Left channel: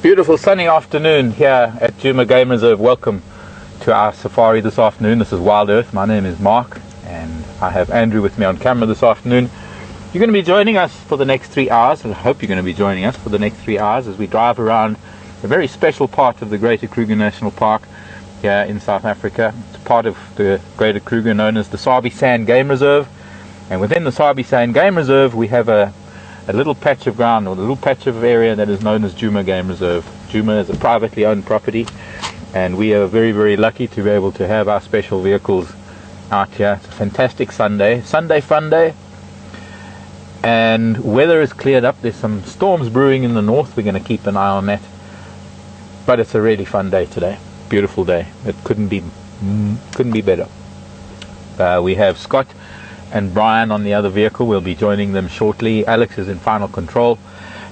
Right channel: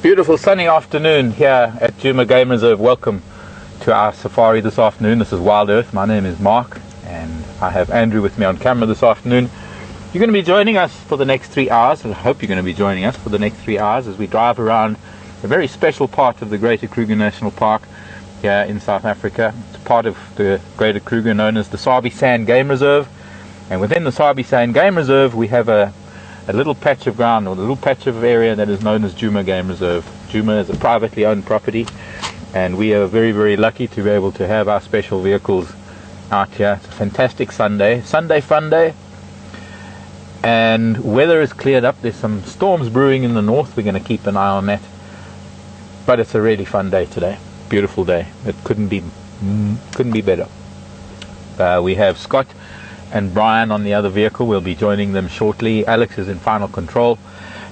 Beautiful sunny afternoon here at Djuma Game Reserve. Welcome to our safari this afternoon. This is Wild Earth. My name is Mark and I have Andrew with me on camera this afternoon. You're going to be joining us for the next 3 hours. I hope you're going to be joining us for the next 3 hours as we drive around a very special part of the Greater Kruger National Park here in South Africa. It's part of the Greater Kruger known as the Sabi Sand Game Reserve, and within the Sabi Sand Game Reserve we have a little patch of ground, or a little patch of area that is known as Djuma Game Reserve. Djuma is a privately owned property, and we are very, very lucky to be able to have our special vehicles out here. It's a fantastic Sunday fun day, and weather is cleared up. There's some storms brewing in the north. We're going to keep an eye on that, but it's a really fun day today. Beautiful day. It couldn't be better. We have Scott and Brian on the other vehicle. We'll be joining them shortly. Alex is in final control,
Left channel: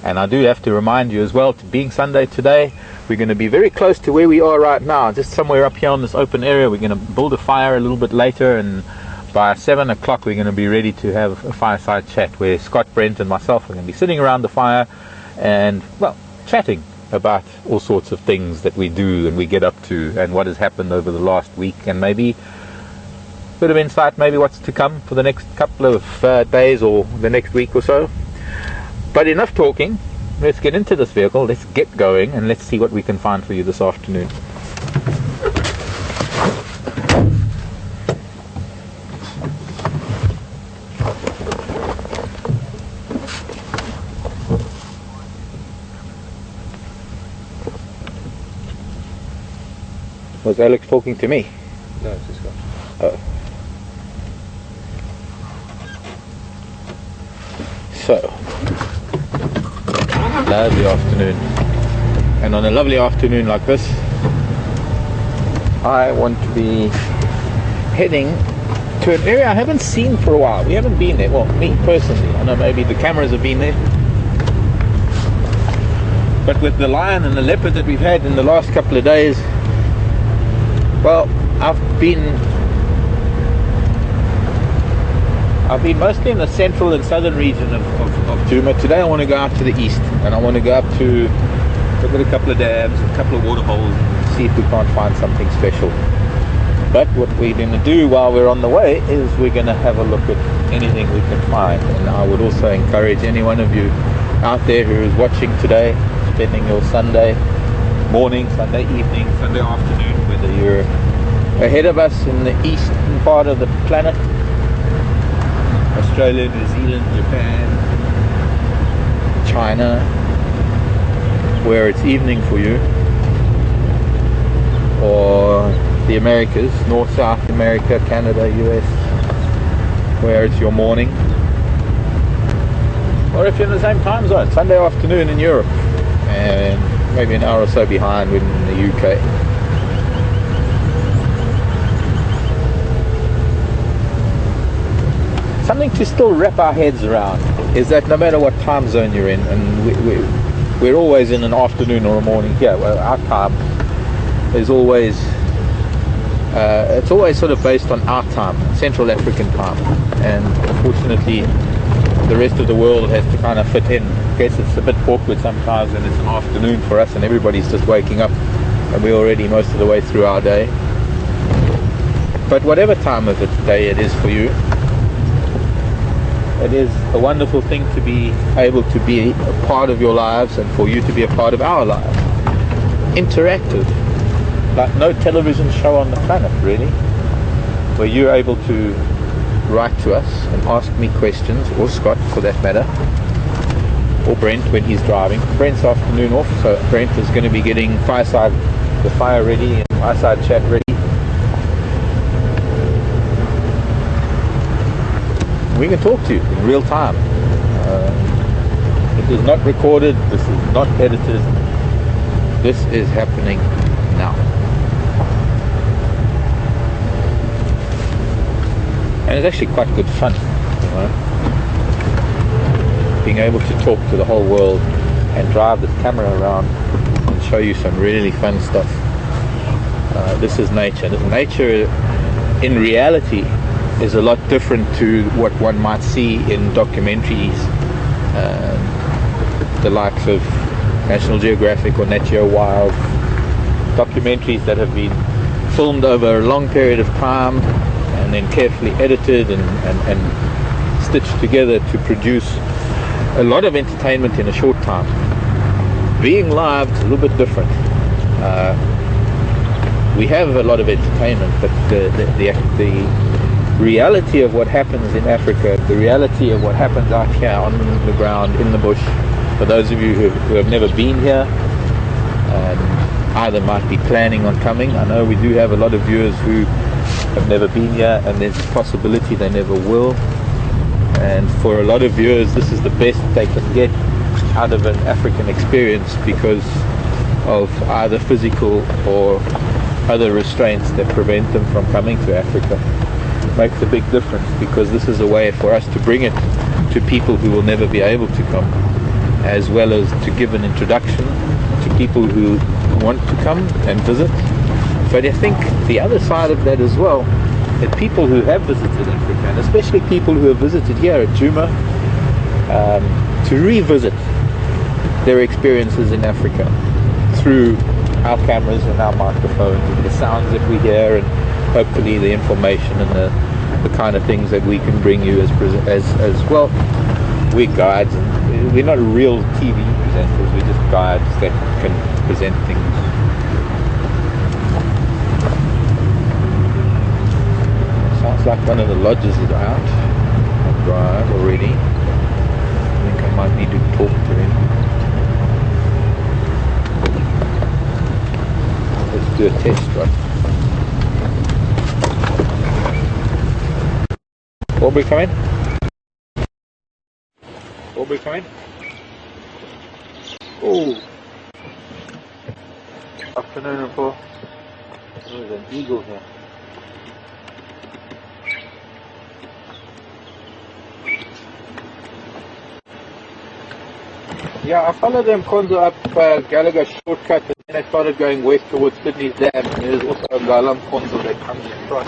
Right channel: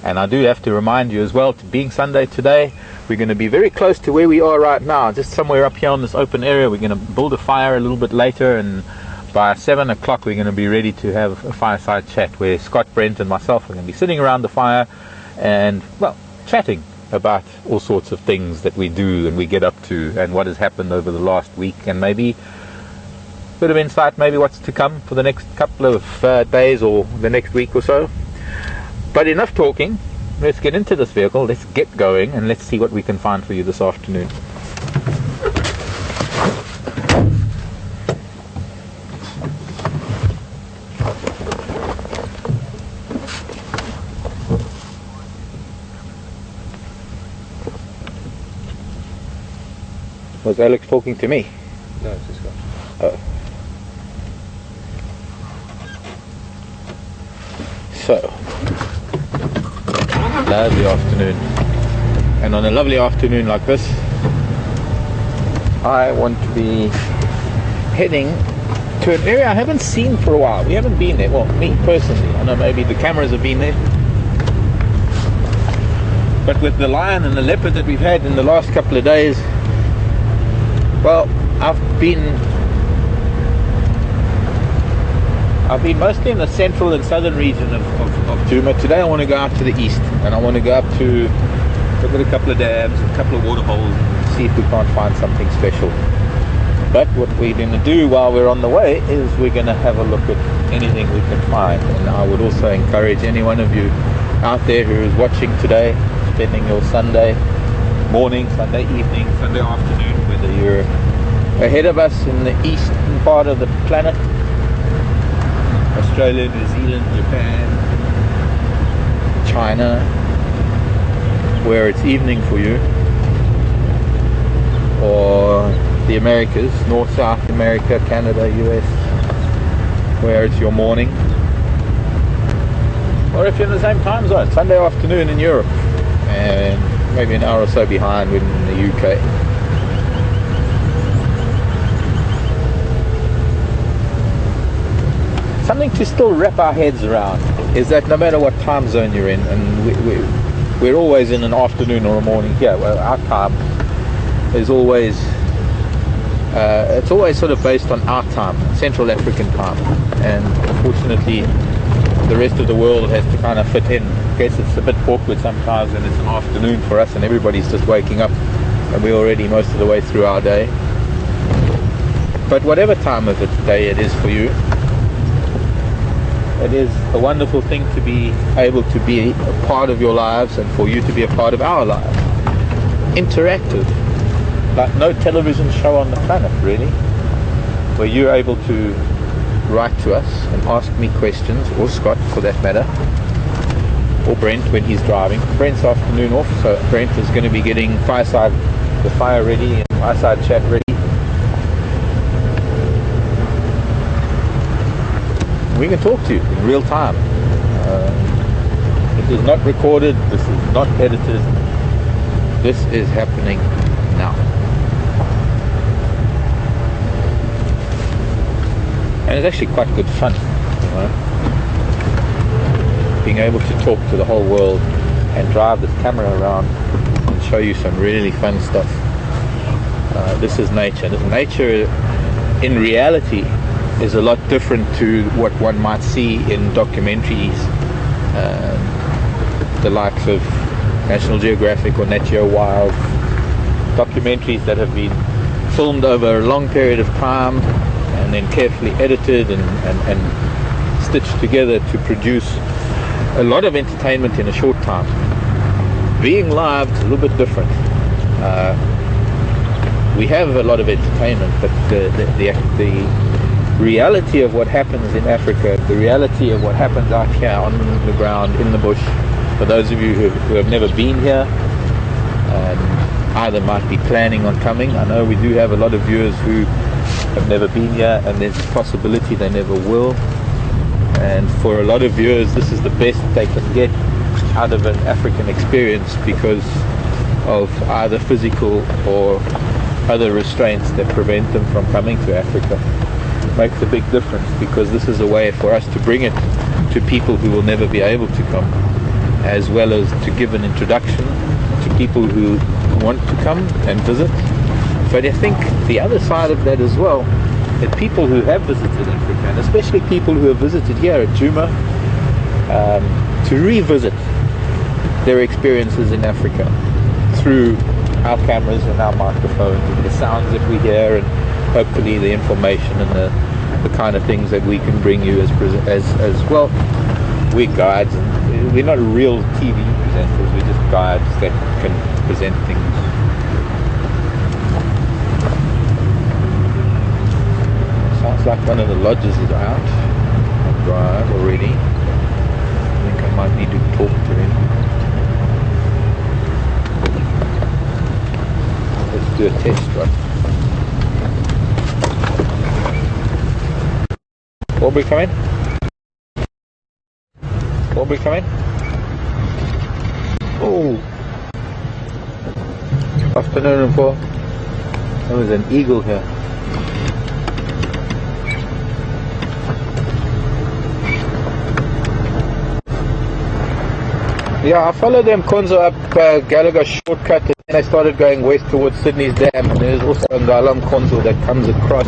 and I do have to remind you as well, being Sunday today, we're going to be very close to where we are right now, just somewhere up here on this open area. We're going to build a fire a little bit later, and by 7 o'clock we're going to be ready to have a fireside chat where Scott, Brent and myself are going to be sitting around the fire and, well, chatting about all sorts of things that we do and we get up to and what has happened over the last week, and maybe bit of insight, maybe what's to come for the next couple of days or the next week or so. But enough talking, let's get into this vehicle, let's get going, and let's see what we can find for you this afternoon. Was Alex talking to me? No, it's just Scott. Oh. So, lovely afternoon, and on a lovely afternoon like this I want to be heading to an area I haven't seen for a while. We haven't been there, well, me personally. I know maybe the cameras have been there, but with the lion and the leopard that we've had in the last couple of days, well, I've been mostly in the central and southern region of Djuma. Today I want to go out to the east, and I want to go up to look at a couple of dams, a couple of water holes, and see if we can't find something special. But what we're going to do while we're on the way is we're going to have a look at anything we can find. And I would also encourage any one of you out there who is watching today, spending your Sunday morning, Sunday evening, Sunday afternoon, whether you're ahead of us in the eastern part of the planet, Australia, New Zealand, Japan, China, where it's evening for you, or the Americas, North, South America, Canada, US, where it's your morning, or if you're in the same time zone, Sunday afternoon in Europe, and maybe an hour or so behind in the UK. Something to still wrap our heads around is that no matter what time zone you're in, and we're always in an afternoon or a morning here, well, our time is always it's always sort of based on our time, Central African time, and unfortunately the rest of the world has to kind of fit in. I guess it's a bit awkward sometimes when it's an afternoon for us and everybody's just waking up and we're already most of the way through our day. But whatever time of the day it is for you, it is a wonderful thing to be able to be a part of your lives, and for you to be a part of our lives. Interactive, like no television show on the planet really, where you're able to write to us and ask me questions, or Scott for that matter, or Brent when he's driving. Brent's afternoon off, so Brent is going to be getting the fire ready and fireside chat ready. We can talk to you in real time. It is not recorded, this is not edited, this is happening now. And it's actually quite good fun, you know? Being able to talk to the whole world and drive this camera around and show you some really fun stuff. This is nature. Nature in reality is a lot different to what one might see in documentaries, the likes of National Geographic or Nat Geo Wild, documentaries that have been filmed over a long period of time and then carefully edited and stitched together to produce a lot of entertainment in a short time. Being live is a little bit different. We have a lot of entertainment, but the reality of what happens in Africa, the reality of what happens out here on the ground, in the bush, for those of you who have never been here and either might be planning on coming. I know we do have a lot of viewers who have never been here, and there's a possibility they never will. And for a lot of viewers, this is the best they can get out of an African experience because of either physical or other restraints that prevent them from coming to Africa. It makes a big difference because this is a way for us to bring it to people who will never be able to come, as well as to give an introduction to people who want to come and visit. But I think the other side of that as well, that people who have visited Africa, and especially people who have visited here at Djuma, to revisit their experiences in Africa through our cameras and our microphones and the sounds that we hear, and hopefully the information and the kind of things that we can bring you as well. We're guides, and we're not real TV presenters, we're just guides that can present things. Sounds like one of the lodges is out on drive already. I think I might need to talk to him. Let's do a test run. Aubrey coming? Aubrey coming? Oh! Afternoon, for there was an eagle here. Yeah, I followed them Konzo up Gallagher shortcut, and then I started going west towards Sydney's Dam, and there's also a Ngalam Konzo that comes across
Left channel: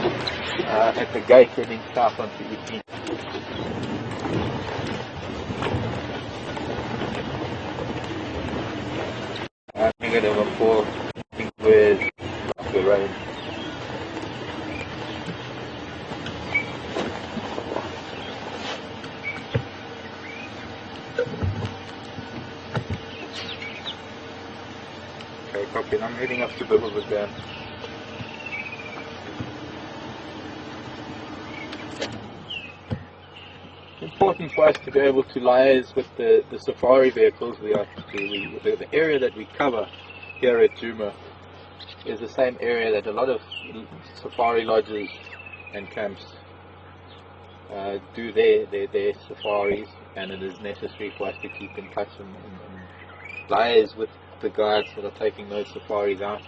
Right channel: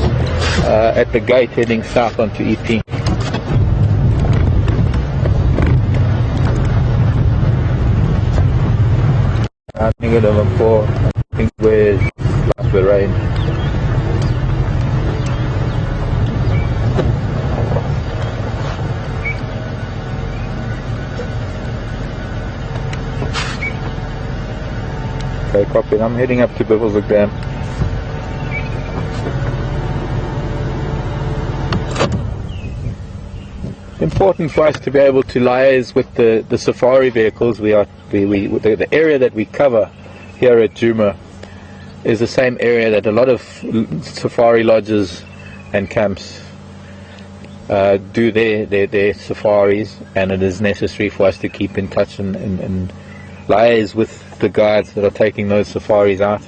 at the gate heading south onto EP. I'm thinking of them for, I think where is the rain. Okay, copy. I'm heading up to Bibbulsvik Dam. It's important for us to be able to liaise with the safari vehicles. The area that we cover here at Djuma is the same area that a lot of safari lodges and camps do their safaris, and it is necessary for us to keep in touch and liaise with the guides that are taking those safaris out.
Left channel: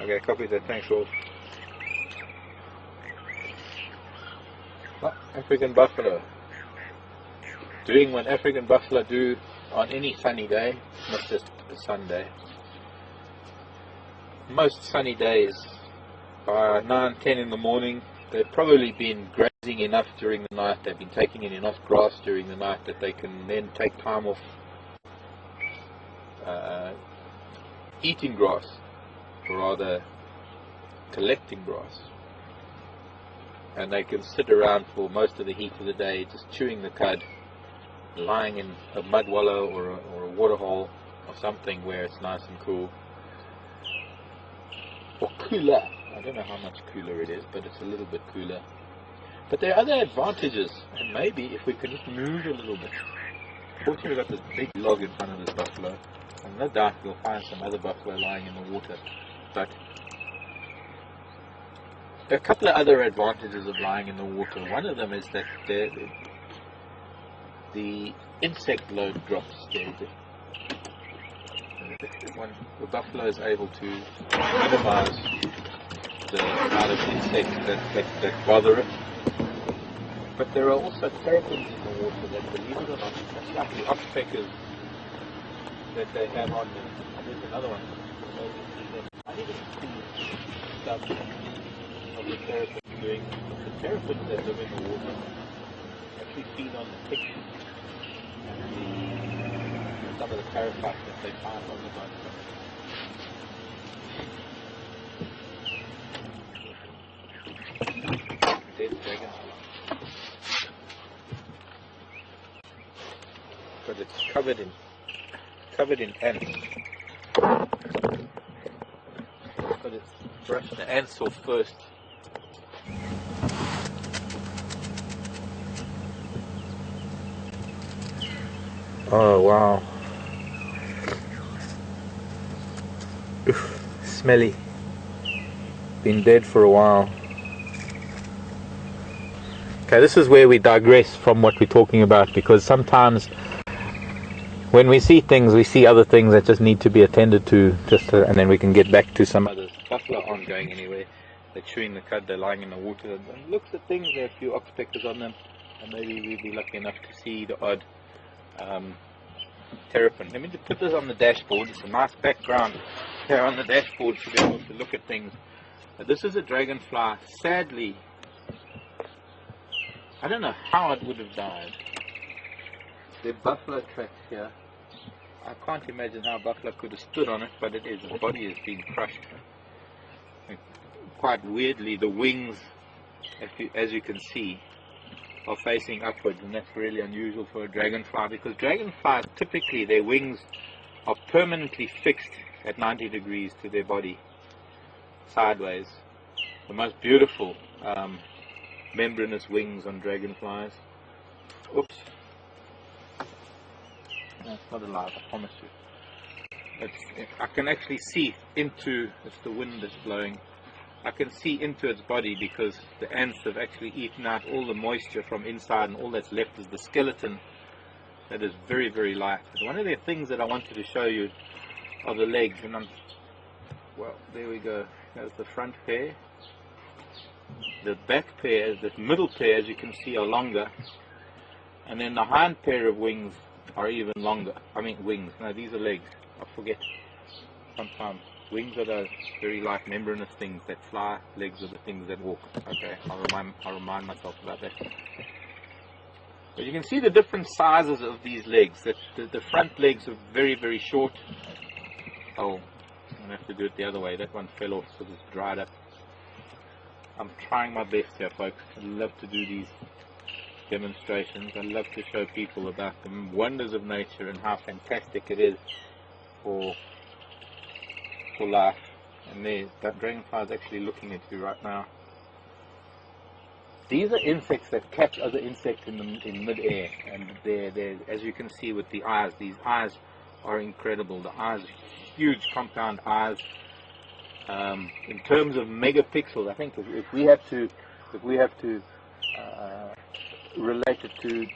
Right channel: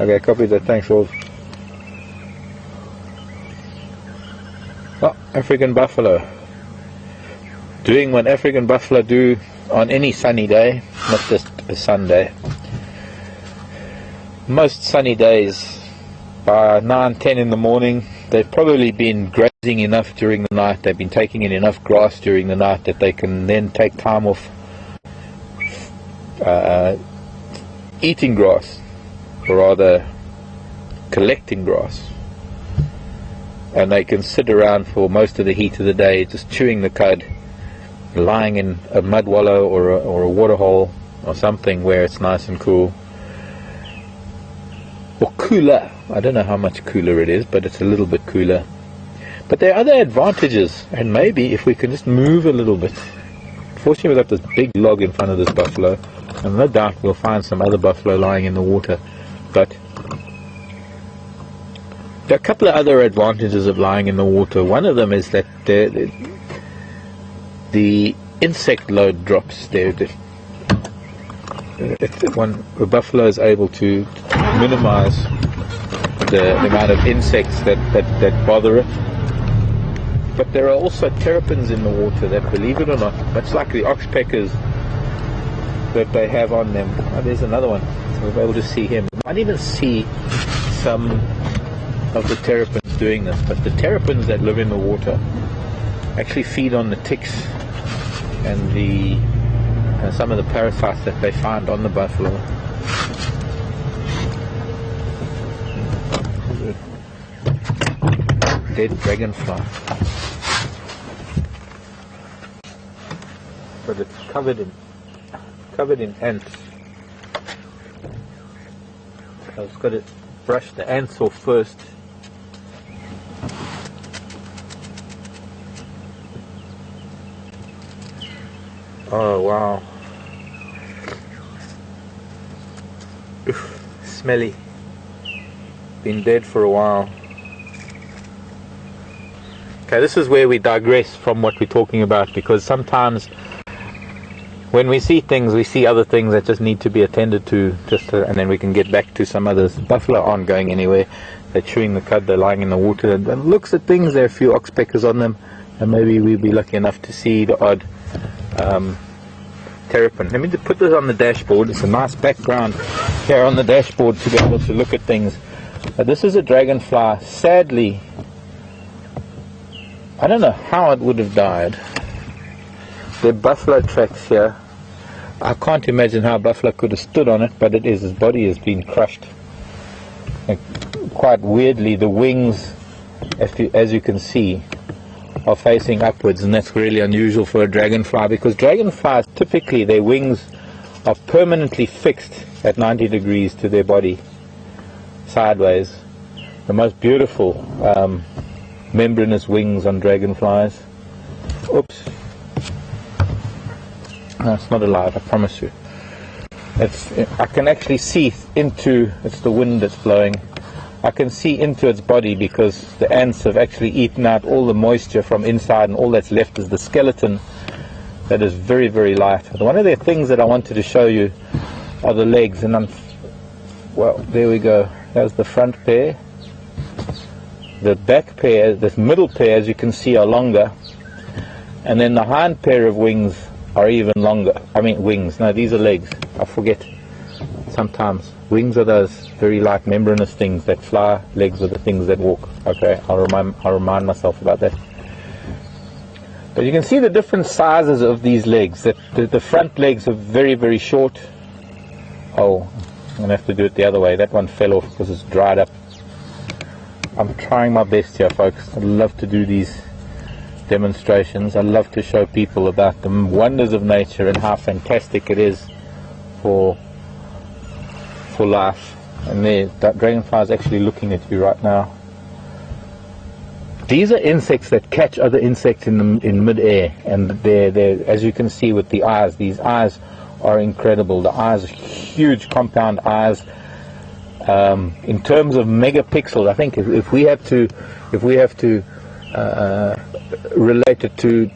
Okay, copy that. Thanks, Rolf. Oh, African buffalo. Doing what African buffalo do on any sunny day, not just a Sunday. Most sunny days, by 9, 10 in the morning, they've probably been grazing enough during the night, they've been taking in enough grass during the night that they can then take time off eating grass, or rather collecting grass, and they can sit around for most of the heat of the day just chewing the cud, lying in a mud wallow or a water hole or something where it's nice and cool, or cooler. I don't know how much cooler it is, but it's a little bit cooler. But there are other advantages, and maybe if we can just move a little bit. Fortunately, we've got this big log in front of this buffalo, and no doubt we'll find some other buffalo lying in the water. But there are a couple of other advantages of lying in the water. One of them is that the insect load drops. The buffalo is able to minimize the amount of insects that bother it. But there are also terrapins in the water that, believe it or not, much like the oxpeckers that they have on them. Oh, there's another one. So we'll be able to see him. You might even see some of the terrapins that's doing this, but the terrapins that live in the water actually feed on the ticks and the some of the parasites that they find on the buffalo. Dead dragonfly, but it's covered in ants. So I've got to brush the ants off first. Oh wow. Oof, smelly. Been dead for a while. Okay, this is where we digress from what we're talking about, because sometimes when we see things, we see other things that just need to be attended to, and then we can get back to some others. Buffalo aren't going anywhere. They're chewing the cud, they're lying in the water, and looks at things. There are a few oxpeckers on them, and maybe we'll be lucky enough to see the odd terrapin. Let me just put this on the dashboard. It's a nice background here on the dashboard to be able to look at things. This is a dragonfly. Sadly, I don't know how it would have died. There are buffalo tracks here. I can't imagine how a buffalo could have stood on it, but it is. His body has been crushed. And quite weirdly, the wings, as you can see, are facing upwards, and that's really unusual for a dragonfly, because dragonflies, typically their wings are permanently fixed at 90 degrees to their body, sideways. The most beautiful membranous wings on dragonflies. Oops. No, it's not alive, I promise you. I can actually see into, it's the wind that's blowing, I can see into its body, because the ants have actually eaten out all the moisture from inside, and all that's left is the skeleton that is very, very light. One of the things that I wanted to show you are the legs, and well, there we go. There's the front pair. The back pair, this middle pair, as you can see, are longer, and then the hind pair of wings are even longer. I mean wings, no, these are legs. I forget sometimes. Wings are those very light membranous things that fly, legs are the things that walk. Okay, I'll remind myself about that. But you can see the different sizes of these legs. The front legs are very, very short. Oh, I'm going to have to do it the other way. That one fell off because it's dried up. I'm trying my best here, folks. I love to do these demonstrations. I love to show people about the wonders of nature and how fantastic it is for life. And that dragonfly is actually looking at you right now. These are insects that catch other insects in mid-air, and they're, as you can see with the eyes, these eyes are incredible. The eyes are huge compound eyes. In terms of megapixels, I think if we have to relate it to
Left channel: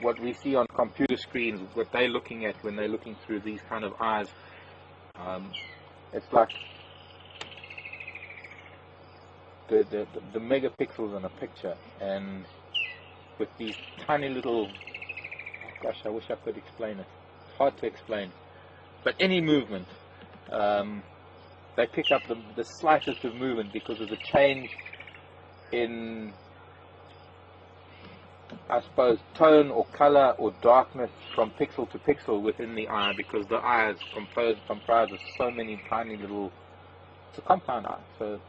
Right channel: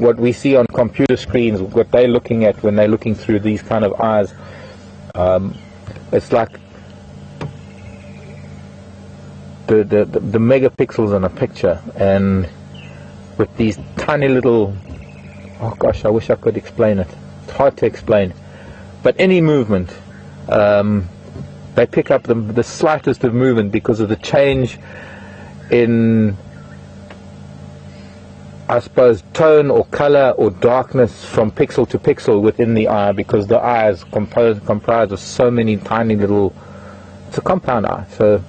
what we see on computer screens, what they're looking at when they're looking through these kind of eyes, it's like the megapixels in a picture, and with these tiny little, oh gosh, I wish I could explain it. It's hard to explain, but any movement, they pick up the slightest of movement because of the change in, I suppose, tone or color or darkness from pixel to pixel within the eye, because the eye is comprised of so many tiny little, it's a compound eye, so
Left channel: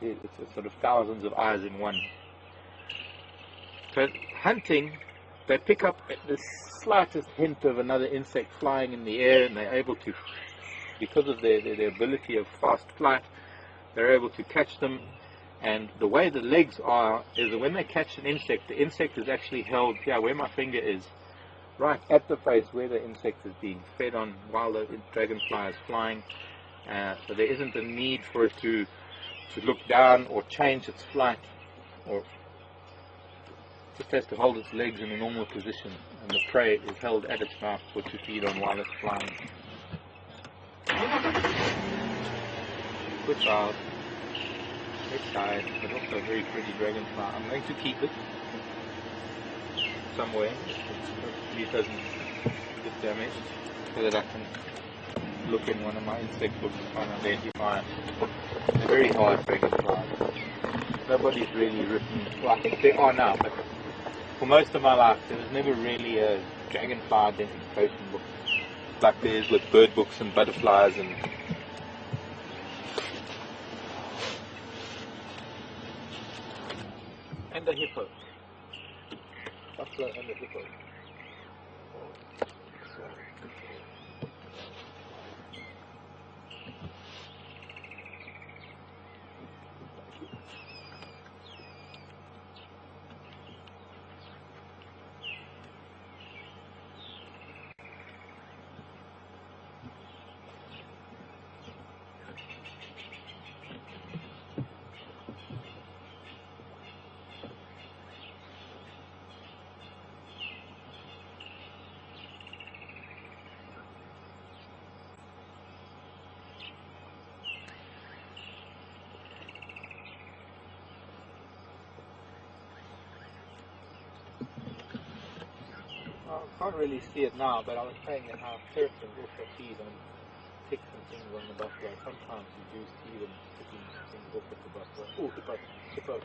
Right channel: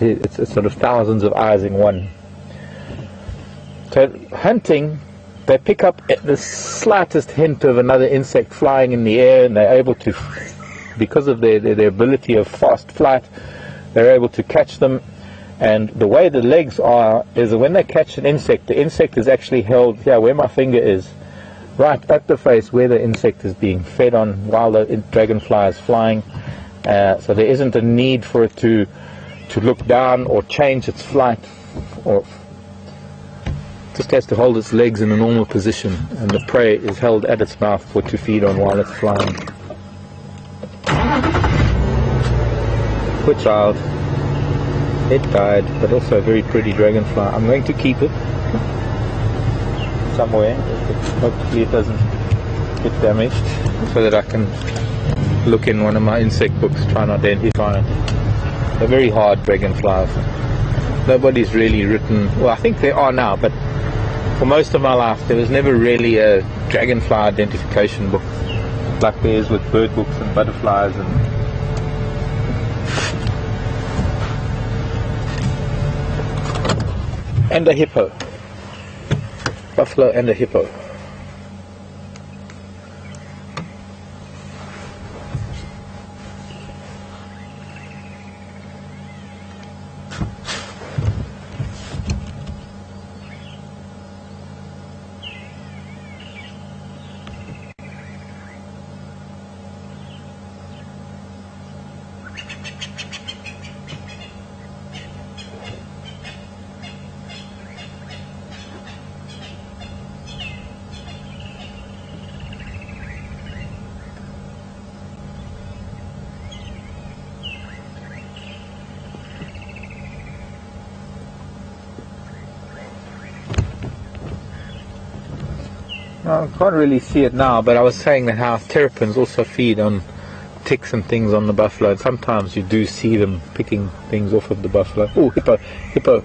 it's sort of thousands of eyes in one. So hunting, they pick up the slightest hint of another insect flying in the air, and they're able to, because of their ability of fast flight, they're able to catch them. And the way the legs are is that when they catch an insect, the insect is actually held here where my finger is, right at the face where the insect is being fed on while the dragonfly is flying. So there isn't a need for it to look down or change its flight, or just has to hold its legs in a normal position, and the prey is held at its mouth to feed on while it's flying. Poor child. It died, but also a very pretty dragonfly. I'm going to keep it somewhere. Hopefully it doesn't get damaged, so that I can look in one of my insect books, try and identify it. They're very hard dragonflies. nobody's really written, well, I think there are now, but for most of my life there was never really a dragonfly identification book like there is with bird books and butterflies and a hippo, buffalo and a hippo. I can't really see it now, but I was saying that how terrapins also feed on ticks and things on the buffalo, and sometimes you do see them picking things off of the buffalo. Oh, hippo, hippo.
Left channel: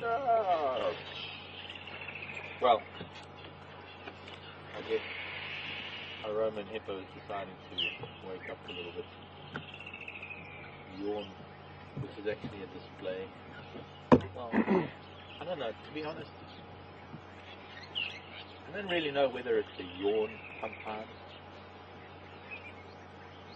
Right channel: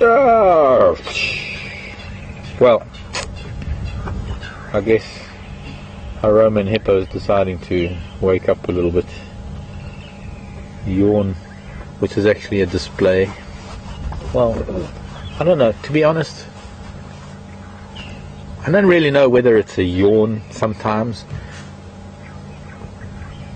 Oh. Well, I guess a Roman hippo is deciding to wake up a little bit. Yawn, which is actually a display. Well, I don't know, to be honest, I don't really know whether it's a yawn sometimes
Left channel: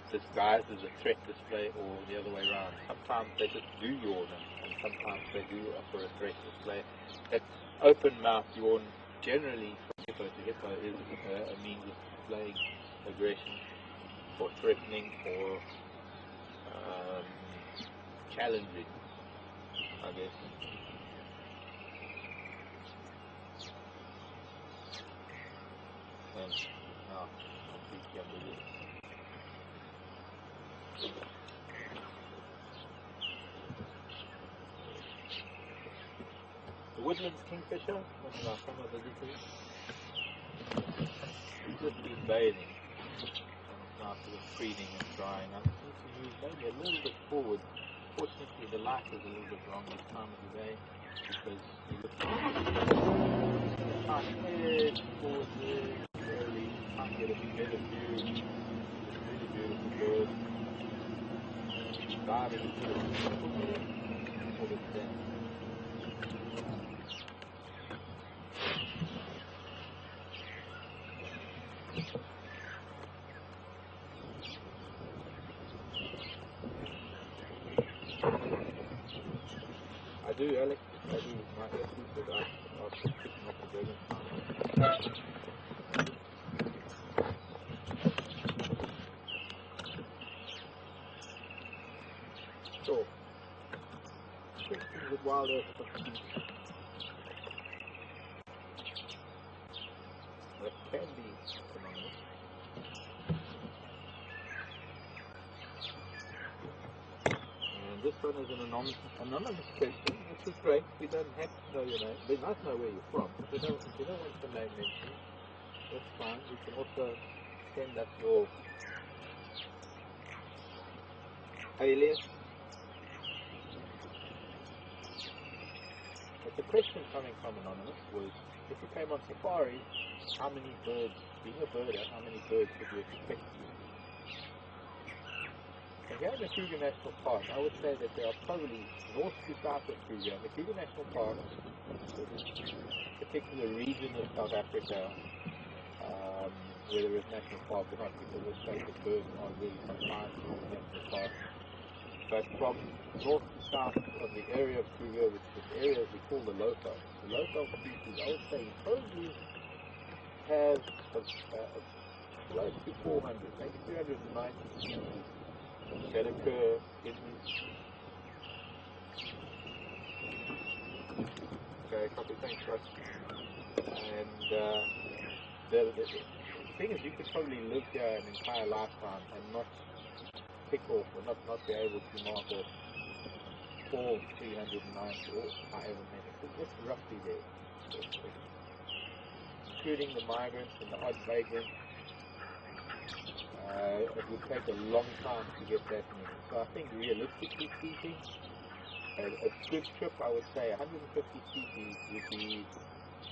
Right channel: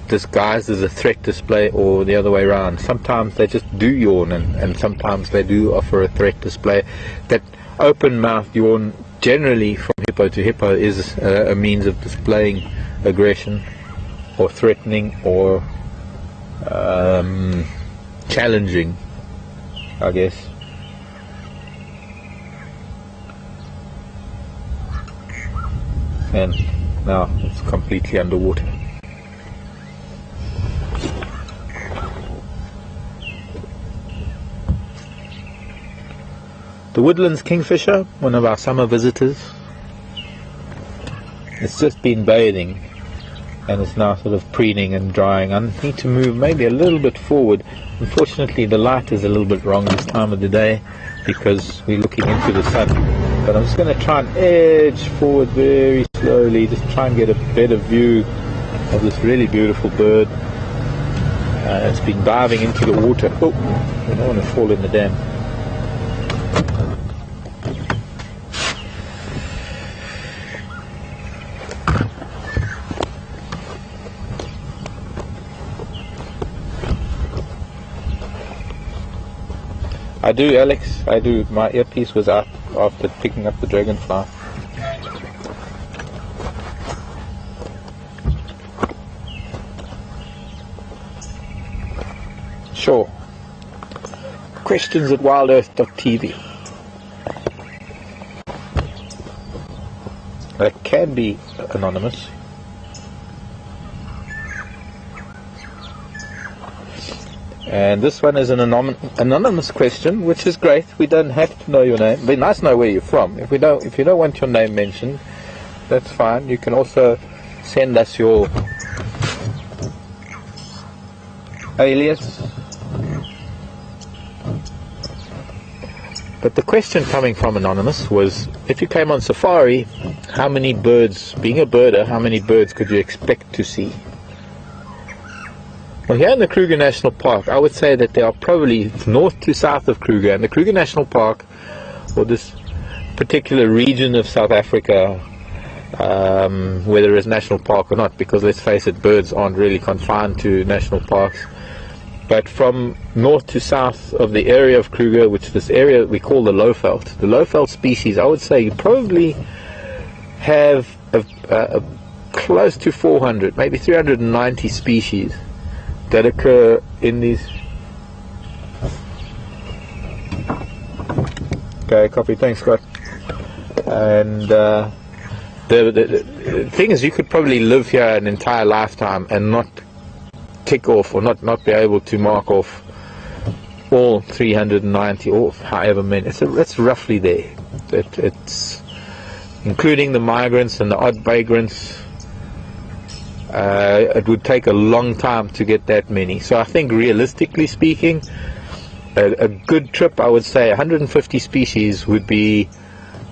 disguised as a threat display or the other way around. Sometimes they just do yawn, and sometimes they do offer a threat display. That open-mouthed yawn, generally from hippo to hippo, is a means of displaying aggression or threatening or challenging, I guess. And now it's completely underwater. The woodlands kingfisher, one of our summer visitors, it's just been bathing and it's now sort of preening and drying. I need to move maybe a little bit forward. Unfortunately the light is a little bit wrong this time of the day because we're looking into the sun. But I'm just going to try and edge forward very slowly, just try and get a better view of this really beautiful bird. It's been diving into the water. Oh, I don't want to fall in the dam. I do, Alex, I do. My earpiece was out after picking up the dragonfly. Sure. Questions at WildEarthTV. That can be anonymous. And this one is an anonymous question, which is great. We don't have to know your name. It'd be nice to know where you're from. If you don't want your name mentioned, that's fine. You can also send us your alias. But the question coming from anonymous was, if you came on safari, how many birds, being a birder, how many birds could you expect to see? Well, here in the Kruger National Park, I would say that there are probably north to south of Kruger, and the Kruger National Park, or this particular region of South Africa, whether it's national park or not, because let's face it, birds aren't really confined to national parks, but from north to south of the area of Kruger, which this area we call the Lowveld species, I would say you probably have close to 400, maybe 390 species that occur in these. Okay, copy, thanks Scott. And the thing is, you could probably live here an entire lifetime and not tick off or not be able to mark off all 390 or however many. It's roughly there. It's including the migrants and the odd vagrants. it would take a long time to get that many. So I think realistically speaking, a good trip, I would say 150 species would be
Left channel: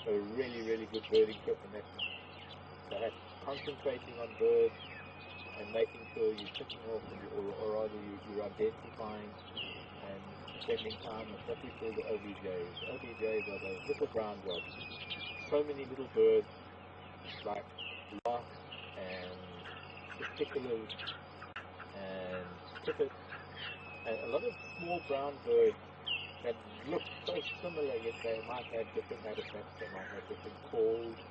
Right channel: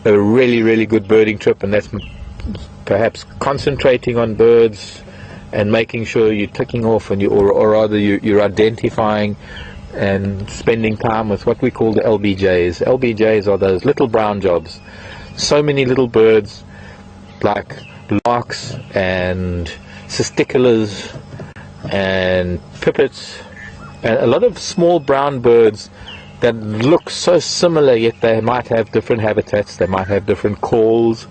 a really, really good birding trip, and that's perhaps concentrating on birds and making sure you're ticking off, and or rather you're identifying and spending time with what we call the LBJs. LBJs are those little brown jobs. So many little birds like larks and cisticolas and pipits, and a lot of small brown birds that look so similar, yet they might have different habitats, they might have different calls.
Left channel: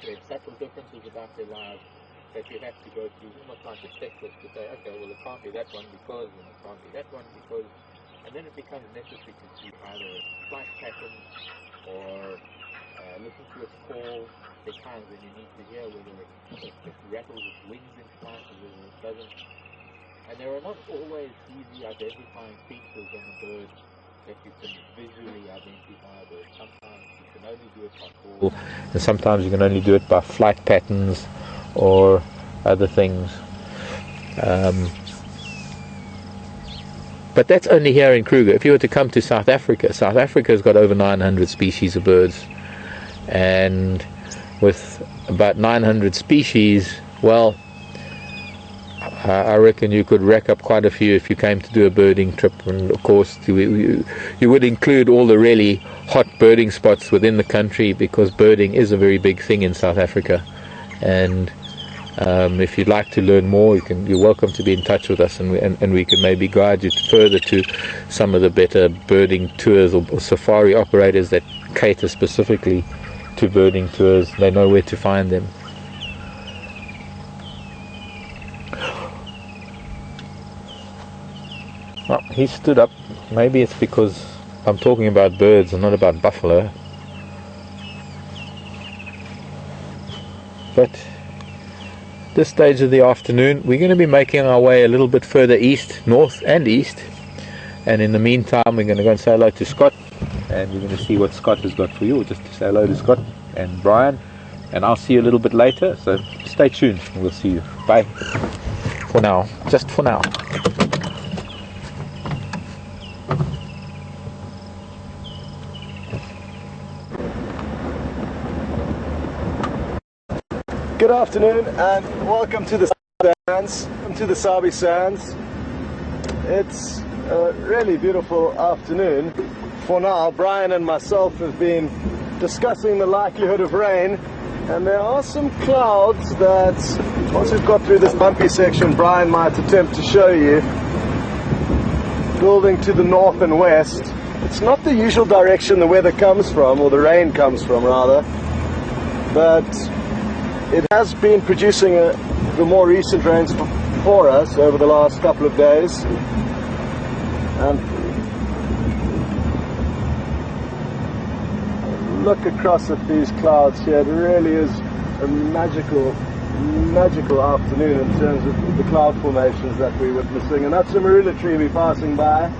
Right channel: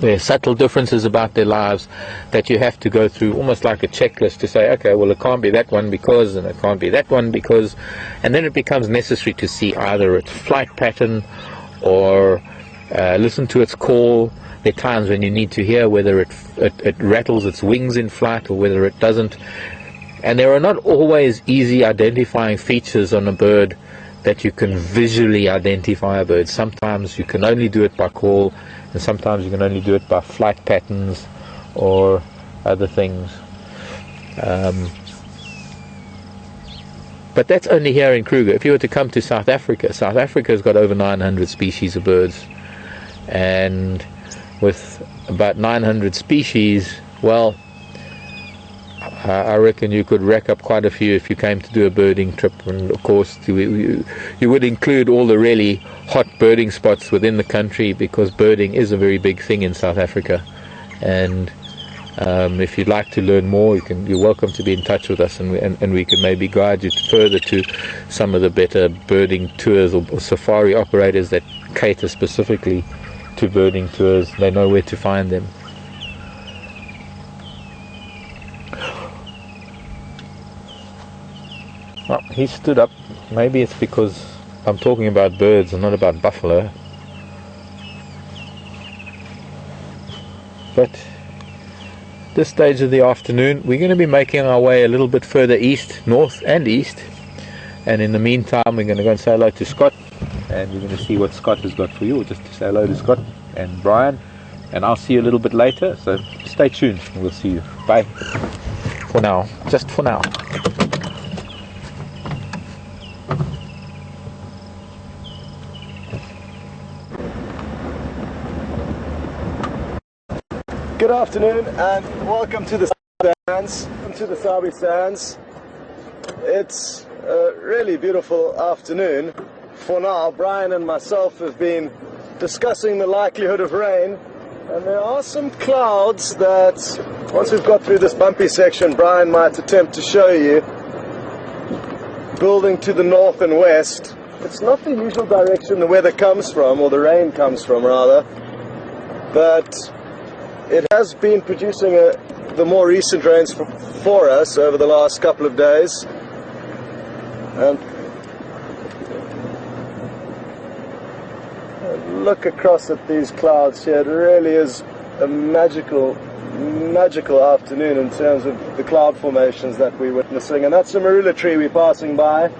There are subtle differences about their lives that you have to go through, almost like a checklist to say, okay, well, it can't be that one because, and it can't be that one because, and then it becomes necessary to see either its flight pattern or listen to its call. There are times when you need to hear whether it rattles its wings in flight or whether it doesn't. And there are not always easy identifying features on a bird that you can visually identify a bird. Sometimes you can only do it by call, and sometimes you can only do it by flight patterns or other things. But that's only here in Kruger. If you were to come to South Africa, South Africa's got over 900 species of birds, and with about 900 species, well, I reckon you could rack up quite a few if you came to do a birding trip. And of course you would include all the really hot birding spots within the country, because birding is a very big thing in South Africa. And if you'd like to learn more, you're welcome to be in touch with us, and we can maybe guide you further to some of the better birding tours or safari operators that cater specifically to birding tours. They know where to find them. Well, he stood up. Maybe it's because I'm talking about birds and not about buffalo. But this stage of the afternoon, we're going to be making our way a little bit further east, north and east. And in the meantime, we're going to go and say hello to Scott. And you're going to see what Scott has got for you, or just to say hello to Scott and Brian. And I'll see you a little bit later. So stay tuned. We'll see you. Bye. For now. Just for now. Good afternoon and welcome to the Sabi Sands. It's a really beautiful afternoon. For now, Brian and myself have been discussing the likelihood of rain, and there are some clouds that, once we've got through this bumpy section, Brian might attempt to show you, building to the north and west. It's not the usual direction the weather comes from, or the rain comes from rather, but it has been producing the more recent rains for us over the last couple of days. Look across at these clouds here. There really is a magical afternoon in terms of the cloud formations that we're witnessing. And that's a marula tree we're passing by,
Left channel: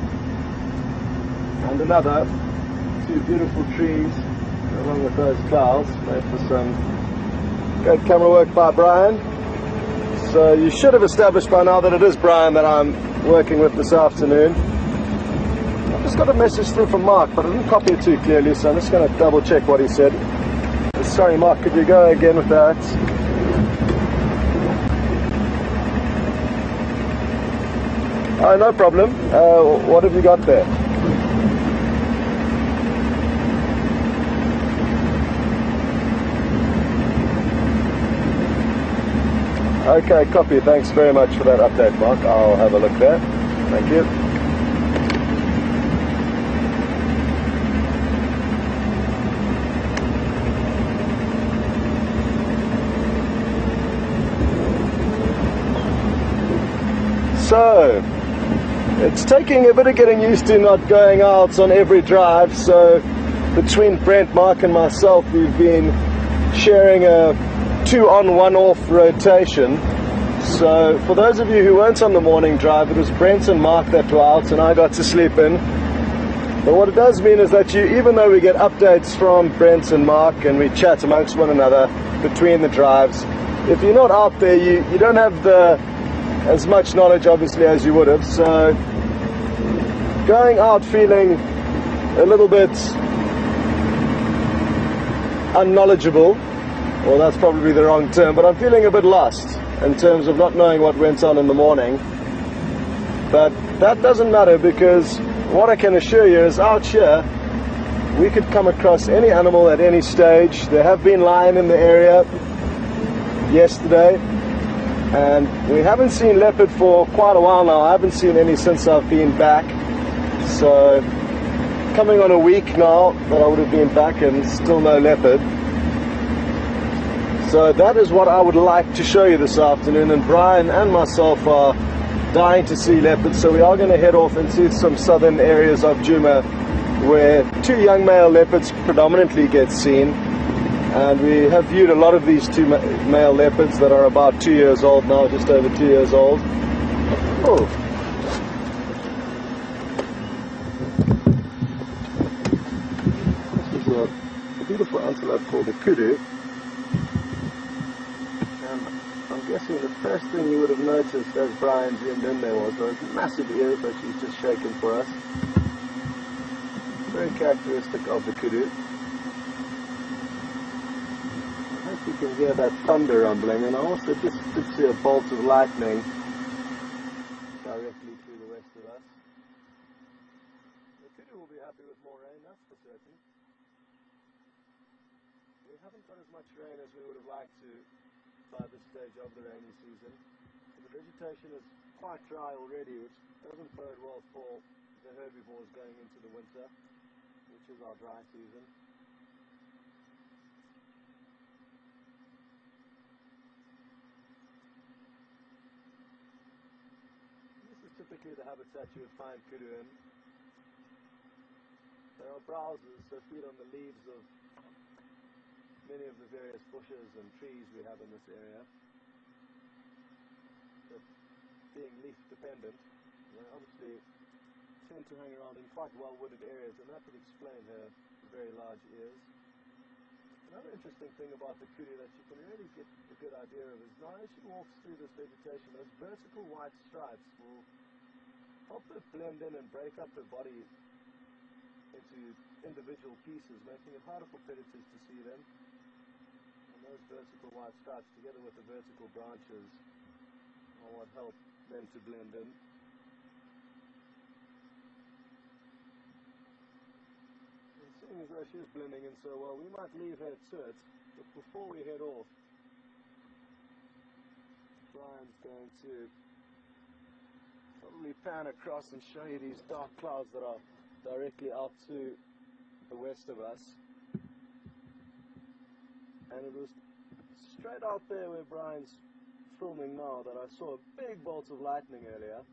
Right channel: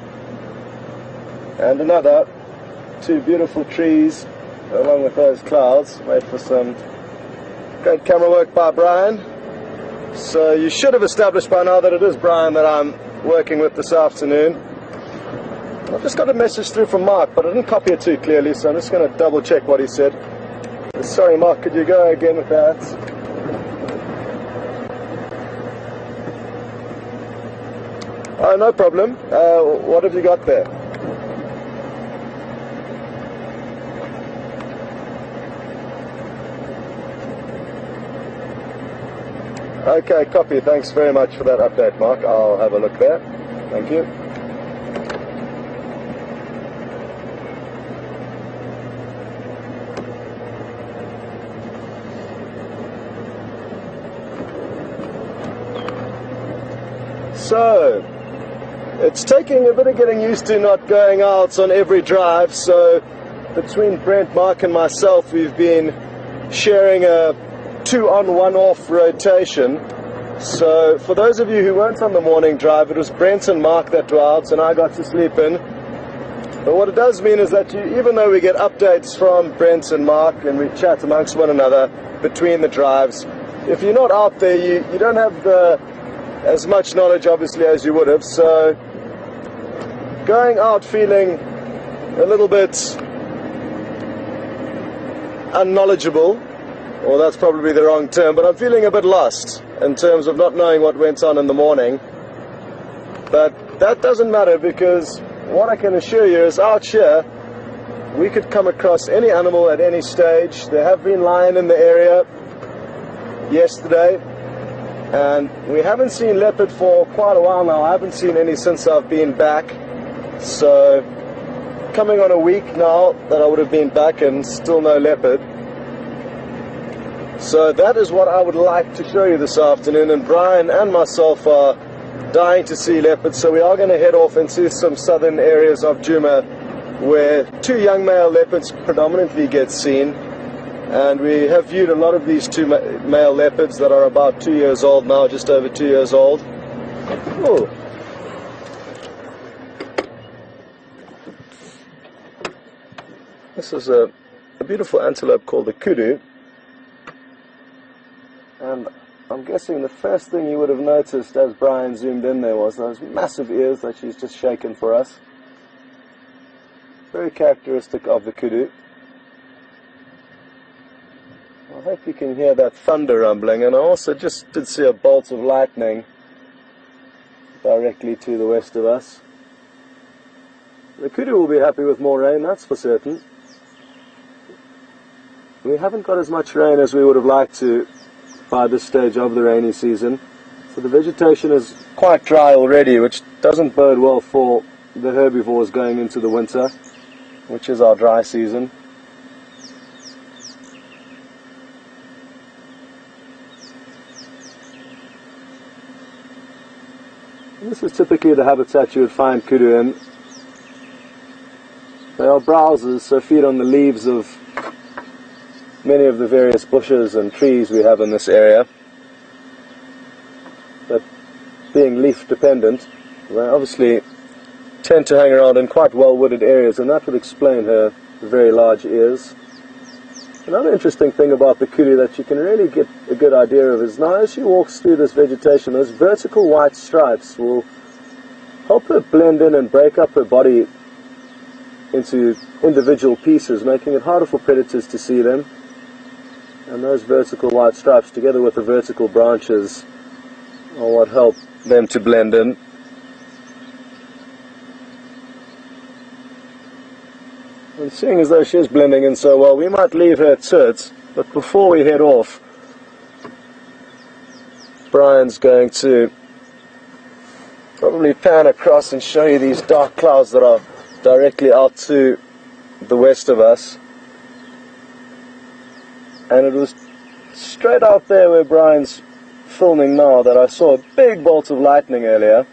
and another two beautiful trees along with those clouds. Wait for some great camera work by Brian. So you should have established by now that it is Brian that I'm working with this afternoon. I've just got a message through from Mark, but I didn't copy it too clearly, so I'm just going to double check what he said. Sorry Mark, if you're going again with that. No problem. What have you got there? Okay, copy. Thanks very much for that update, Mark. I'll have a look at it. Thank you. So, it's taking a bit of getting used to not going out on every drive. So, between Brent, Mark and myself, we've been sharing a 2-on, 1-off rotation. So for those of you who weren't on the morning drive, it was Brent and Mark that were out and I got to sleep in. But what it does mean is that even though we get updates from Brent and Mark and we chat amongst one another between the drives, if you're not out there, you don't have as much knowledge obviously as you would have. So going out feeling a little bit unknowledgeable, well, that's probably the wrong term, but I'm feeling a bit lost in terms of not knowing what went on in the morning. But that doesn't matter, because what I can assure you is out here we could come across any animal at any stage. There have been lion in the area yesterday. We haven't seen leopard for quite a while now. I haven't seen any since I've been back. So coming on a week now that I would have been back, and still no leopard. So that is what I would like to show you this afternoon, and Brian and myself are dying to see leopards, so we are going to head off and see some southern areas of Djuma where 2 young male leopards predominantly get seen. And we have viewed a lot of these 2 male leopards that are about 2 years old now, just over 2 years old. Oh. This is a beautiful antelope called the kudu. And I'm guessing the first thing you would have noticed as Brian zoomed in there was those massive ears that she's just shaken for us. Very characteristic of the kudu. I hope you can hear that thunder rumbling, and I also just did see a bolt of lightning directly to the west of us. The kudu will be happy with more rain, that's for certain. We haven't got as much rain as we would have liked to by this stage of the rainy season, so the vegetation is quite dry already, which doesn't bode well for the herbivores going into the winter, which is our dry season. And this is typically the habitat you would find kudu in. They are browsers, so feed on the leaves of many of the various bushes and trees we have in this area. But being leaf dependent, they obviously tend to hang around in quite well wooded areas, and that would explain her very large ears. Another interesting thing about the kudu that you can really get a good idea of is now as she walks through this vegetation, those vertical white stripes will help her blend in and break up her body into individual pieces, making it harder for predators to see them. And those vertical white stripes, together with the vertical branches, are what help them to blend in. And seeing as though she is blending in so well, we might leave her to it, but before we head off, Brian's going to probably pan across and show you these dark clouds that are directly out to the west of us. And it was straight out there where Brian's filming now that I saw a big bolt of lightning earlier.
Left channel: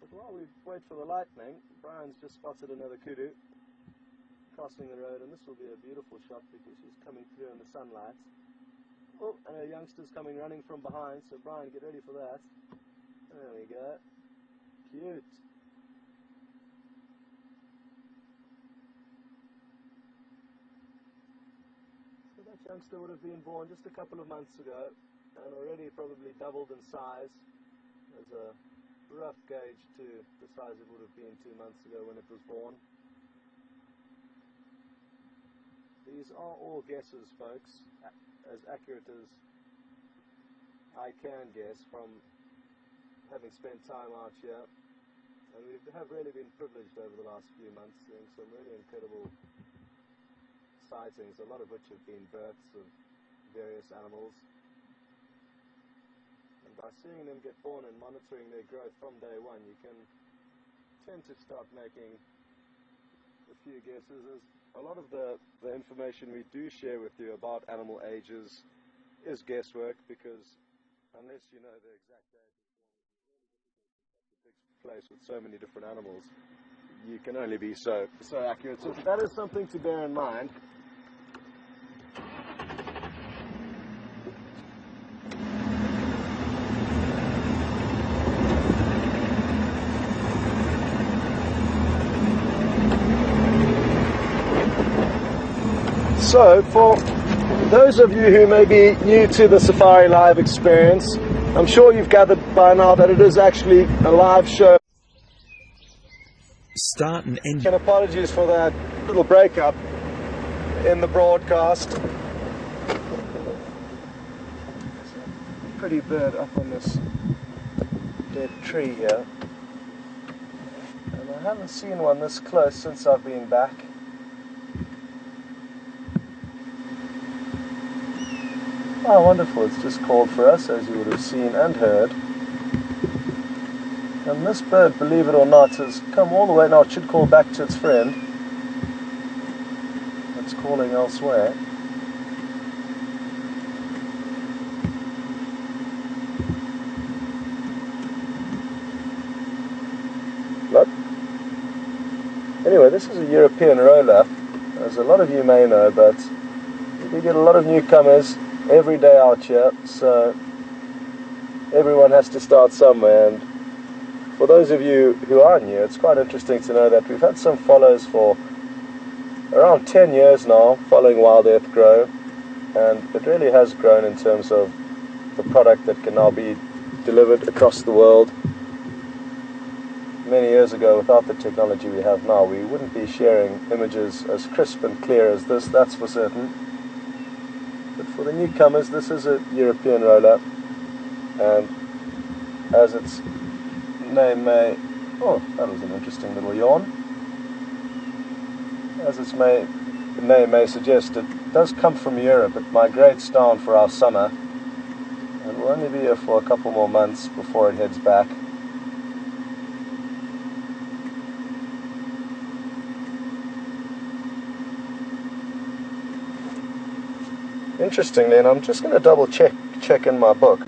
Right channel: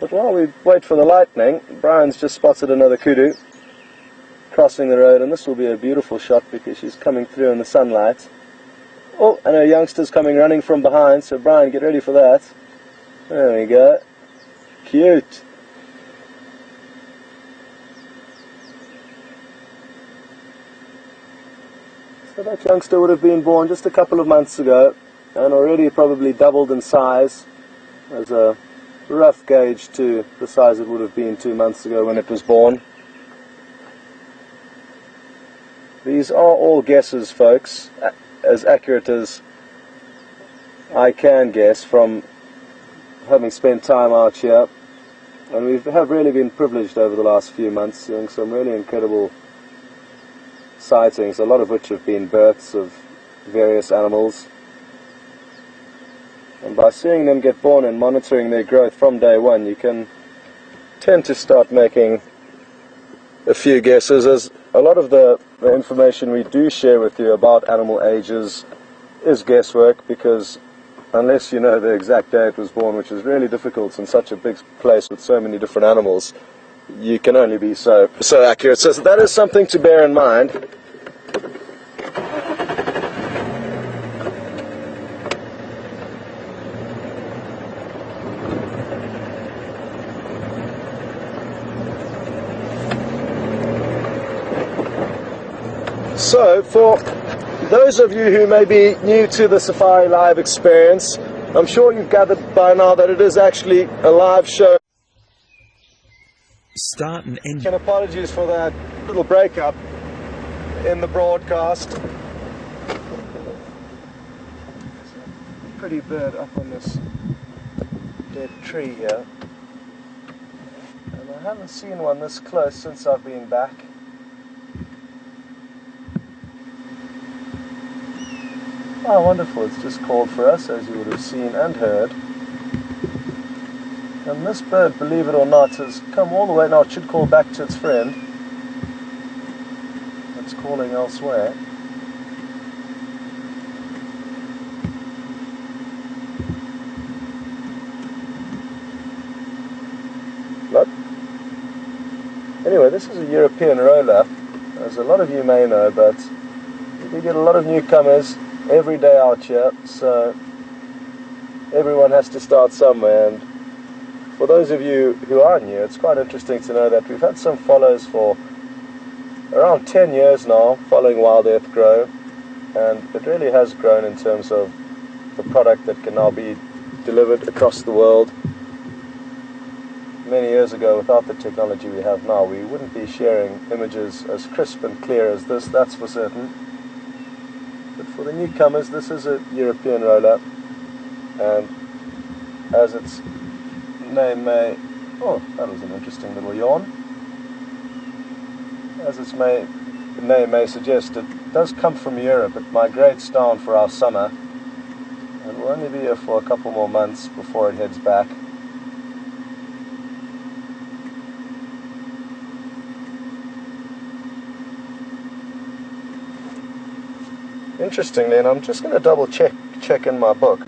But while we wait for the lightning, Brian's just spotted another kudu crossing the road, and this will be a beautiful shot because she's coming through in the sunlight. Oh, and her youngster's coming running from behind, so Brian, get ready for that. There we go. Cute. So that youngster would have been born just a couple of months ago and already probably doubled in size. As a rough gauge to the size it would have been 2 months ago when it was born. These are all guesses, folks, as accurate as I can guess from having spent time out here. And we have really been privileged over the last few months, seeing some really incredible sightings, a lot of which have been births of various animals. And by seeing them get born and monitoring their growth from day one, you can tend to start making a few guesses, as a lot of the information we do share with you about animal ages is guesswork, because unless you know the exact day it was born, which is really difficult in such a big place with so many different animals, you can only be so accurate. So that is something to bear in mind. So for those of you who may be new to the Safari Live experience, I'm sure you've gathered by now that it is actually a live show. Start and end. And apologies for that little breakup in the broadcast. Pretty bird up on this dead tree here. And I haven't seen one this close since I've been back. Oh, wonderful. It's just called for us, as you would have seen and heard. And this bird, believe it or not, has come all the way. Now it should call back to its friend. It's calling elsewhere. Look. Anyway, this is a European roller, as a lot of you may know, but we get a lot of newcomers every day out here, so everyone has to start somewhere. And for those of you who are new, it's quite interesting to know that we've had some follows for around 10 years now, following Wild Earth grow, and it really has grown in terms of the product that can now be delivered across the world. Many years ago, without the technology we have now, we wouldn't be sharing images as crisp and clear as this, that's for certain. But for the newcomers, this is a European roller, and as its name may... Oh, that was an interesting little yawn. As its name may suggest, it does come from Europe. It migrates down for our summer, and will only be here for a couple more months before it heads back. Interestingly, and I'm just going to double check in my book,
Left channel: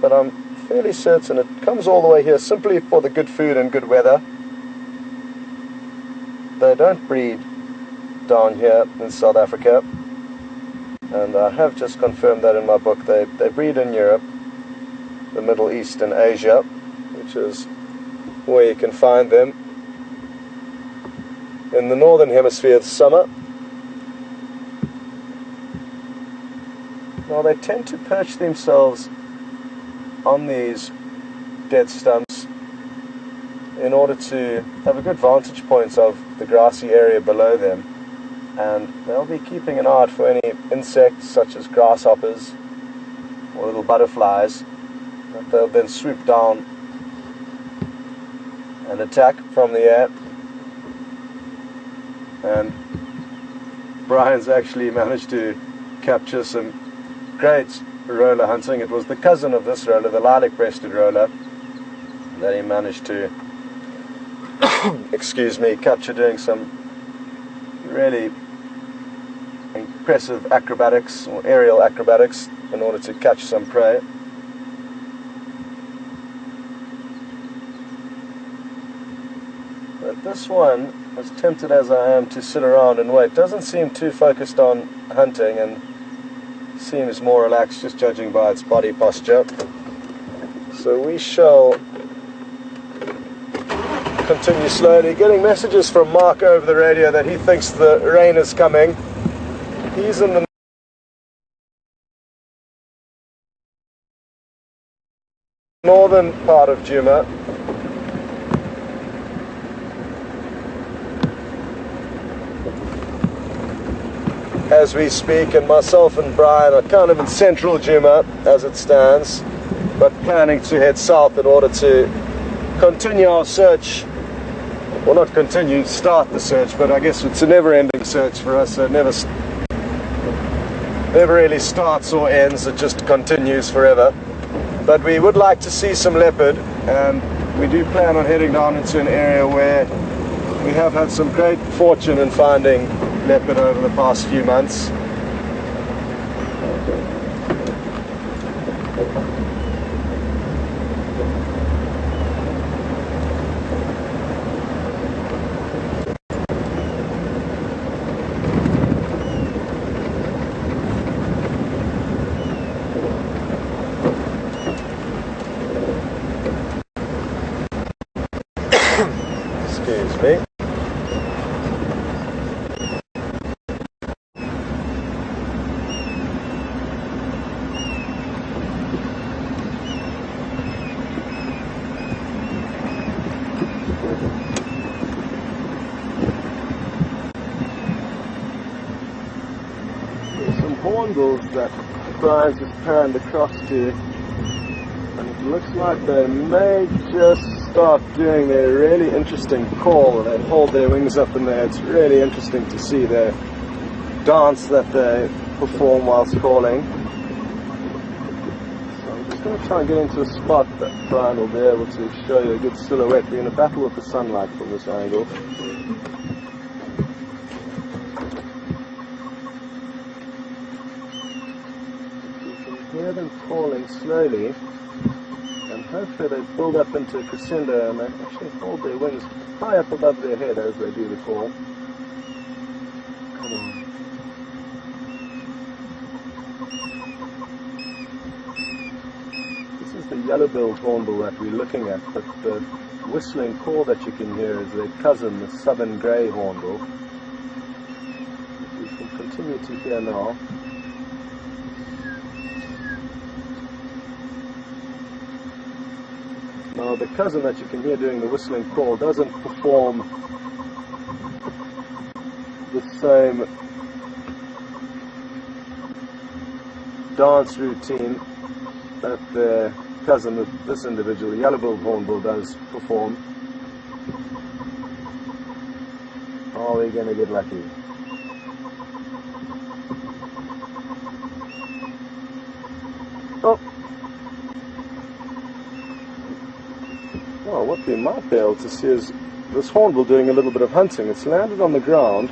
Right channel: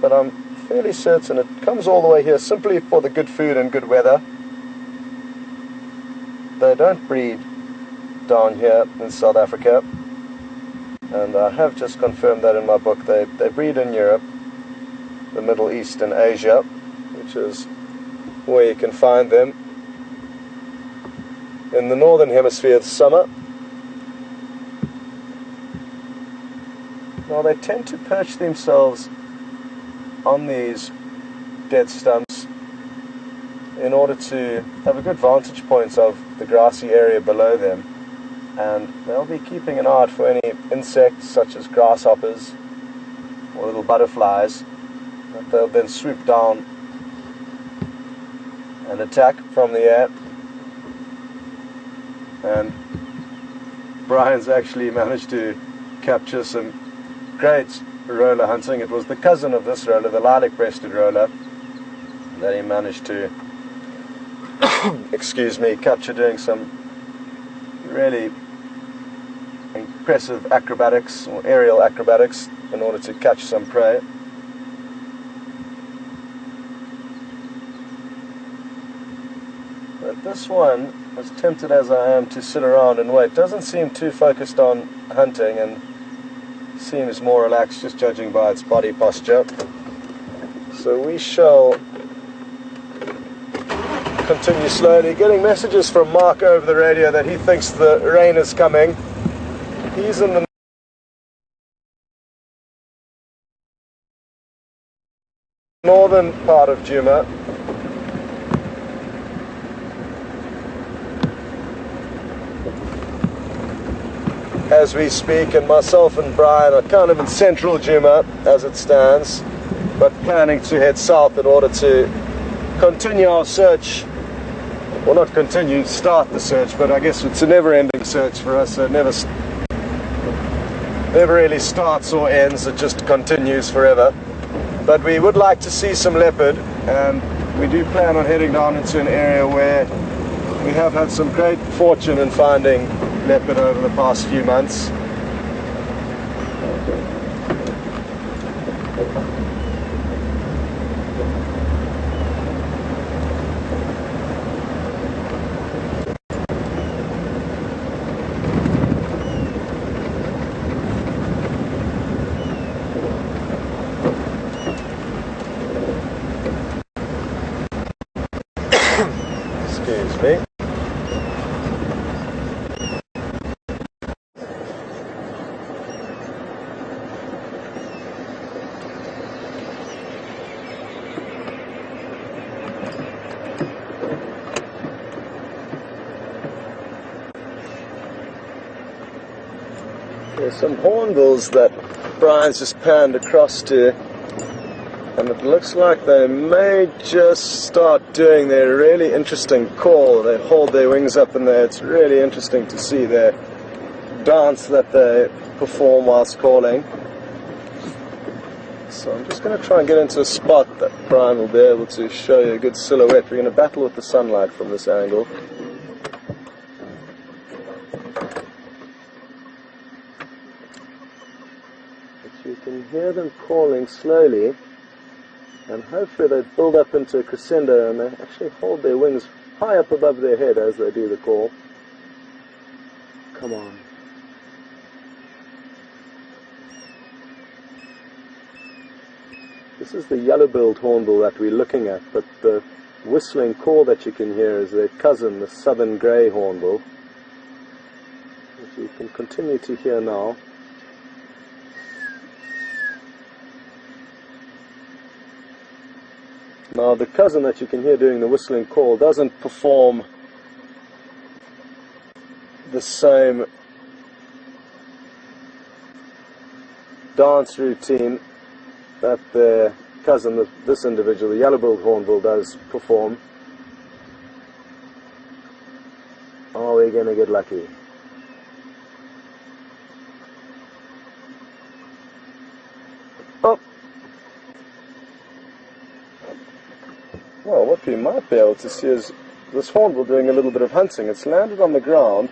but I'm fairly certain it comes all the way here simply for the good food and good weather. They don't breed down here in South Africa, and I have just confirmed that in my book. They breed in Europe, the Middle East and Asia, which is where you can find them. In the northern hemisphere it's summer. Now they tend to perch themselves on these dead stumps in order to have a good vantage point of the grassy area below them, and they'll be keeping an eye out for any insects such as grasshoppers or little butterflies that they'll then swoop down and attack from the air. And Brian's actually managed to capture some great roller hunting. It was the cousin of this roller, the lilac-breasted roller, that he managed to excuse me, capture doing some really impressive acrobatics or aerial acrobatics in order to catch some prey. But this one, as tempted as I am to sit around and wait, doesn't seem too focused on hunting and seems more relaxed, just judging by its body posture. So we shall continue slowly, getting messages from Mark over the radio that he thinks the rain is coming. He's in the northern part of Djuma. As we speak, and myself and Brian are kind of in central Djuma as it stands, but planning to head south in order to continue our search. Well, not continue, start the search, but I guess it's a never-ending search for us, so it never really starts or ends, it just continues forever. But we would like to see some leopard, and we do plan on heading down into an area where we have had some great fortune in finding leopard over the past few months. Excuse me. hornbills that Brian's just panned across to, and it looks like they may just start doing their really interesting call. They hold their wings up in there. It's really interesting to see their dance that they perform whilst calling. So I'm just going to try and get into a spot that Brian will be able to show you a good silhouette. We're going to battle with the sunlight from this angle. You can hear them calling slowly, and hopefully they build up into a crescendo and they actually hold their wings high up above their head as they do the call. Come on. This is the yellow-billed hornbill that we're looking at, but the whistling call that you can hear is their cousin, the southern grey hornbill, which you can continue to hear now. Now the cousin that you can hear doing the whistling call doesn't perform the same dance routine that the cousin of this individual, the yellow-billed hornbill, does perform. Are we going to get lucky? Oh! Well, what we might be able to see is this hornbill doing a little bit of hunting. It's landed on the ground.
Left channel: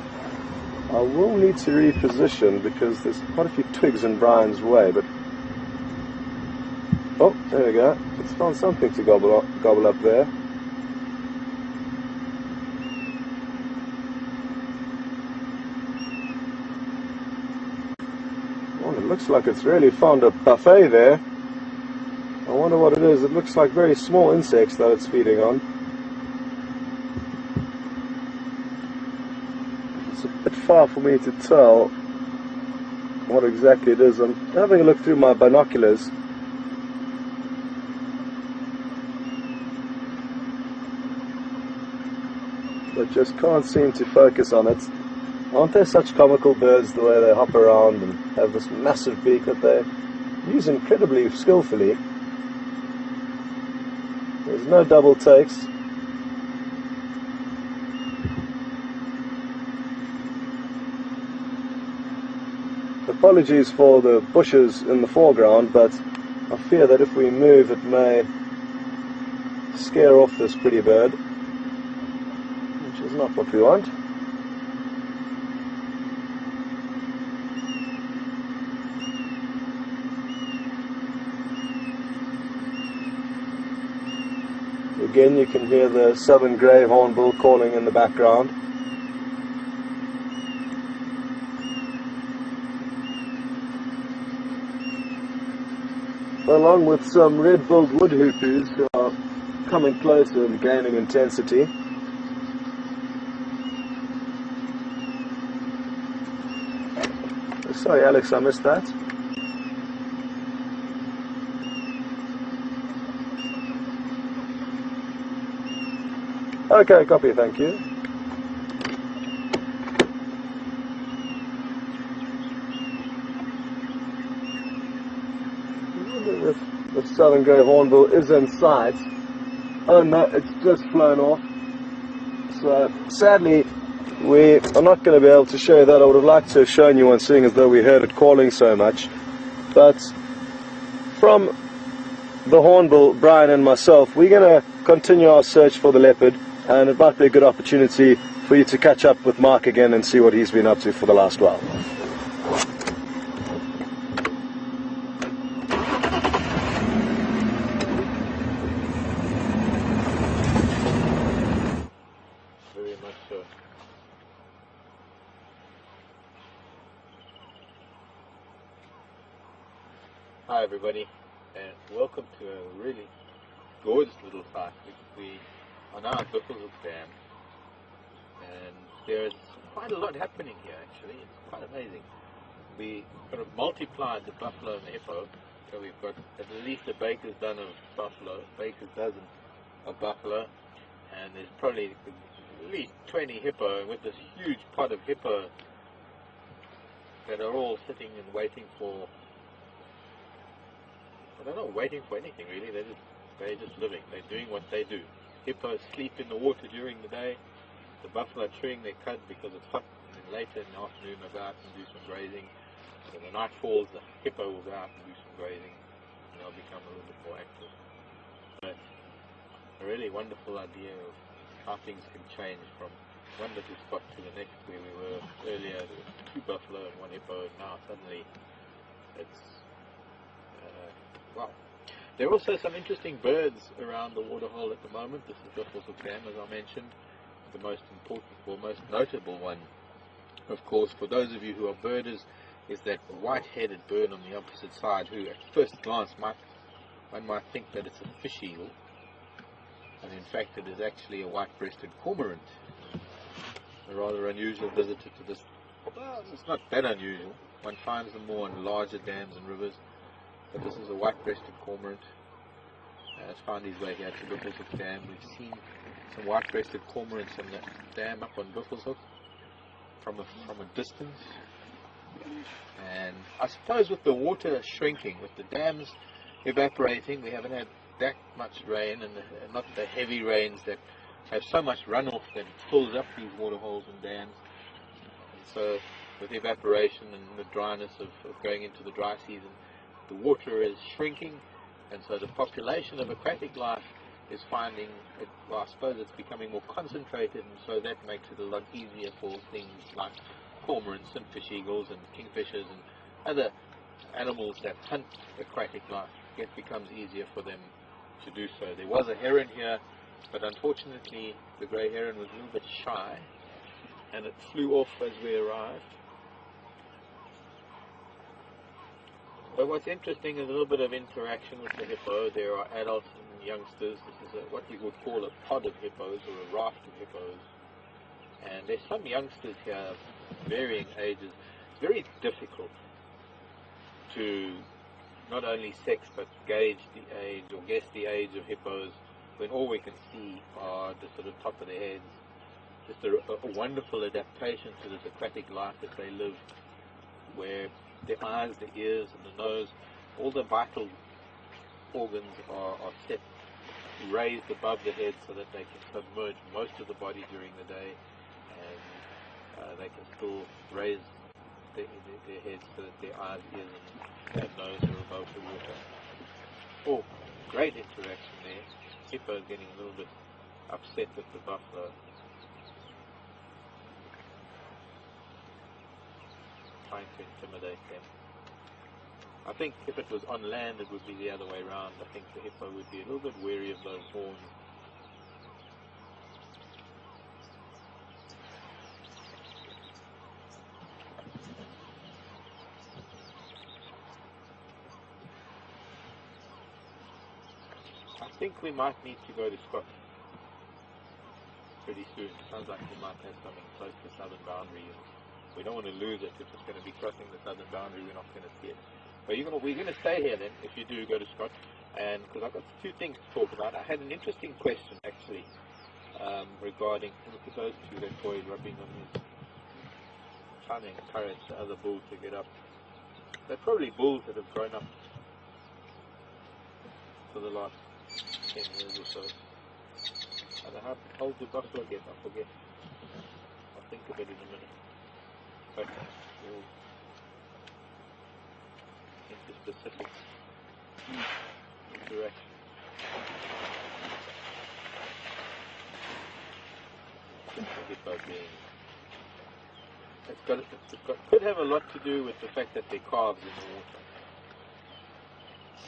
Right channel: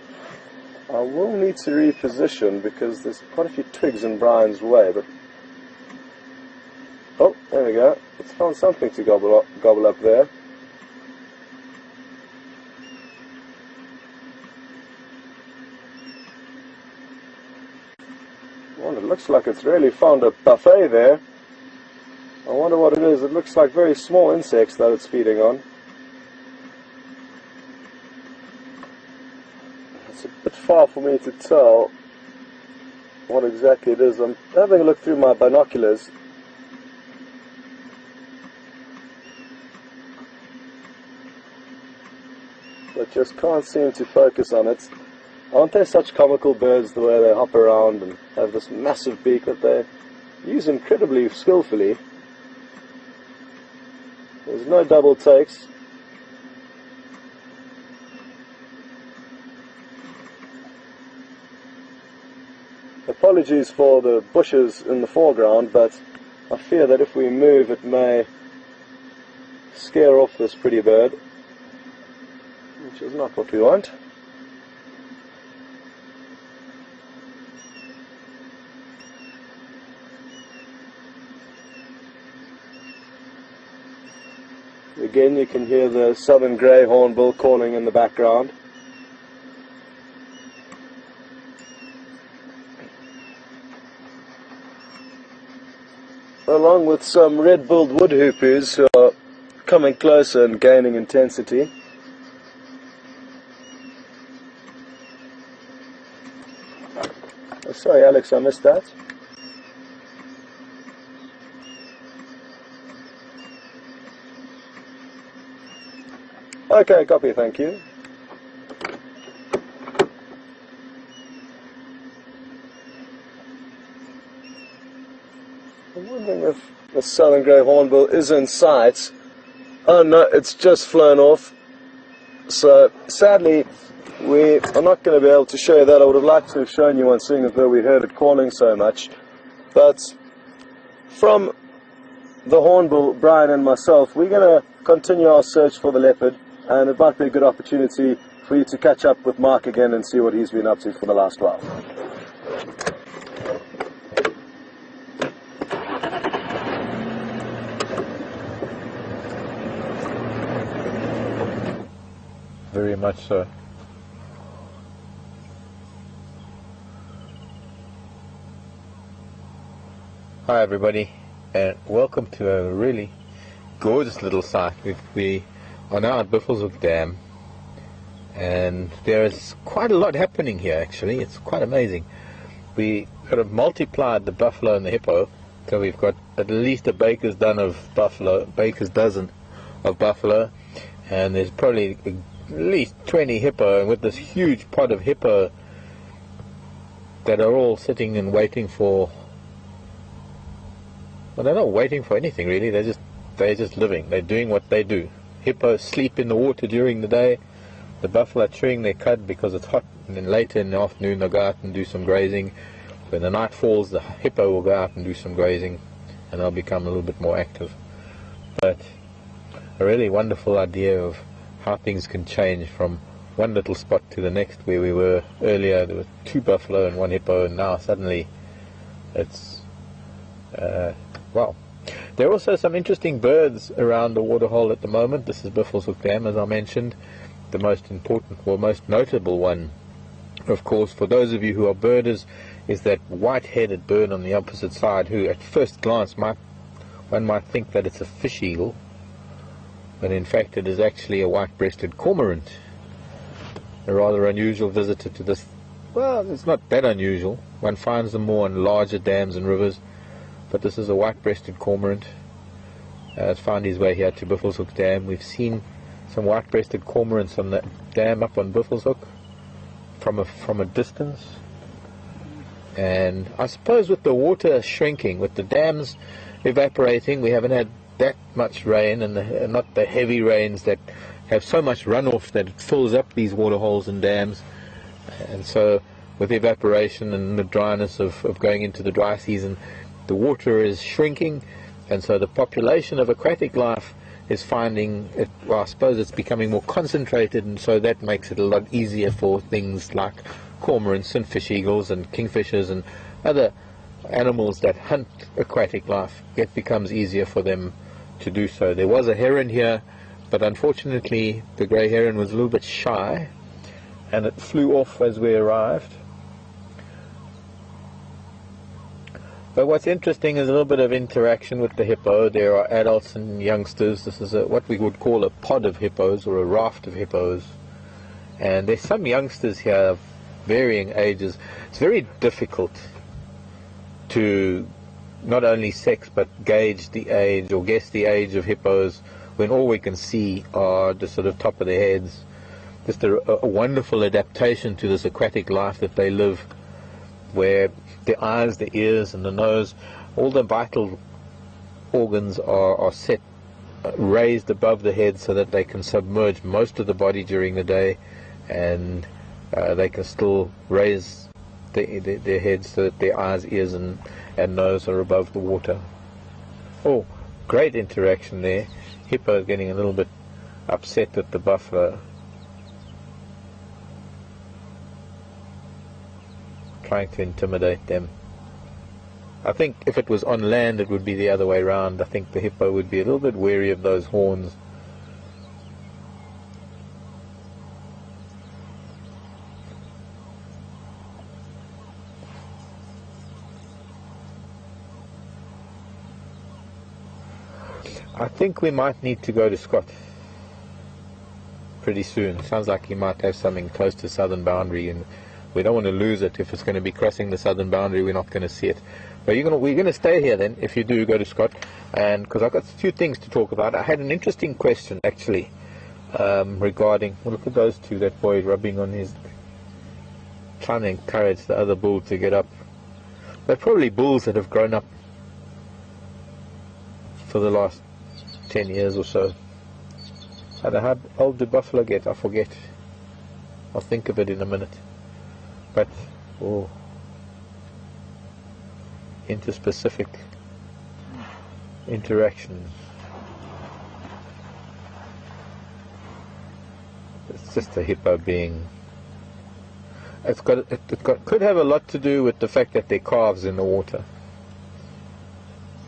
I will need to reposition because there's quite a few twigs in Brian's way, but oh, there we go. It's found something to gobble up there. Well, it looks like it's really found a buffet there. I wonder what it is. It looks like very small insects that it's feeding on. It's a bit far for me to tell what exactly it is. I'm having a look through my binoculars. But just can't seem to focus on it. Aren't they such comical birds, the way they hop around and have this massive beak that they use incredibly skillfully? There's no double takes. Apologies for the bushes in the foreground, but I fear that if we move it may scare off this pretty bird, which is not what we want. Again, you can hear the southern grey hornbill calling in the background. Along with some red-billed woodhoopers who are coming closer and gaining intensity. Sorry Alex, I missed that. Okay, copy, thank you. If the southern grey hornbill is in sight. Oh no, it's just flown off. So sadly, we are not going to be able to show that. I would have liked to have shown you one, seeing as though we heard it calling so much. But from the hornbill, Brian and myself, we're going to continue our search for the leopard, and it might be a good opportunity for you to catch up with Mark again and see what he's been up to for the last while. Very much so. Hi everybody, and welcome to a really gorgeous little site. We are now at Buffelshoek Dam, and there is quite a lot happening here actually. It's quite amazing. We sort of multiplied the buffalo and the hippo, so we've got at least a baker's dozen of buffalo, and there's probably at least 20 hippo, and with this huge pod of hippo that are all sitting and waiting for, well, they're not waiting for anything really, they're just living, they're doing what they do. Hippos sleep in the water during the day, the buffalo are chewing their cud because it's hot, and then later in the afternoon they'll go out and do some grazing. When the night falls, the hippo will go out and do some grazing, and they'll become a little bit more active. But a really wonderful idea of how things can change from one little spot to the next. Where we were earlier, there were 2 buffalo and 1 hippo, and now suddenly it's wow. There are also some interesting birds around the waterhole at the moment. This is Buffelshoek Dam, as I mentioned. The most important, or most notable one, of course, for those of you who are birders, is that white-headed bird on the opposite side, who at first glance one might think that it's a fish eagle, but in fact it is actually a white-breasted cormorant. A rather unusual visitor to this. Well, it's not that unusual. One finds them more on larger dams and rivers, but this is a white-breasted cormorant. It's found his way here to Buffelshoek Dam. We've seen some white-breasted cormorants on the dam up on Buffelshoek from a distance. And I suppose with the water shrinking, with the dams evaporating, we haven't had that much rain, and not the heavy rains that have so much runoff that it fills up these waterholes and dams. And so with evaporation and the dryness of going into the dry season, the water is shrinking, and so the population of aquatic life is finding it, well, I suppose it's becoming more concentrated, and so that makes it a lot easier for things like cormorants and fish eagles and kingfishers and other animals that hunt aquatic life. It becomes easier for them to do so. There was a heron here, but unfortunately the grey heron was a little bit shy and it flew off as we arrived. But what's interesting is a little bit of interaction with the hippo. There are adults and youngsters. This is what we would call a pod of hippos, or a raft of hippos. And there's some youngsters here of varying ages. It's very difficult to not only sex but gauge the age or guess the age of hippos when all we can see are the sort of top of their heads. Just a wonderful adaptation to this aquatic life that they live, where the eyes, the ears and the nose, all the vital organs are set, raised above the head so that they can submerge most of the body during the day, and they can still raise their heads so that their eyes, ears and nose are above the water. Oh, great interaction there. Hippo getting a little bit upset at the buffalo, trying to intimidate them. I think if it was on land it would be the other way around. I think the hippo would be a little bit wary of those horns. I think we might need to go to Scott pretty soon. Sounds like he might have something close to southern boundary, and we don't want to lose it. If it's going to be crossing the southern boundary, we're not going to see it. But we're going to stay here then, if you do go to Scott, and because I've got a few things to talk about. I had an interesting question actually regarding, well, look at those two, that boy rubbing on his, trying to encourage the other bull to get up. They're probably bulls that have grown up for the last 10 years or so. How old did buffalo get? I forget. I'll think of it in a minute. But interspecific interactions. It's just a hippo being. It could have a lot to do with the fact that there are calves in the water.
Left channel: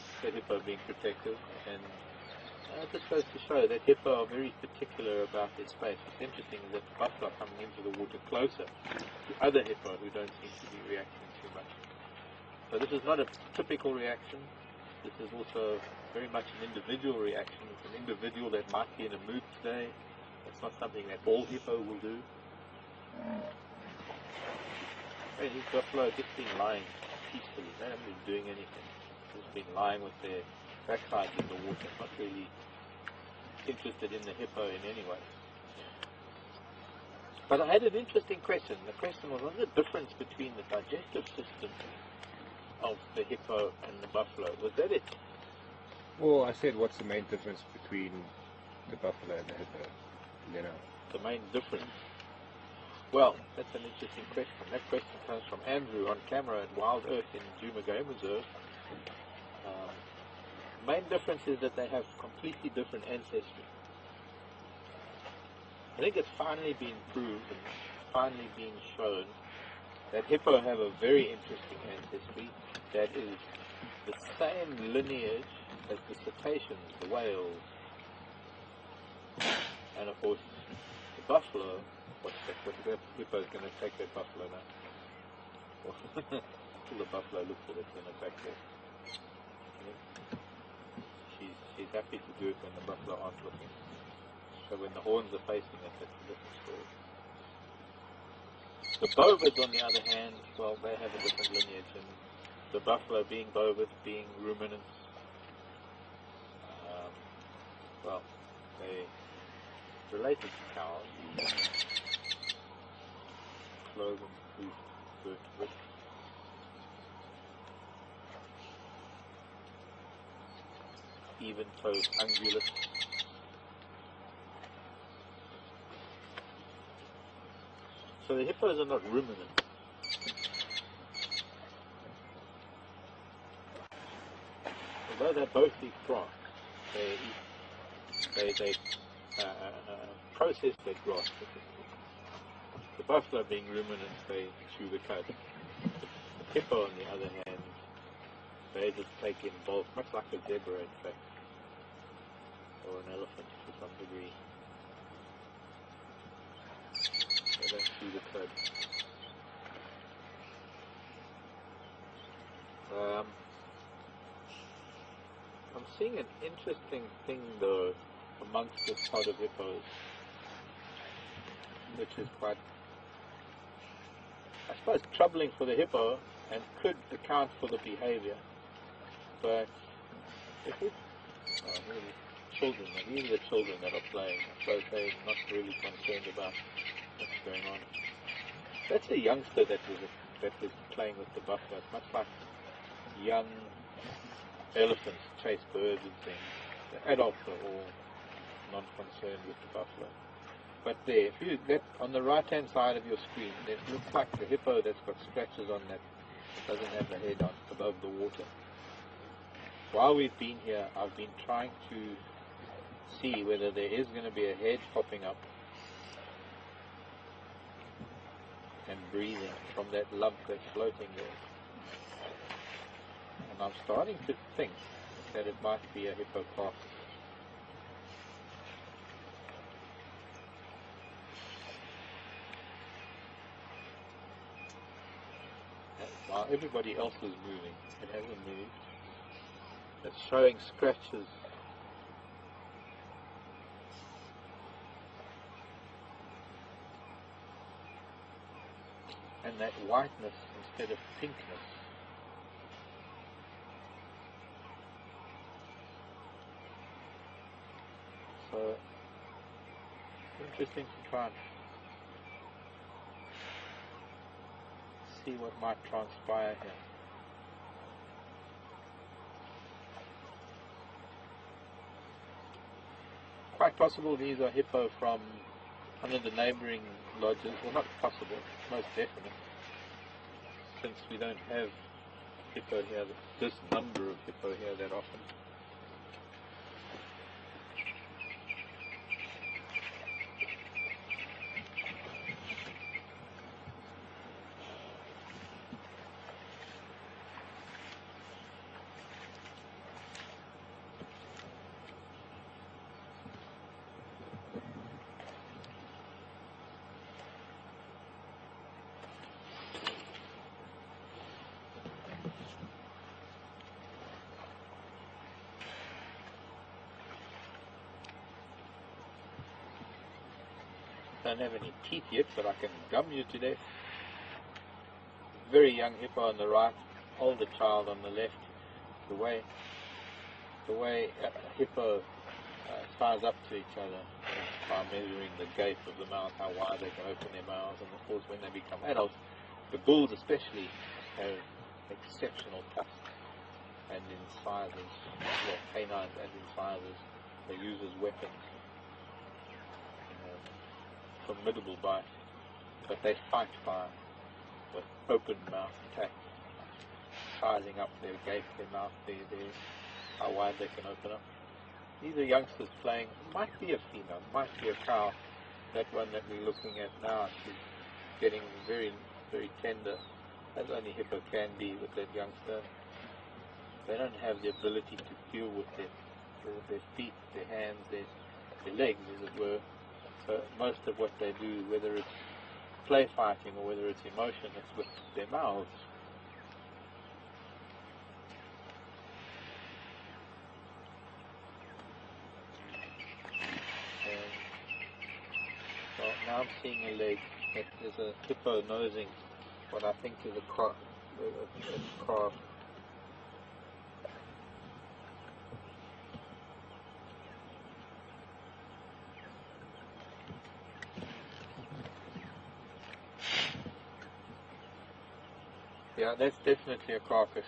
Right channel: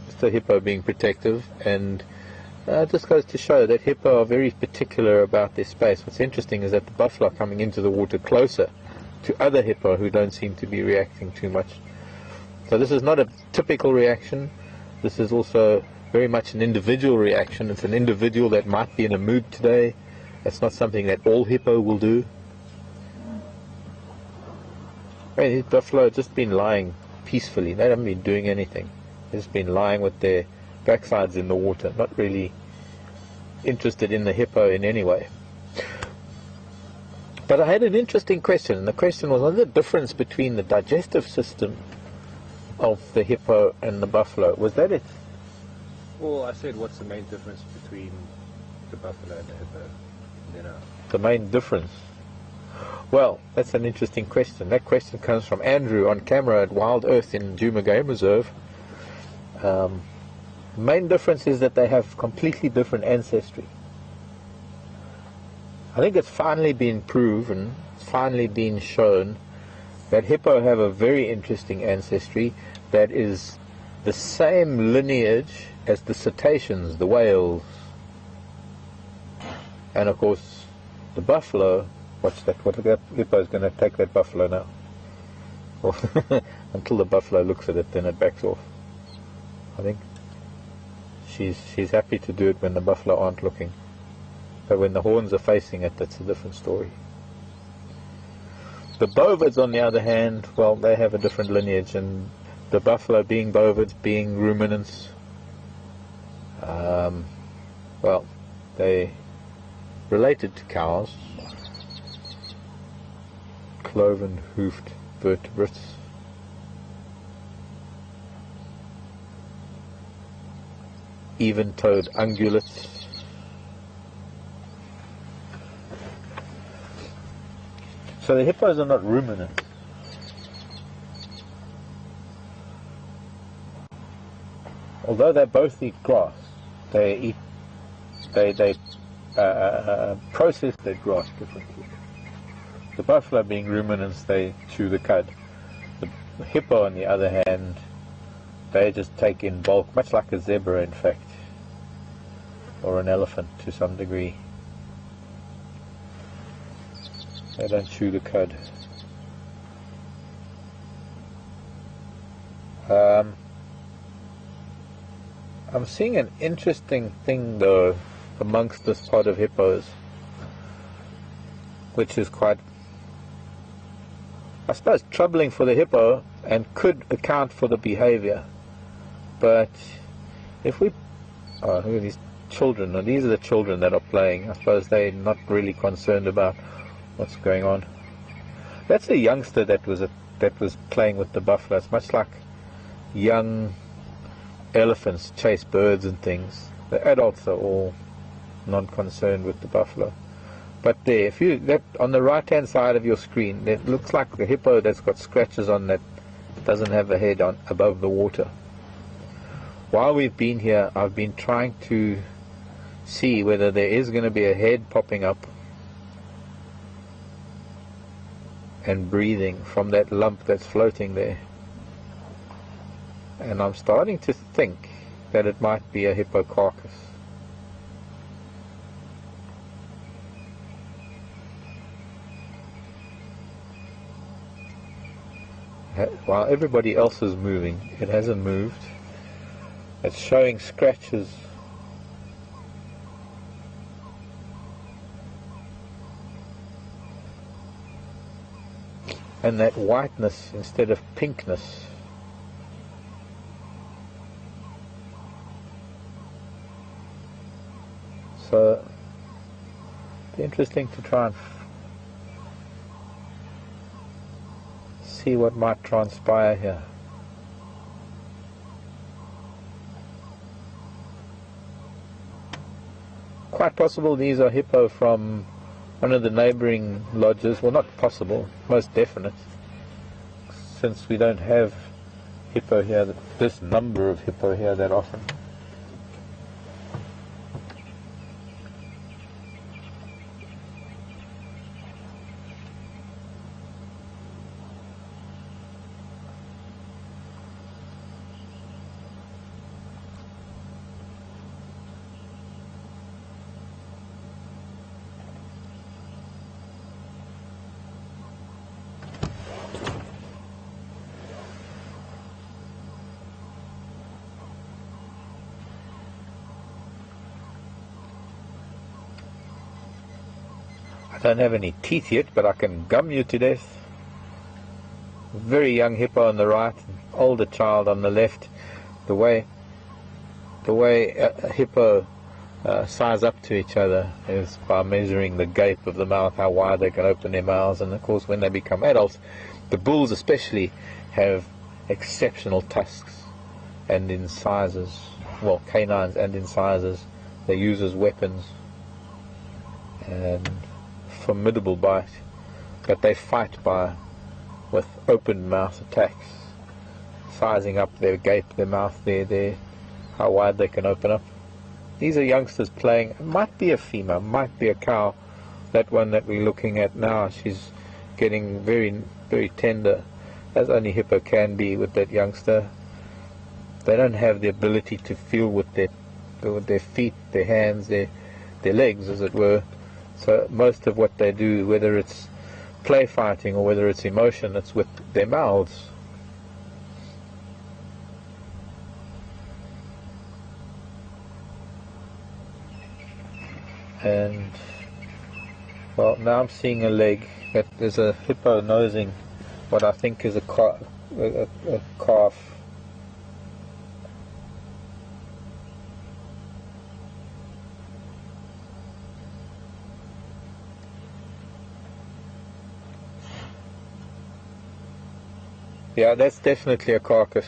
Just a hippo being protective, and it just goes to show that hippo are very particular about their space. What's interesting is that the buffalo are coming into the water closer to other hippo who don't seem to be reacting too much. So this is not a typical reaction. This is also very much an individual reaction. It's an individual that might be in a mood today. It's not something that all hippo will do. Hey, these buffalo have just been lying peacefully. They haven't been doing anything. They've just been lying with their backsides in the water, not really interested in the hippo in any way. But I had an interesting question, and the question was, what's the difference between the digestive system of the hippo and the buffalo? Was that it? Well, I said, what's the main difference between the buffalo and the hippo? You know. The main difference? Well, that's an interesting question. That question comes from Andrew on camera at Wild Earth in Djuma Game Reserve. The main difference is that they have completely different ancestry. I think it's finally been proven, finally been shown, that hippo have a very interesting ancestry that is the same lineage as the cetaceans, the whales, and of course the buffalo. Watch that, what the hippo's going to take that buffalo now. Until the buffalo looks at it, then it backs off. I think she's happy to do it when the buffalo aren't looking. But when the horns are facing it, that's a different story. The bovids, on the other hand, well, they have a different lineage, and the buffalo being bovids, being ruminants, well, they related to cows, cloven hoofed vertebrates. Even-toed ungulates. So the hippos are not ruminants. Although they both eat grass, they process their grass differently. The buffalo being ruminants, they chew the cud. The hippo, on the other hand, they just take in bulk, much like a zebra in fact, or an elephant to some degree. They don't chew the cud. I'm seeing an interesting thing though amongst this pod of hippos, which is quite, I suppose, troubling for the hippo and could account for the behavior. But if we, oh, look at these children. Now these are the children that are playing. I suppose they're not really concerned about what's going on. That's a youngster that was playing with the buffalo. It's much like young elephants chase birds and things. The adults are all non-concerned with the buffalo. But there, if you, that on the right hand side of your screen, it looks like a hippo that's got scratches on that doesn't have a head on above the water. While we've been here, I've been trying to see whether there is going to be a head popping up and breathing from that lump that's floating there. And I'm starting to think that it might be a hippo carcass. While everybody else is moving, it hasn't moved. It's showing scratches. And that whiteness instead of pinkness. So, it'd be interesting to try and see what might transpire here. Quite possible these are hippo from one of the neighbouring lodges. Well, not possible, most definite, since we don't have hippo here, this number of hippo here that often. I don't have any teeth yet, but I can gum you to death. Very young hippo on the right, older child on the left. The way a hippo size up to each other is by measuring the gape of the mouth, how wide they can open their mouths. And of course when they become adults, the bulls especially have exceptional tusks and incisors, well, canines and incisors they use as weapons, and formidable bite, but they fight with open mouth attacks, sizing up their gape, their mouth, how wide they can open up. These are youngsters playing. It might be a female, might be a cow. That one that we're looking at now, she's getting very, very tender, as only hippo can be with that youngster. They don't have the ability to feel with their feet, their hands, their legs, as it were. So most of what they do, whether it's play fighting or whether it's emotion, it's with their mouths. And well, now I'm seeing a leg that there's a hippo nosing what I think is a calf. Yeah, that's definitely a carcass.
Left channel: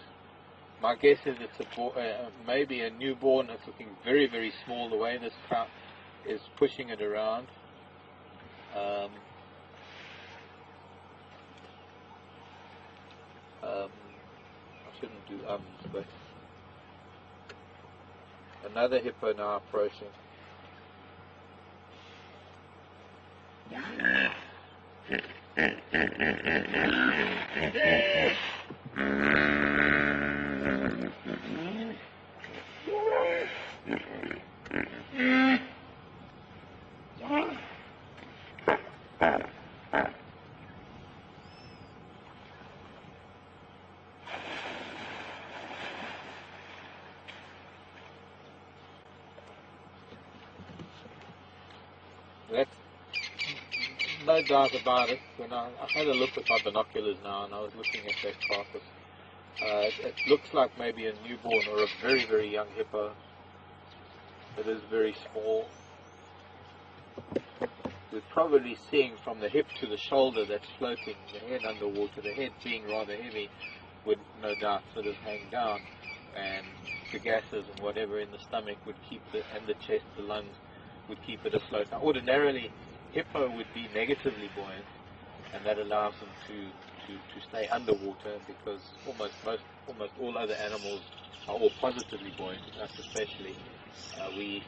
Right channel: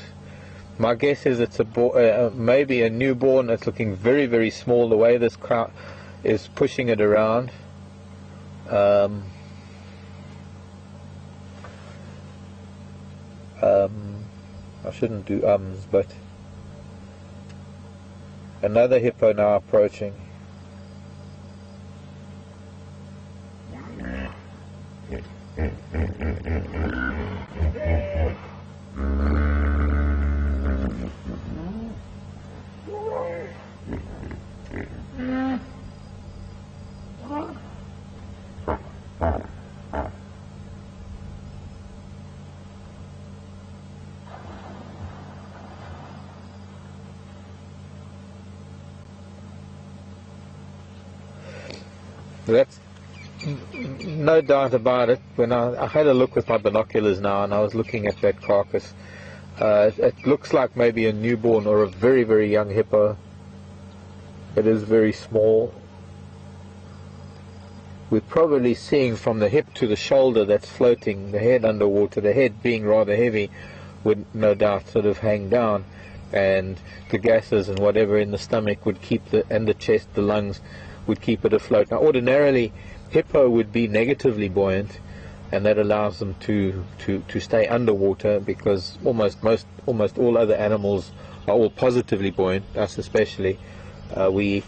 My guess is it's maybe a newborn that's looking very, very small, the way this crowd is pushing it around. I shouldn't do but another hippo now approaching. That's no doubt about it. When I had a look with my binoculars now, and I was looking at that carcass, it looks like maybe a newborn or a very, very young hippo. It is very small. We're probably seeing from the hip to the shoulder that's floating, the head underwater, the head being rather heavy, would no doubt sort of hang down, and the gases and whatever in the stomach would keep and the chest, the lungs, would keep it afloat. Now ordinarily hippo would be negatively buoyant, and that allows them to stay underwater, because almost all other animals are all positively buoyant, us especially. With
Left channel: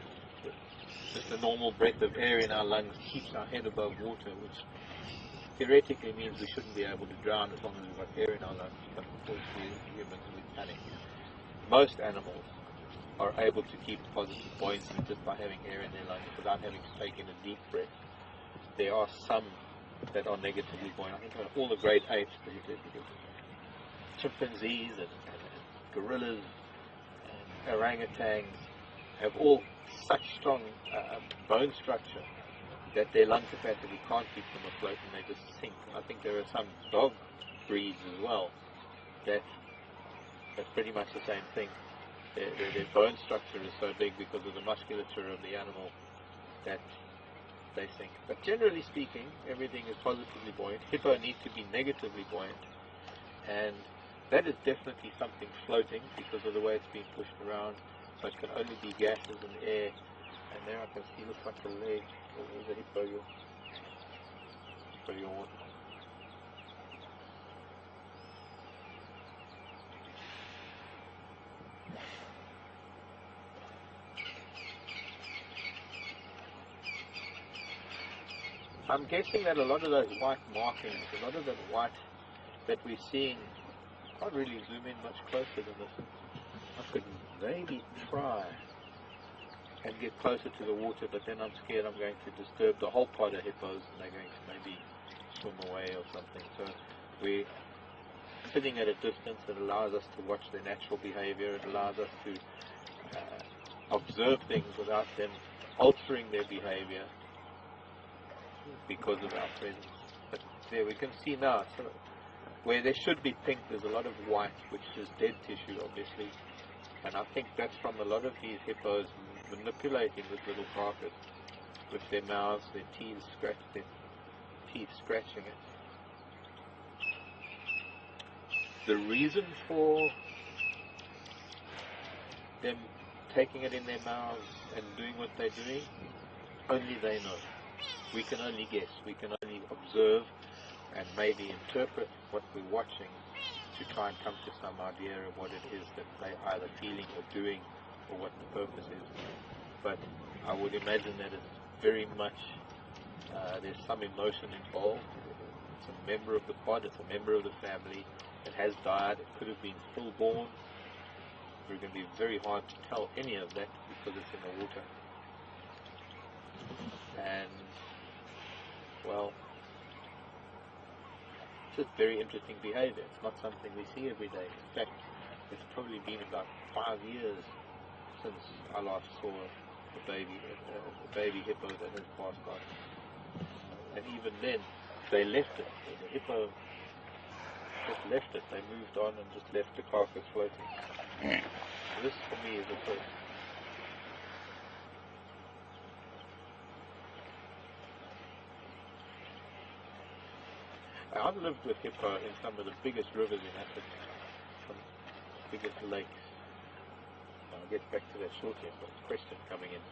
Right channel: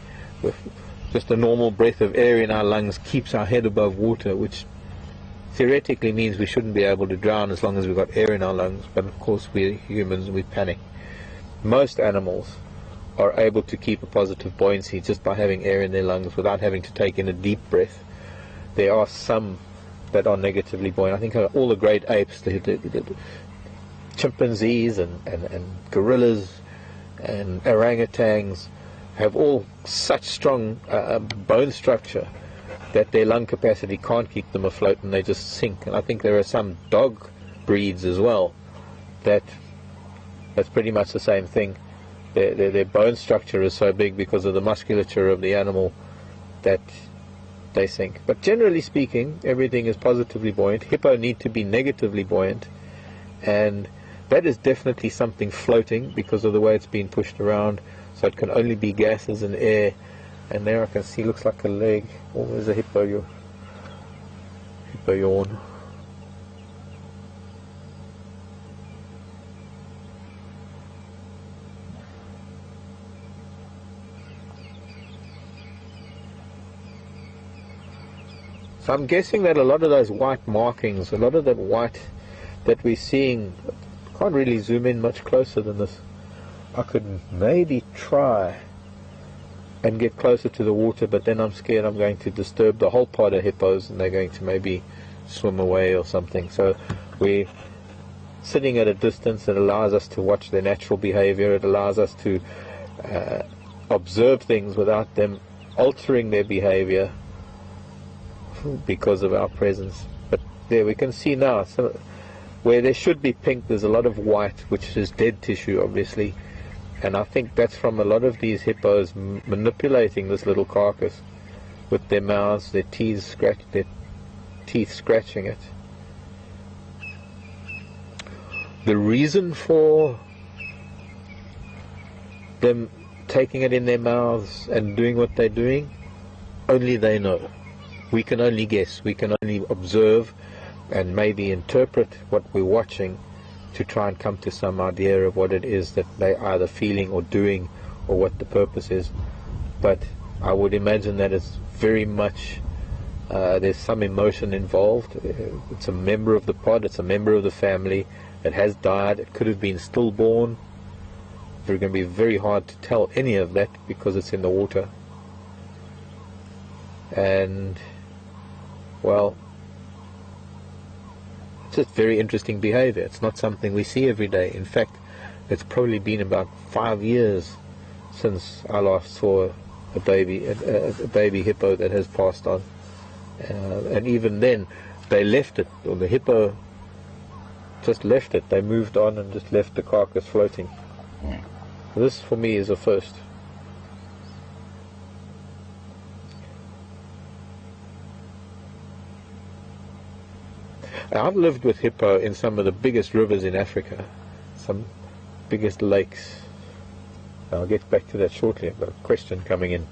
just a normal breath of air in our lungs keeps our head above water, which theoretically means we shouldn't be able to drown as long as we've got air in our lungs, but of course we're humans and we panic. Most animals are able to keep a positive buoyancy just by having air in their lungs without having to take in a deep breath. There are some that are negatively buoyant. I think all the great apes, the chimpanzees and gorillas and orangutans have all such strong bone structure that their lung capacity can't keep them afloat and they just sink. And I think there are some dog breeds as well that's pretty much the same thing. Their bone structure is so big because of the musculature of the animal that they sink. But generally speaking, everything is positively buoyant. Hippo need to be negatively buoyant, and that is definitely something floating because of the way it's been pushed around, so it can only be gases and air. And there I can see, looks like a leg. Oh, there's a hippo yawn. So I'm guessing that a lot of those white markings, a lot of that white that we're seeing, can't really zoom in much closer than this. I could maybe try and get closer to the water, but then I'm scared I'm going to disturb the whole pod of hippos and they're going to maybe swim away or something. So we're sitting at a distance that allows us to watch their natural behavior. It allows us to observe things without them altering their behavior because of our presence. But there we can see now, so where there should be pink, there's a lot of white, which is dead tissue obviously, And I think that's from a lot of these hippos manipulating this little carcass with their mouths, their teeth scratching it. The reason for them taking it in their mouths and doing what they're doing, only they know. We can only guess, we can only observe and maybe interpret what we're watching to try and come to some idea of what it is that they're either feeling or doing, or what the purpose is. But I would imagine that it's very much there's some emotion involved. It's a member of the pod, it's a member of the family. It has died, it could have been stillborn. It's going to be very hard to tell any of that because it's in the water. And, well, it's just very interesting behavior. It's not something we see every day. In fact, it's probably been about 5 years since I last saw a baby hippo that has passed on. And even then, they left it, or the hippo just left it. They moved on and just left the carcass floating. This, for me, is a first. I've lived with hippo in some of the biggest rivers in Africa, some biggest lakes. I'll get back to that shortly. I've got a question coming in.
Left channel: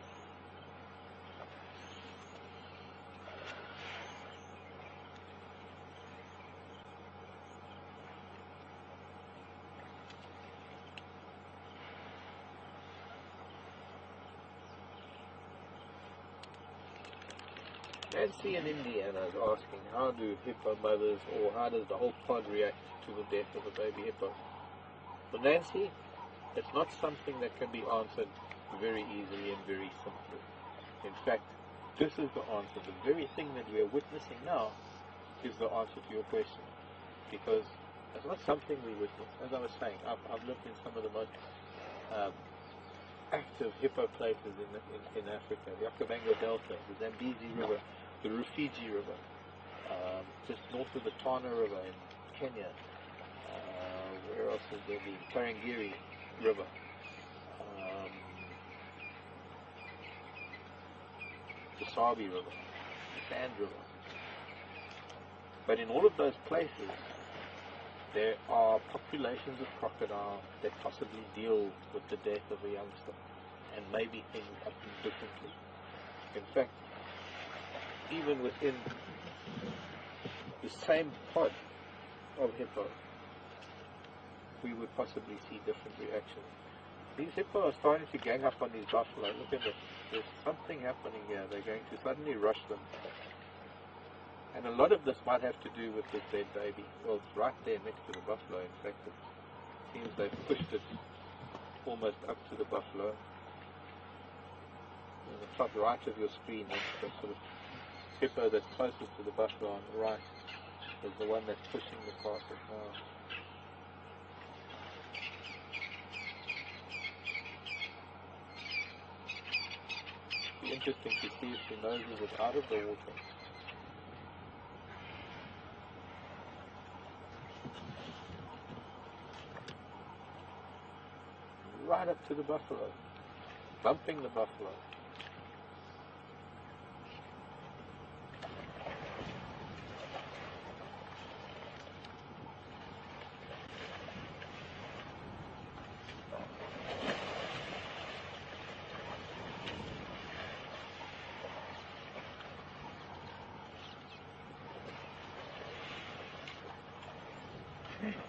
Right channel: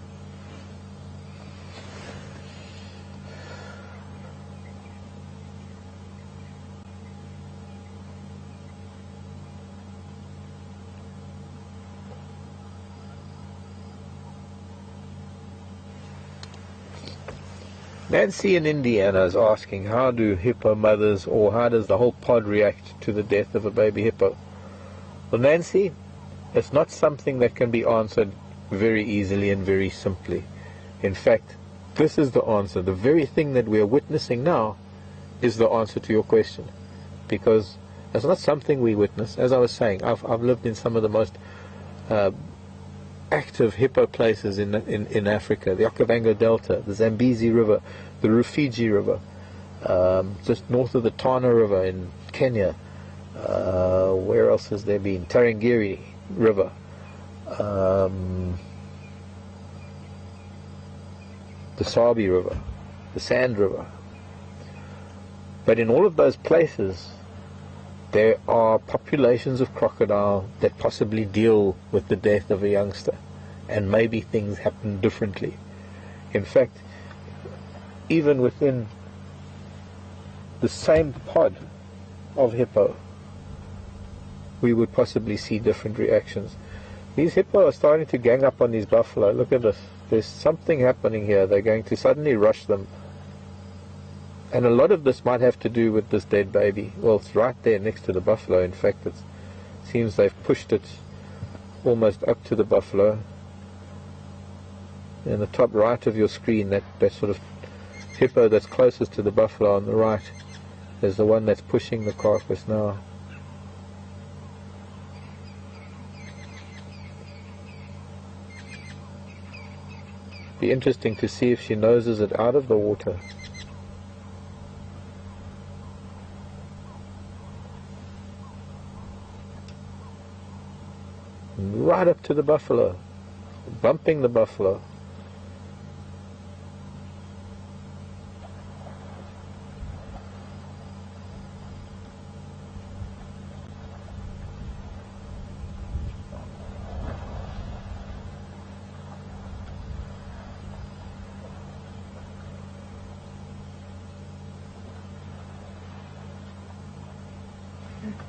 Nancy in Indiana is asking, how do hippo mothers, or how does the whole pod react to the death of a baby hippo? Well, Nancy, it's not something that can be answered very easily and very simply. In fact, this is the answer. The very thing that we are witnessing now is the answer to your question, because it's not something we witness. As I was saying, I've lived in some of the most active hippo places in Africa, the Okavango Delta, the Zambezi River, the Rufiji River, just north of the Tana River in Kenya. Where else has there been? Tarangire River, the Sabi River, the Sand River. But in all of those places, there are populations of crocodile that possibly deal with the death of a youngster, and maybe things happen differently. In fact, even within the same pod of hippo, we would possibly see different reactions. These hippo are starting to gang up on these buffalo. Look at this. There's something happening here. They're going to suddenly rush them. And a lot of this might have to do with this dead baby. Well, it's right there next to the buffalo. In fact, it seems they've pushed it almost up to the buffalo. In the top right of your screen, that sort of hippo that's closest to the buffalo on the right is the one that's pushing the carcass now. Be interesting to see if she noses it out of the water. Right up to the buffalo, bumping the buffalo.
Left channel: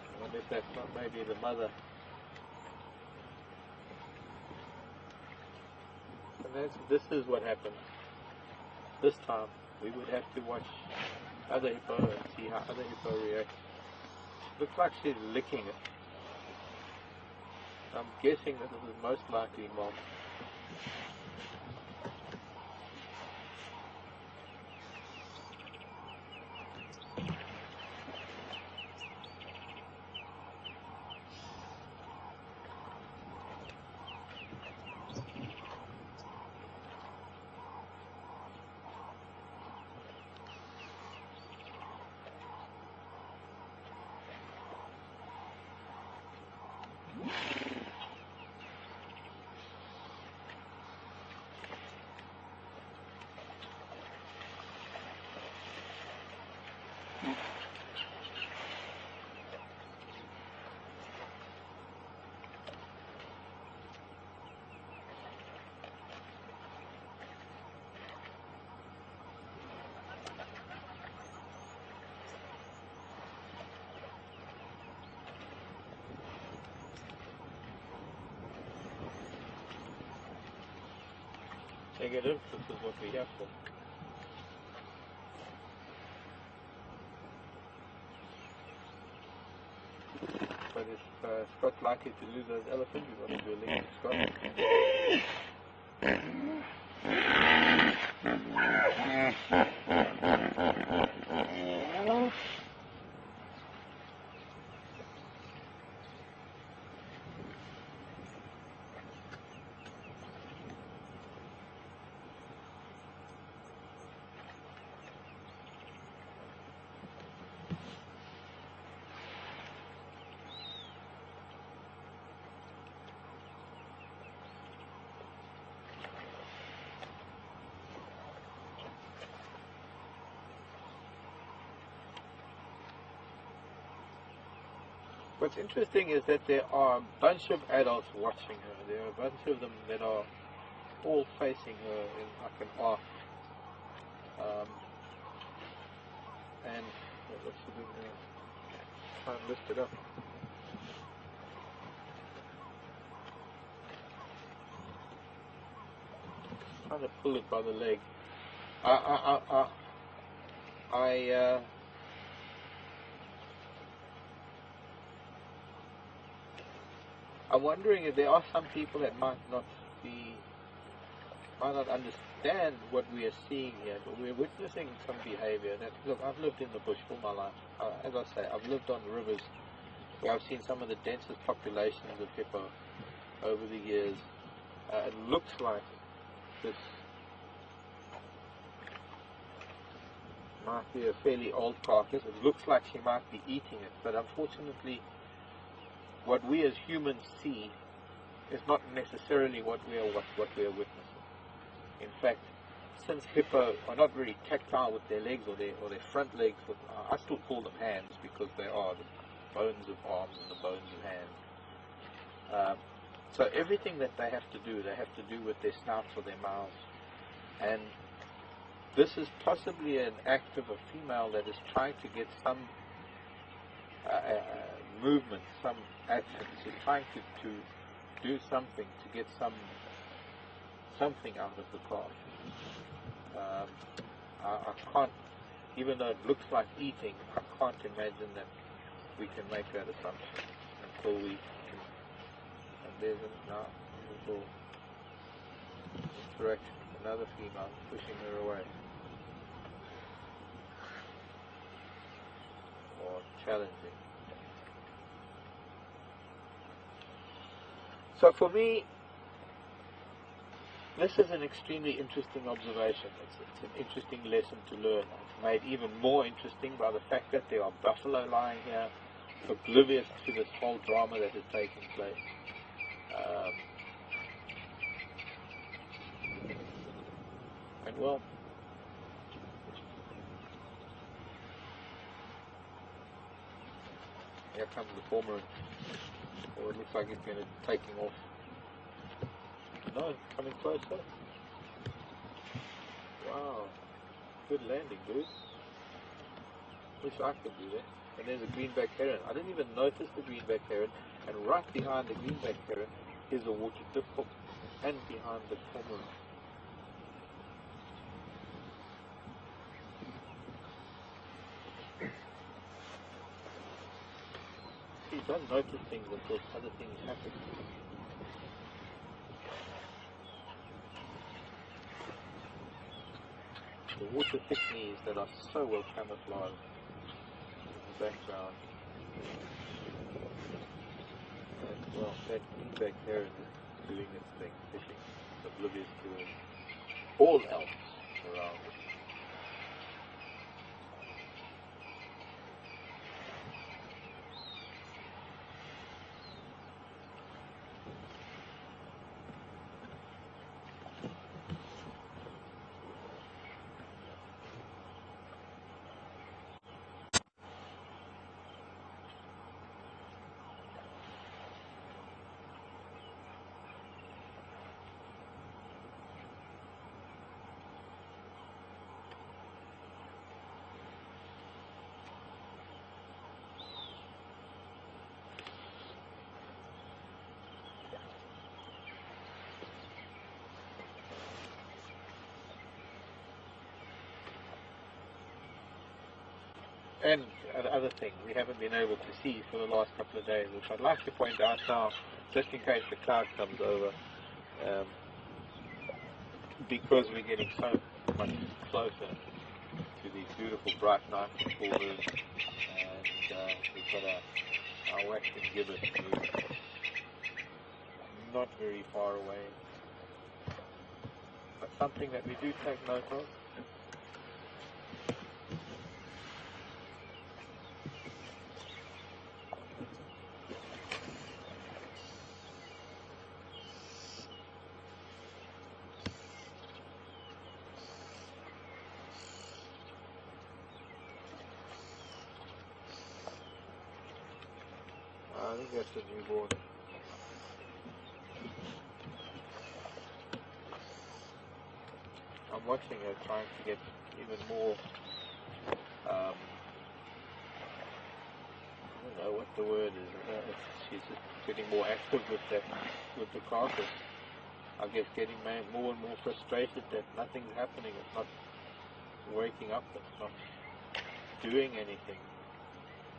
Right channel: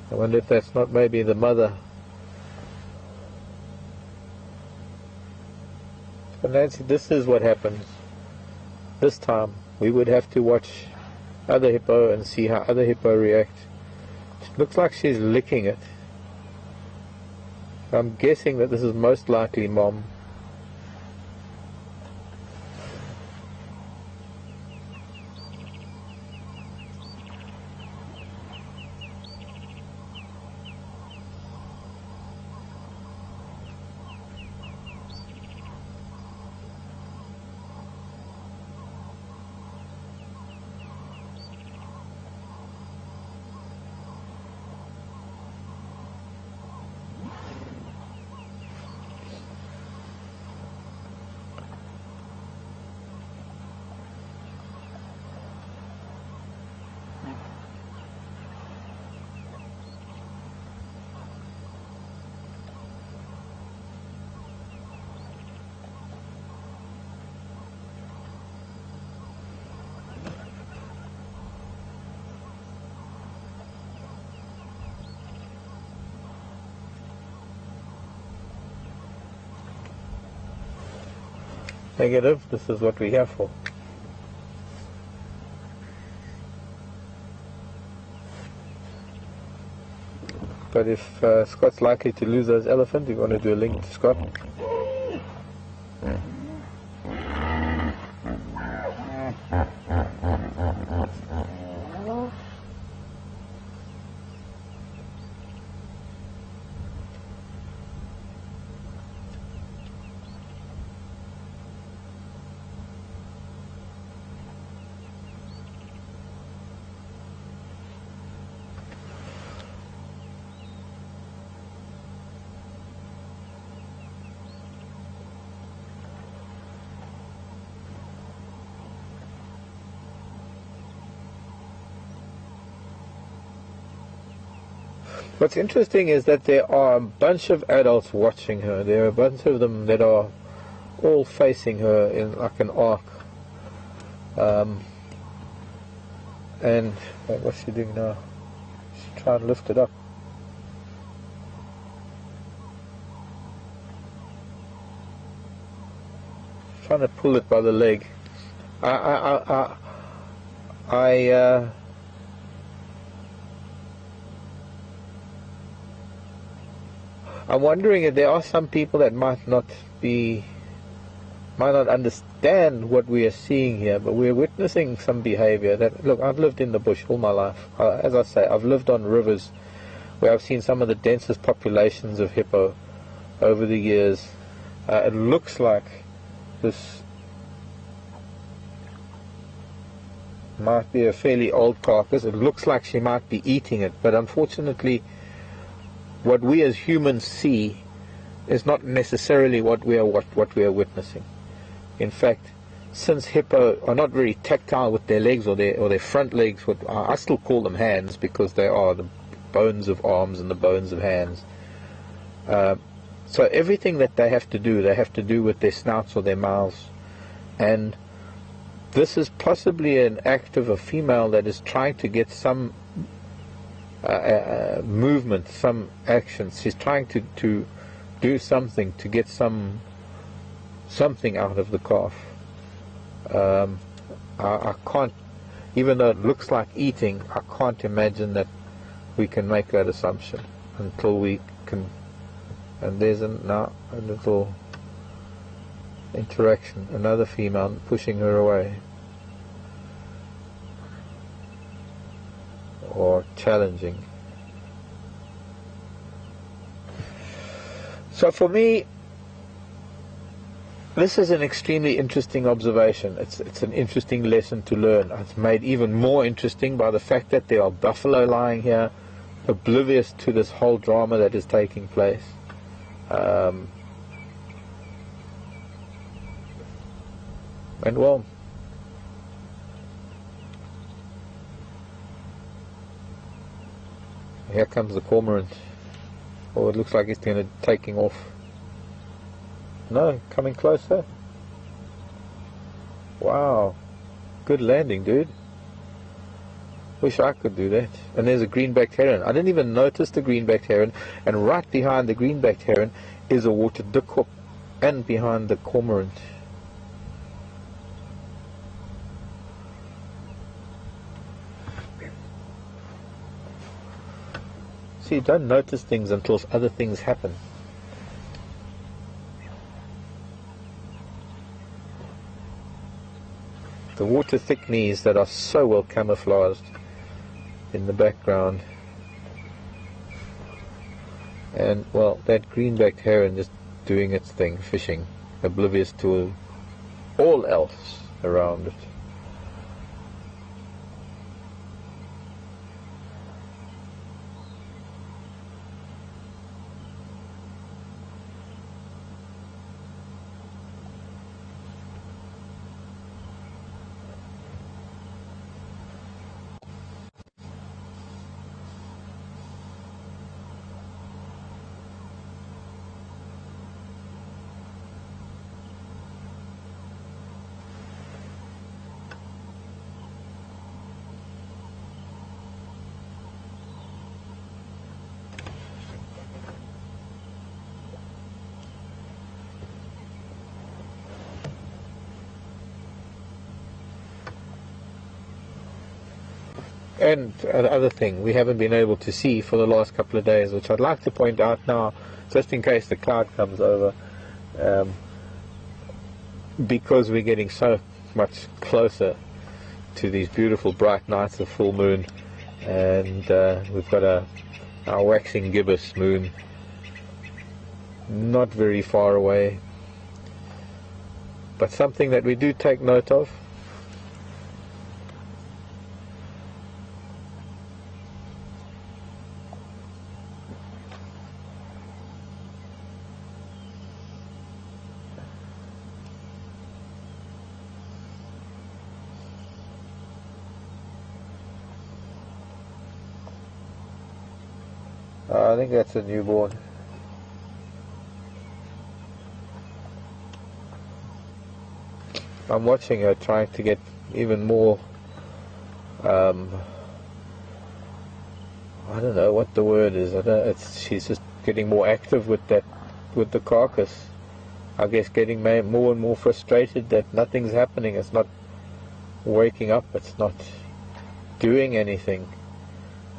I wonder if that's not maybe the mother. But Nancy, this is what happens. This time we would have to watch other hippo and see how other hippo react. It looks like she's licking it. I'm guessing that this is most likely mom. negative. This is what we're here for. But if Scott's likely to lose those elephants, we want to do a link to Scott. What's interesting is that there are a bunch of adults watching her. There are a bunch of them that are all facing her in like an arc. And what's she doing now? She's trying to lift it up. Trying to pull it by the leg. I'm wondering if there are some people that might not understand what we are seeing here, but we're witnessing some behavior that, look, I've lived in the bush all my life. As I say, I've lived on rivers where I've seen some of the densest populations of hippo over the years. It looks like this might be a fairly old carcass. It looks like she might be eating it, but unfortunately what we as humans see is not necessarily what we are witnessing. In fact, since hippo are not very tactile with their legs or their front legs, I still call them hands because they are the bones of arms and the bones of hands. So everything that they have to do with their snouts or their mouths. And this is possibly an act of a female that is trying to get some movement, some action. She's trying to do something to get something out of the calf. I can't, even though it looks like eating, I can't imagine that we can make that assumption until we can. And there's now a little interaction, another female pushing her away or challenging. So for me, this is an extremely interesting observation. It's an interesting lesson to learn. It's made even more interesting by the fact that there are buffalo lying here, oblivious to this whole drama that is taking place. And well, here comes the cormorant. Oh, it looks like it's going to taking off. No, coming closer. Wow, good landing, dude. Wish I could do that. And there's a green-backed heron. I didn't even notice the green-backed heron. And right behind the green-backed heron is a water dikop, and behind the cormorant. See, you don't notice things until other things happen. The water thickneys that are so well camouflaged in the background. And, well, that green-backed heron just doing its thing, fishing, oblivious to all else around it. And the other thing we haven't been able to see for the last couple of days, which I'd like to point out now, just in case the cloud comes over, because we're getting so much closer to these beautiful bright nights of full moon, and we've got our waxing gibbous moon not very far away, but something that we do take note of. I think that's a newborn. I'm watching her trying to get even more, I don't know what the word is. She's just getting more active with the carcass. I guess getting more and more frustrated that nothing's happening. It's not waking up. It's not doing anything.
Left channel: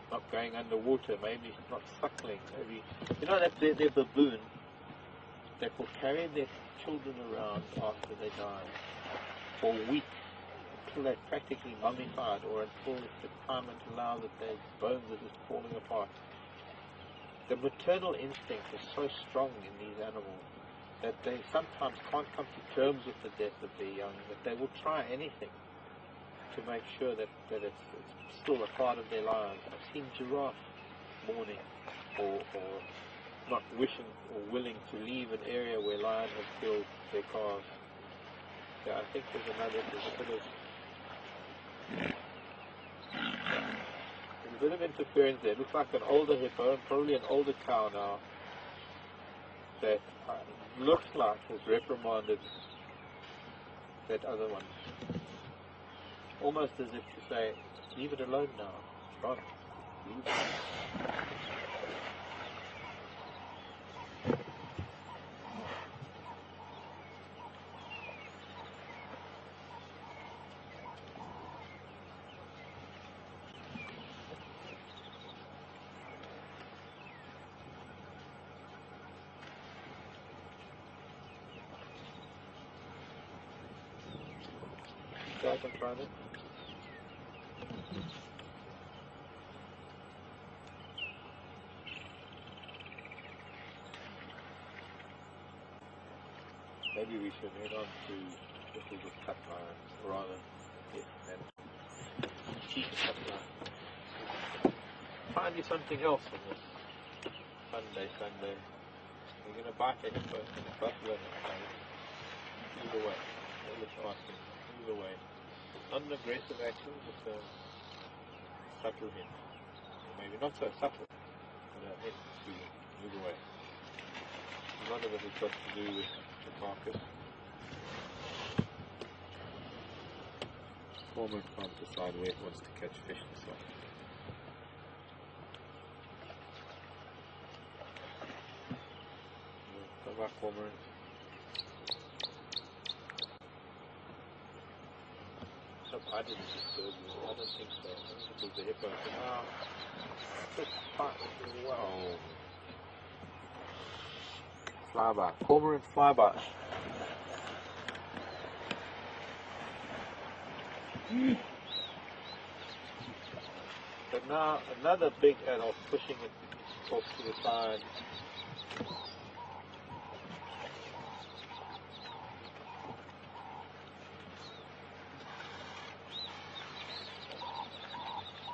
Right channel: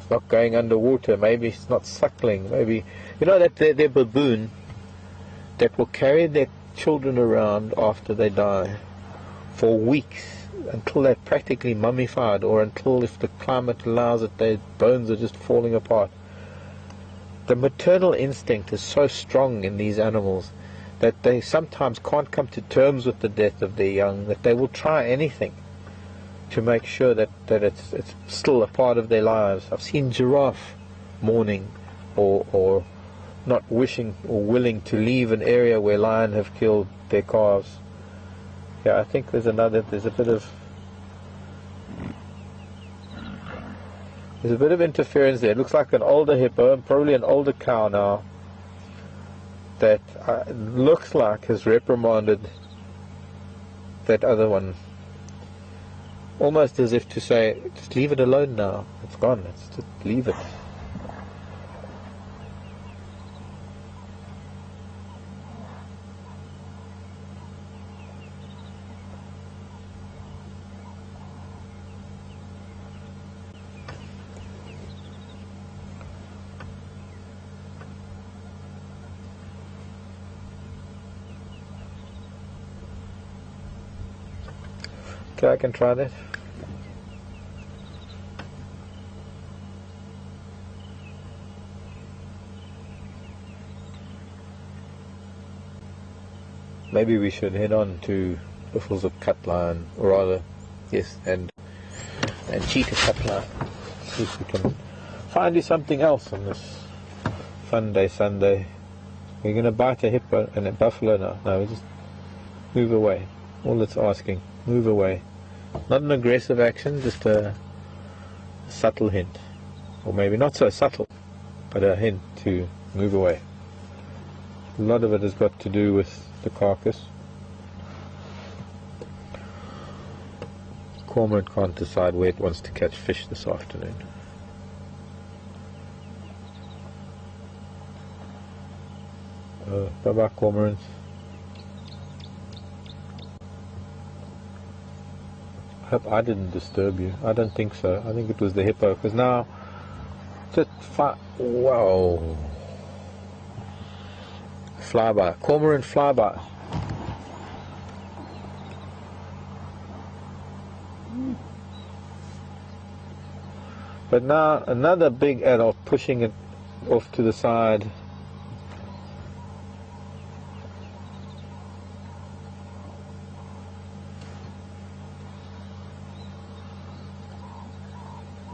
Not going underwater, maybe it's not suckling, maybe, you know, that they're baboon that will carry their children around after they die for weeks until they're practically mummified, or until, if the climate allows it, their bones are just falling apart. The maternal instinct is so strong in these animals that they sometimes can't come to terms with the death of their young, that they will try anything to make sure that it's still a part of their lives. I've seen giraffe mourning or not wishing or willing to leave an area where lion have killed their calves. Yeah, I think there's a bit of interference there. It looks like an older hippo, probably an older cow now, that looks like has reprimanded that other one. Almost as if to say, just leave it alone now. It's gone. Let's just leave it. Okay, I can try that. Maybe we should head on to buffels of cut line, or rather, yes, and cheetah cut line. See if we can find you something else on this fun day Sunday. We're going to bite a hippo and a buffalo now. No, just move away. All it's asking, move away. Not an aggressive action, just a subtle hint. Or maybe not so subtle, but a hint to move away. A lot of it has got to do with the carcass. Cormorant can't decide where it wants to catch fish this afternoon. Bye-bye, cormorants. I hope I didn't disturb you. I don't think so. I think it was the hippo, because now just wow. Flyby, cormorant flyby. But now another big adult pushing it off to the side.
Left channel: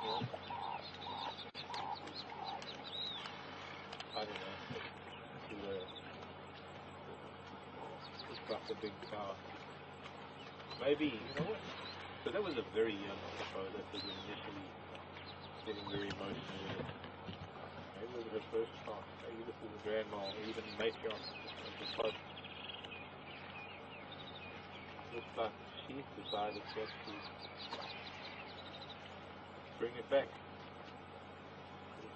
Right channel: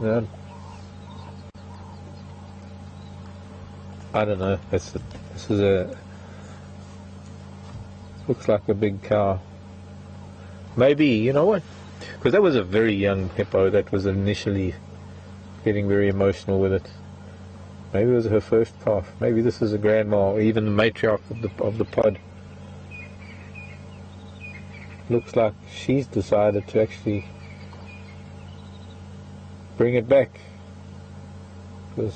Yeah. I don't know. This is a. Looks like a big cow. Maybe, you know what? Because that was a very young hippo that was initially getting very emotional with it. Maybe it was her first calf. Maybe this is a grandma, or even the matriarch of the pod. Looks like she's decided to actually bring it back. Because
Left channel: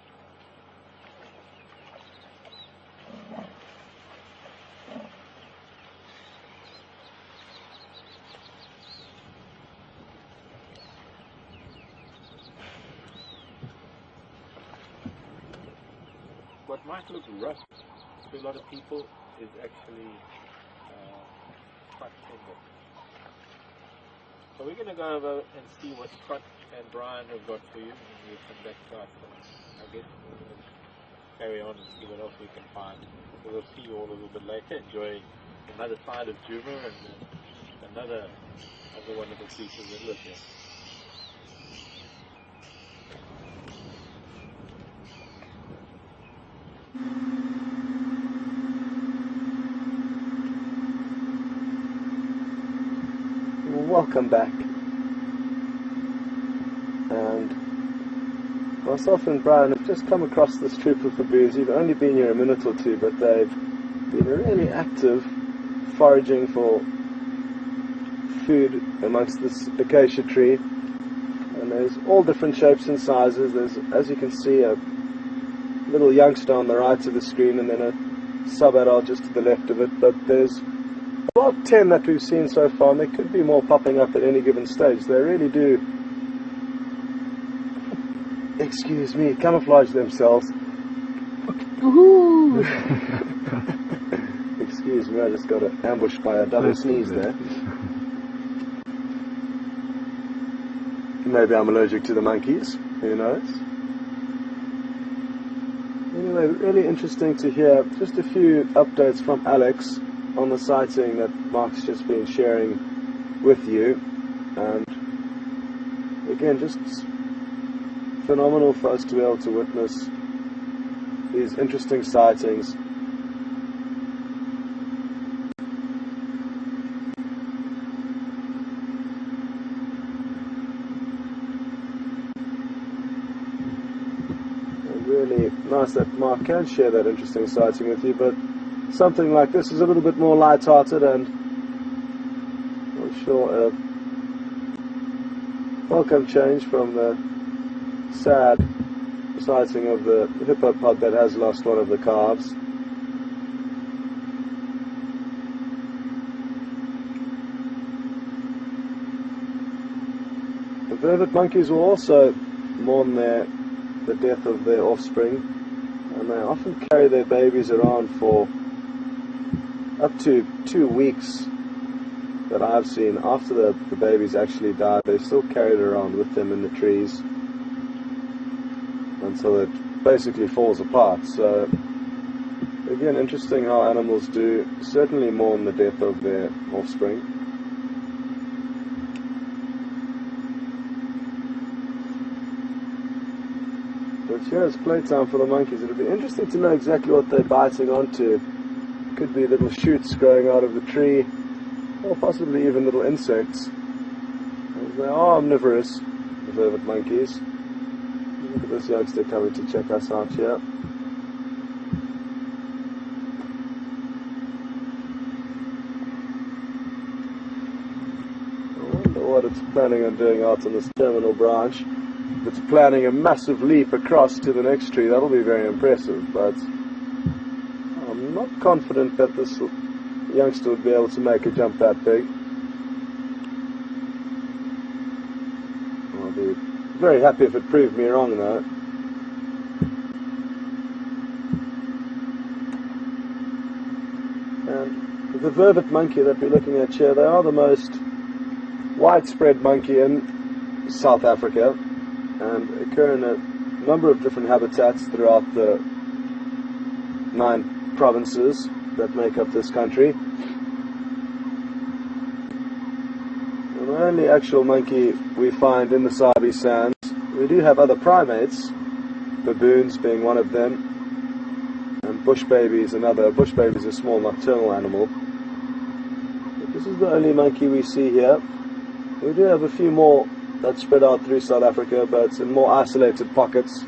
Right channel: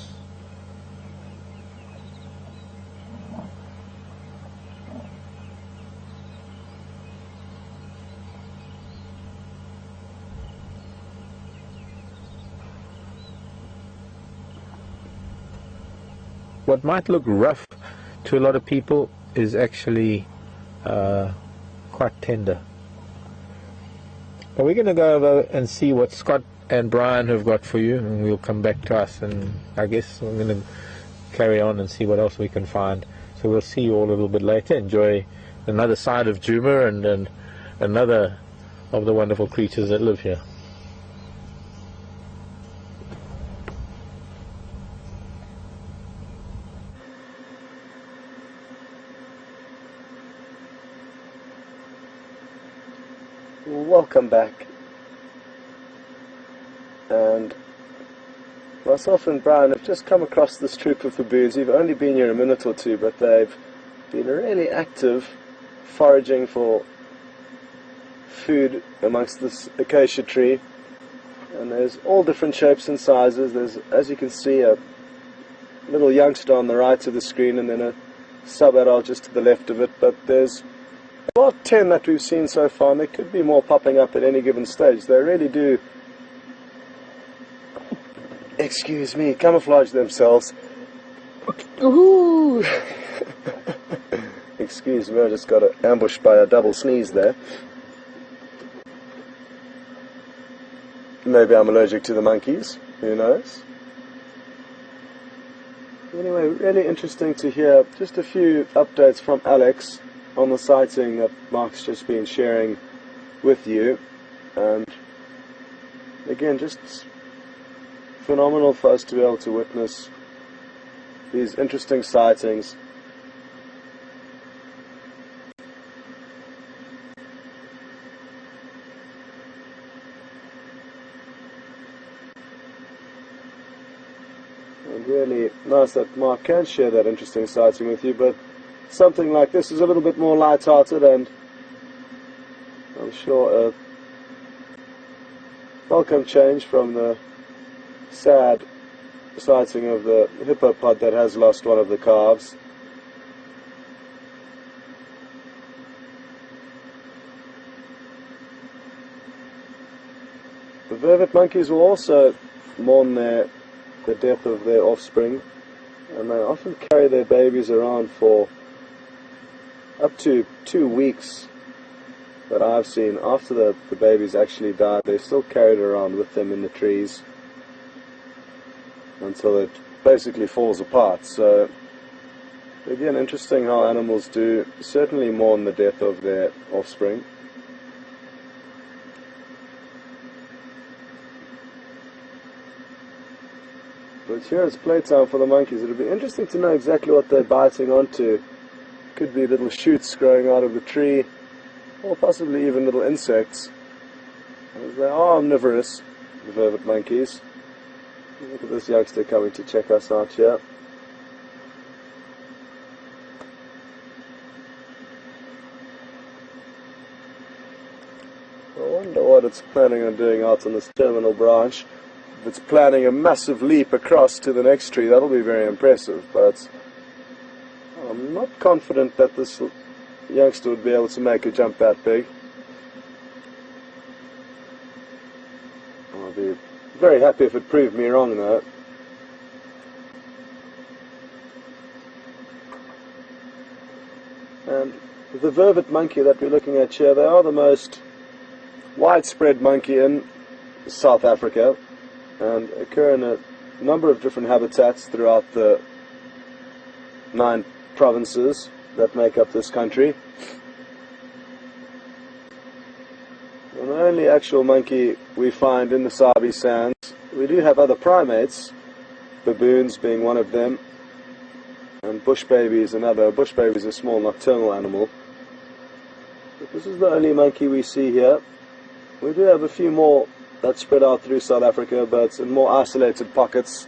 what might look rough to a lot of people is actually quite tender. But we're going to go over and see what Scott and Brian have got for you, and we'll come back to us, and I guess I'm going to carry on and see what else we can find. So we'll see you all a little bit later. Enjoy another side of Djuma and another of the wonderful creatures that live here. Welcome back. And myself and Brian have just come across this troop of baboons. We've only been here a minute or two, but they've been really active foraging for food amongst this acacia tree. And there's all different shapes and sizes. There's, as you can see, a little youngster on the right of the screen and then a sub-adult just to the left of it. But there's about 10 that we've seen so far, and there could be more popping up at any given stage. They really do, excuse me, camouflage themselves. Excuse me, I just got ambushed by a double sneeze there. Maybe I'm allergic to the monkeys, who knows? Anyway, really interesting to hear just a few updates from Alex on the sighting that Mark's just been sharing with you. And again, just phenomenal for us to be able to witness these interesting sightings. Really nice that Mark can share that interesting sighting with you, but something like this is a little bit more light-hearted and I'm sure a welcome change from the sad sighting of the hippopot that has lost one of the calves. The vervet monkeys will also mourn the death of their offspring, and they often carry their babies around for up to 2 weeks that I've seen. After the babies actually died, they still carry it around with them in the trees until it basically falls apart. So again, interesting how animals do certainly mourn the death of their offspring. But here it's playtime for the monkeys. It'll be interesting to know exactly what they're biting onto. Could be little shoots growing out of the tree, or possibly even little insects. They are omnivorous, vervet monkeys. This youngster coming to check us out here. And what it's planning on doing out on this terminal branch, it's planning a massive leap across to the next tree. That'll be very impressive, but I'm not confident that this youngster would be able to make a jump that big. I'd be very happy if it proved me wrong though. And the vervet monkey that we're looking at here, they are the most widespread monkey in South Africa and occur in a number of different habitats throughout the 9 provinces that make up this country. The only actual monkey we find in the Sabi Sands, we do have other primates, baboons being one of them, and bush baby is another. Bush baby is a small nocturnal animal. This is the only monkey we see here. We do have a few more that spread out through South Africa, but it's in more isolated pockets.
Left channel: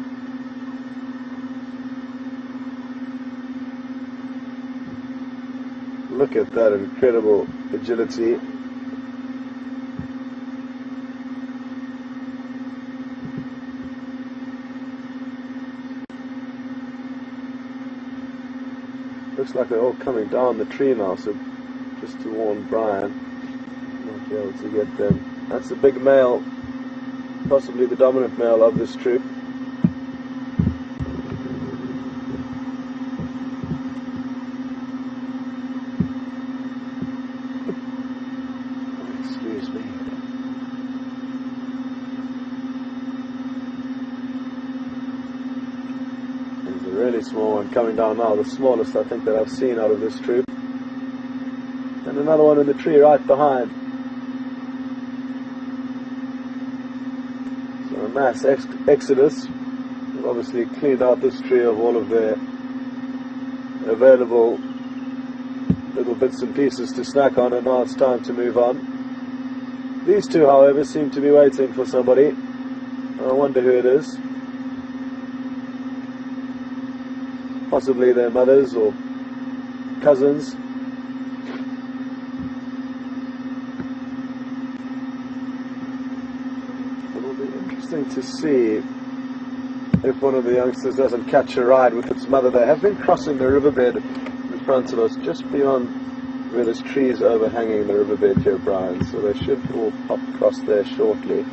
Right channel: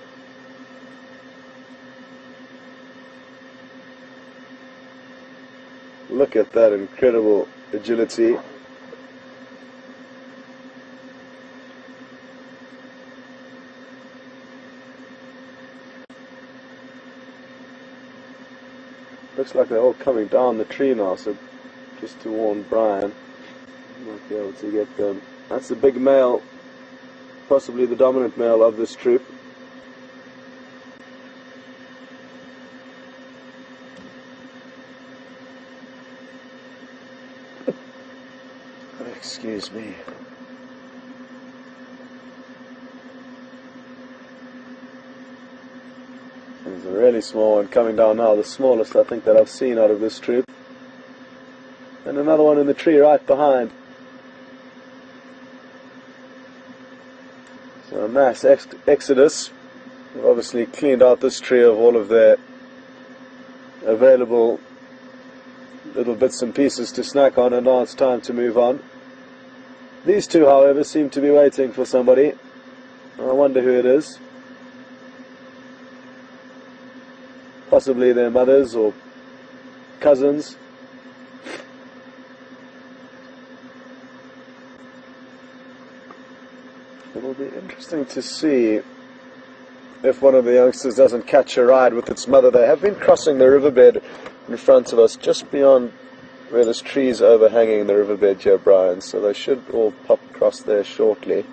Look at that incredible agility. Looks like they're all coming down the tree now, so just to warn Brian, might be able to get them. That's the big male, possibly the dominant male of this troop. Excuse me. There's a really small one coming down now, the smallest I think that I've seen out of this troop. And another one in the tree right behind. So a nice exodus. Obviously cleaned out this tree of all of their available little bits and pieces to snack on, and now it's time to move on. These two, however, seem to be waiting for somebody. I wonder who it is. Possibly their mothers or cousins. It'll be interesting to see if one of the youngsters doesn't catch a ride with its mother. They have been crossing the riverbed in front of us, just beyond where this tree is overhanging the riverbed here, Brian, so they should all pop across there shortly.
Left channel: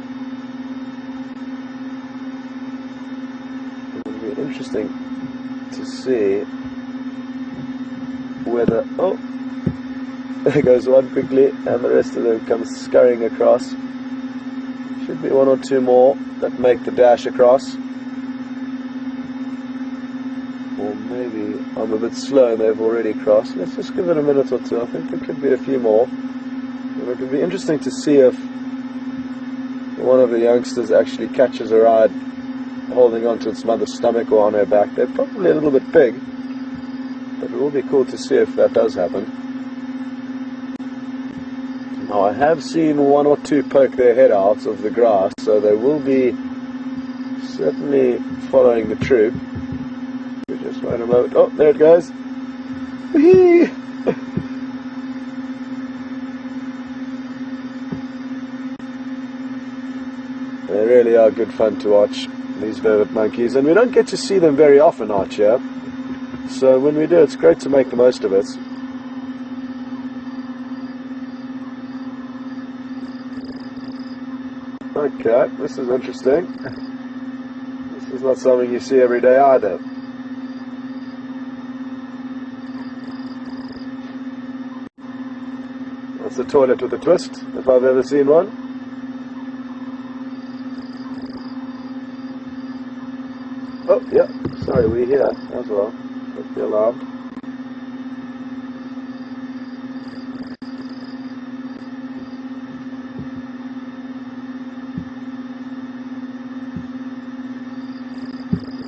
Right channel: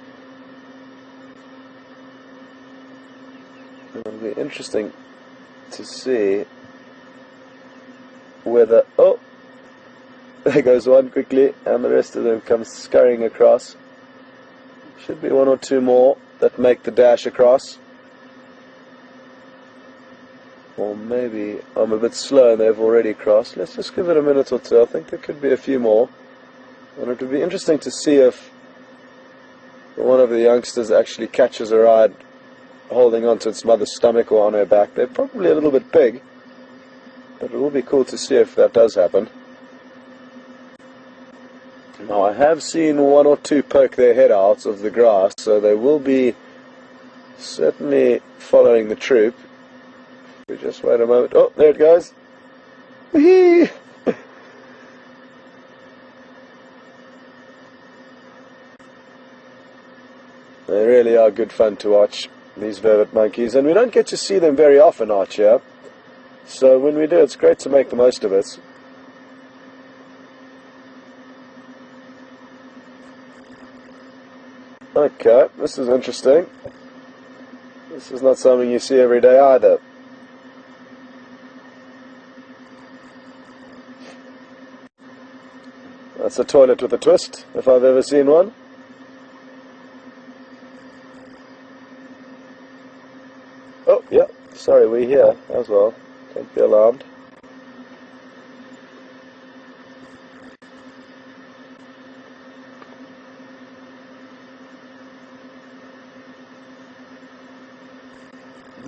It'll be interesting to see whether, oh, there goes one quickly, and the rest of them come scurrying across. Should be one or two more that make the dash across. Or maybe I'm a bit slow, they've already crossed. Let's just give it a minute or two. I think there could be a few more. And it'll be interesting to see if one of the youngsters actually catches a ride holding onto its mother's stomach or on her back. They're probably a little bit big, but it will be cool to see if that does happen. Now, I have seen one or two poke their head out of the grass, so they will be certainly following the troop. Just wait a moment. Oh, there it goes. They really are good fun to watch, these velvet monkeys, and we don't get to see them very often out here. So when we do, it's great to make the most of it. Okay, this is interesting. This is not something you see every day either. That's a toilet with a twist, if I've ever seen one. Oh, yeah, sorry, we're here as well. Don't be alarmed.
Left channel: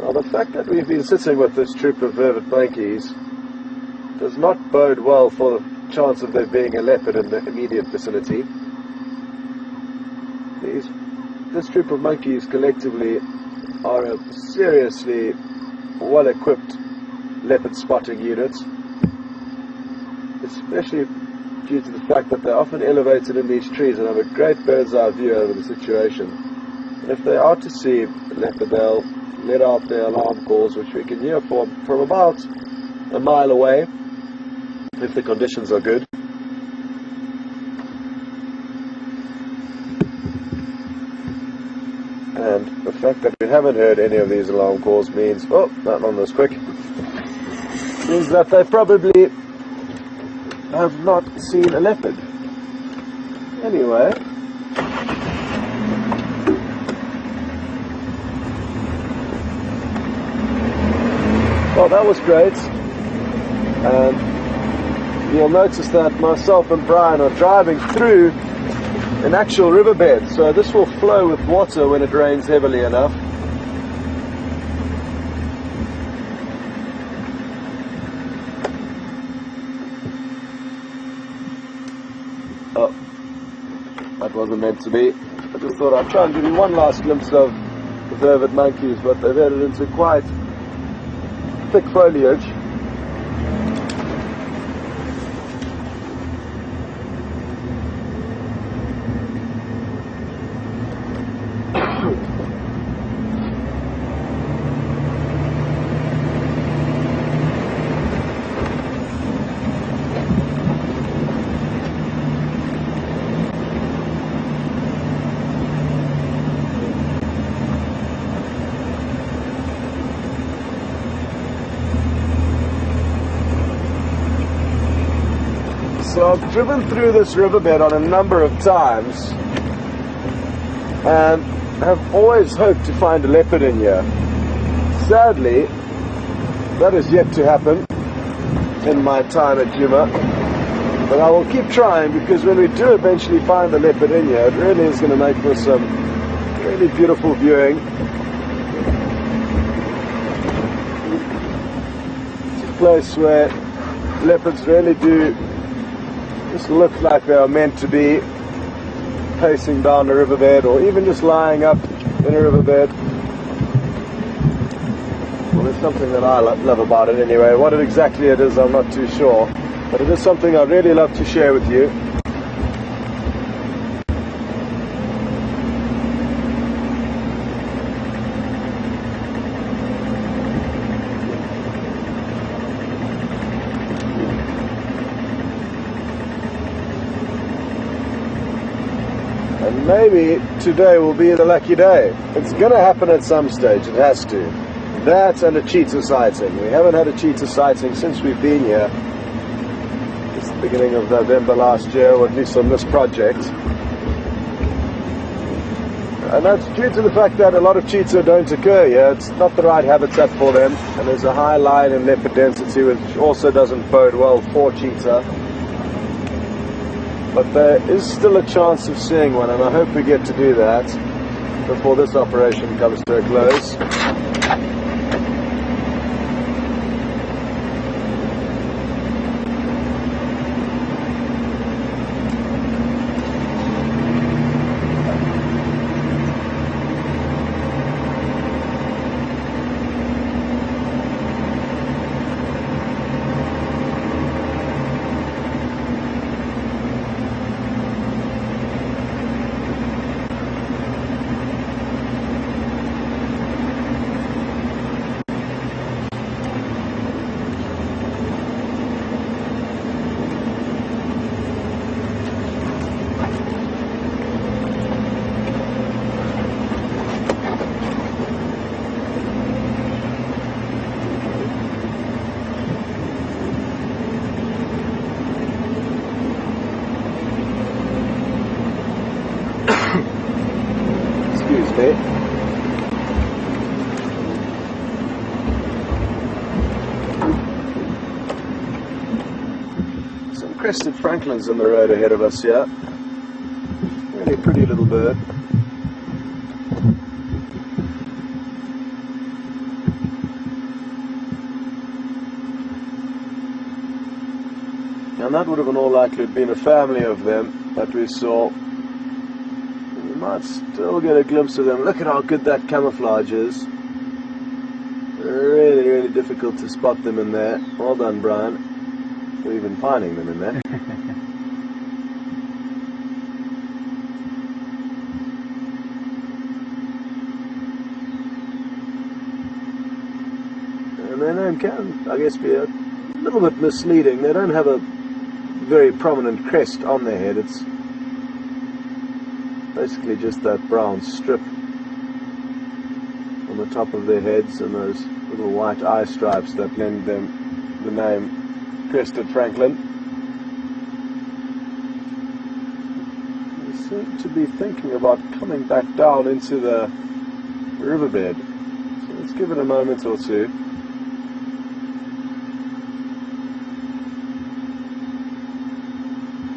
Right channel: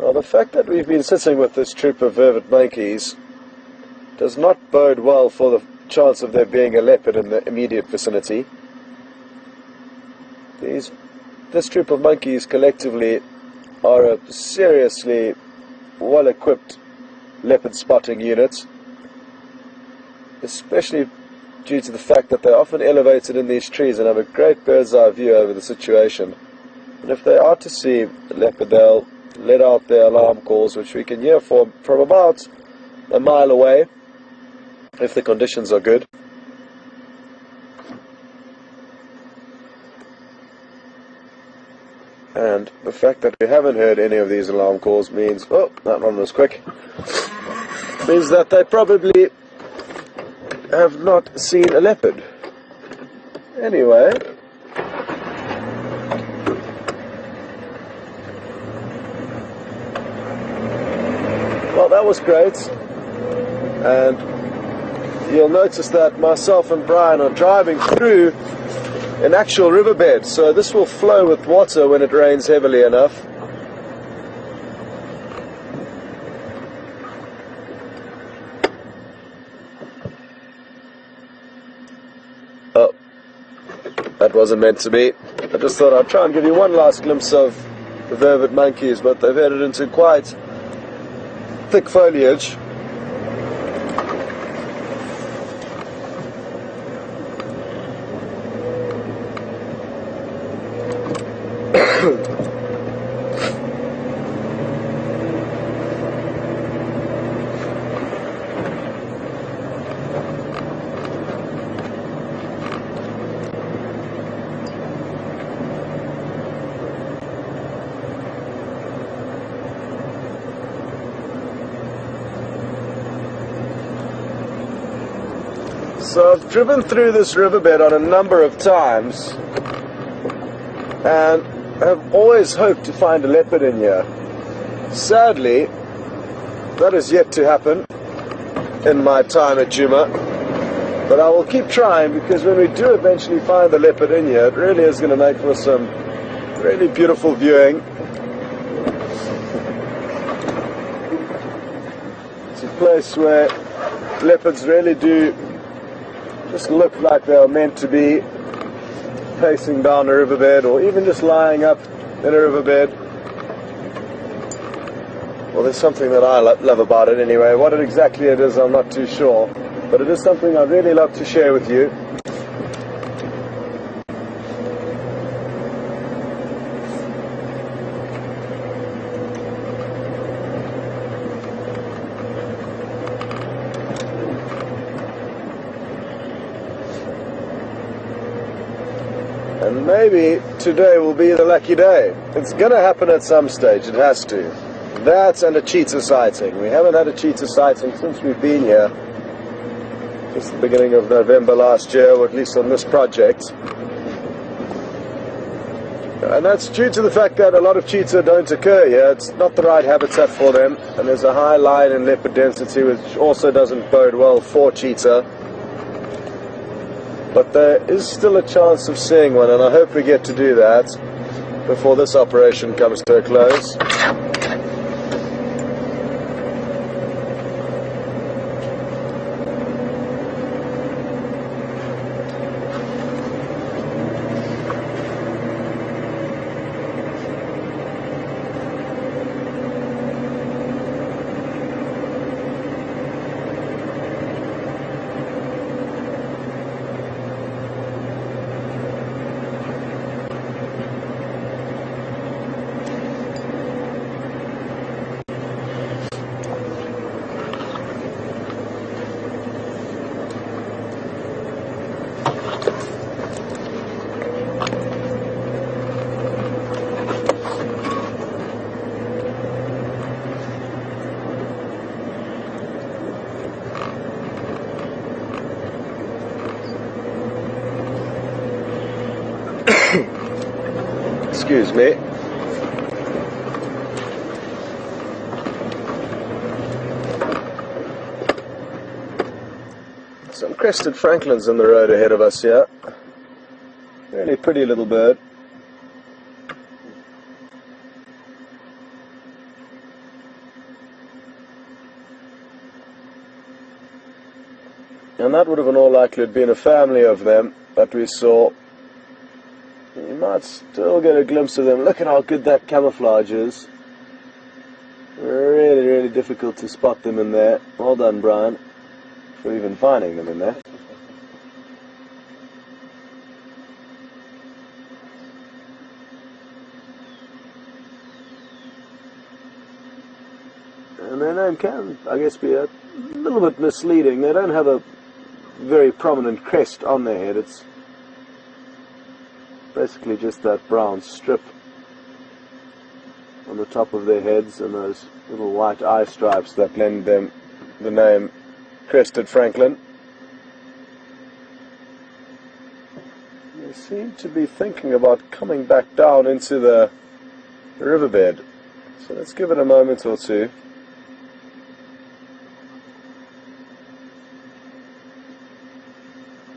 Well, the fact that we've been sitting with this troop of vervet monkeys does not bode well for the chance of there being a leopard in the immediate vicinity. This troop of monkeys collectively are a seriously well-equipped leopard spotting unit, especially due to the fact that they're often elevated in these trees and have a great bird's-eye view over the situation. If they are to see a leopard, they'll let out their alarm calls, which we can hear from about a mile away, if the conditions are good. And the fact that we haven't heard any of these alarm calls means, oh, that one was quick, means that they probably have not seen a leopard. Anyway, well, that was brilliant. And you'll notice that myself and Brian are driving through an actual riverbed, so this will flow with water when it rains heavily enough. Oh, that wasn't meant to be. I just thought I'd try and give you one last glimpse of the vervet monkeys, but they've headed into quite thick foliage. So Now, I've driven through this riverbed on a number of times, and I've always hoped to find a leopard in here. Sadly, that has yet to happen in my time at Djuma, but I will keep trying, because when we do eventually find a leopard in here, it really is going to make for some really beautiful viewing. It's a place where leopards really do just look like they are meant to be, pacing down a riverbed, or even just lying up in a riverbed. Well, it's something that I love about it anyway. What exactly it is, I'm not too sure, but it's something I really love to share with you. Maybe today will be a lucky day. It's going to happen at some stage, it has to. That's on the cheetah sighting. We haven't had a cheetah sighting since we've been here. It's the beginning of November last year, or at least on this project. And that's due to the fact that a lot of cheetah don't occur here. It's not the right habitat for them. And there's a high lion and leopard density, which also doesn't bode well for cheetah. But there is still a chance of seeing one, and I hope we get to do that before this operation comes to a close. Excuse me. Some crested francolins on the road ahead of us here. Really pretty little bird. And that would have in all likelihood been a family of them, but we saw. You might still get a glimpse of them. Look at how good that camouflage is. Really, really difficult to spot them in there. Well done, Brian, for even finding them in there. And they can, I guess, be a little bit misleading. They don't have a very prominent crest on their head. It's basically just that brown strip on the top of their heads and those little white eye stripes that lend them the name crested francolin. They seem to be thinking about coming back down into the riverbed, so let's give it a moment or two.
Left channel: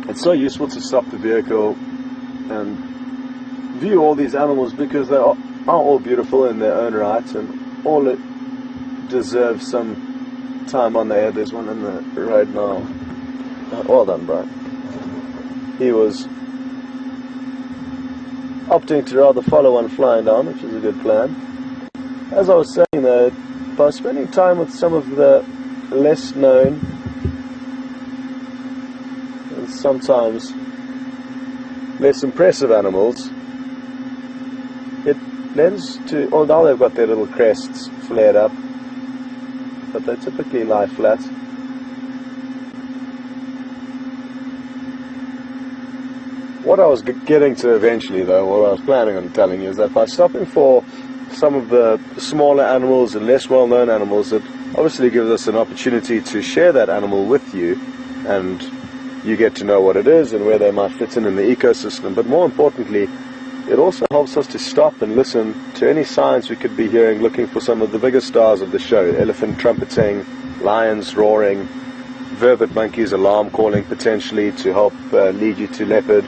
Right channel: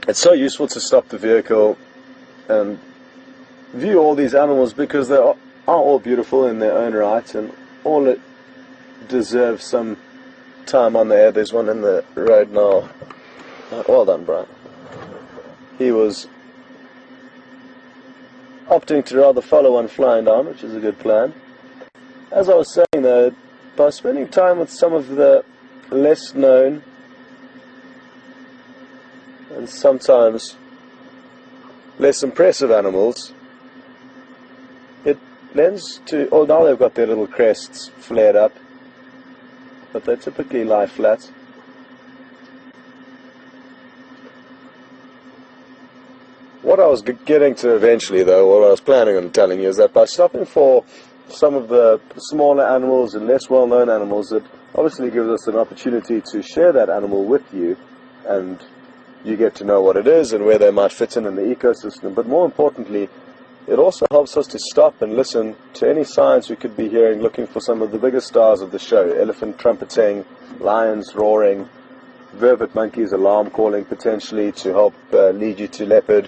It's so useful to stop the vehicle and view all these animals, because they are all beautiful in their own right, and all it deserves some time on the head. There's one in the right now. Well done, Brian. He was opting to rather follow one flying down, which is a good plan. As I was saying though, by spending time with some of the less known and sometimes less impressive animals, it lends to, oh now they've got their little crests flared up, but they typically lie flat. What I was getting to eventually though, what I was planning on telling you, is that by stopping for some of the smaller animals and less well known animals, that obviously gives us an opportunity to share that animal with you and you get to know what it is and where they might fit in the ecosystem. But more importantly, it also helps us to stop and listen to any signs we could be hearing, looking for some of the biggest stars of the show: elephant trumpeting, lions roaring, vervet monkeys alarm calling, potentially to help lead you to leopard.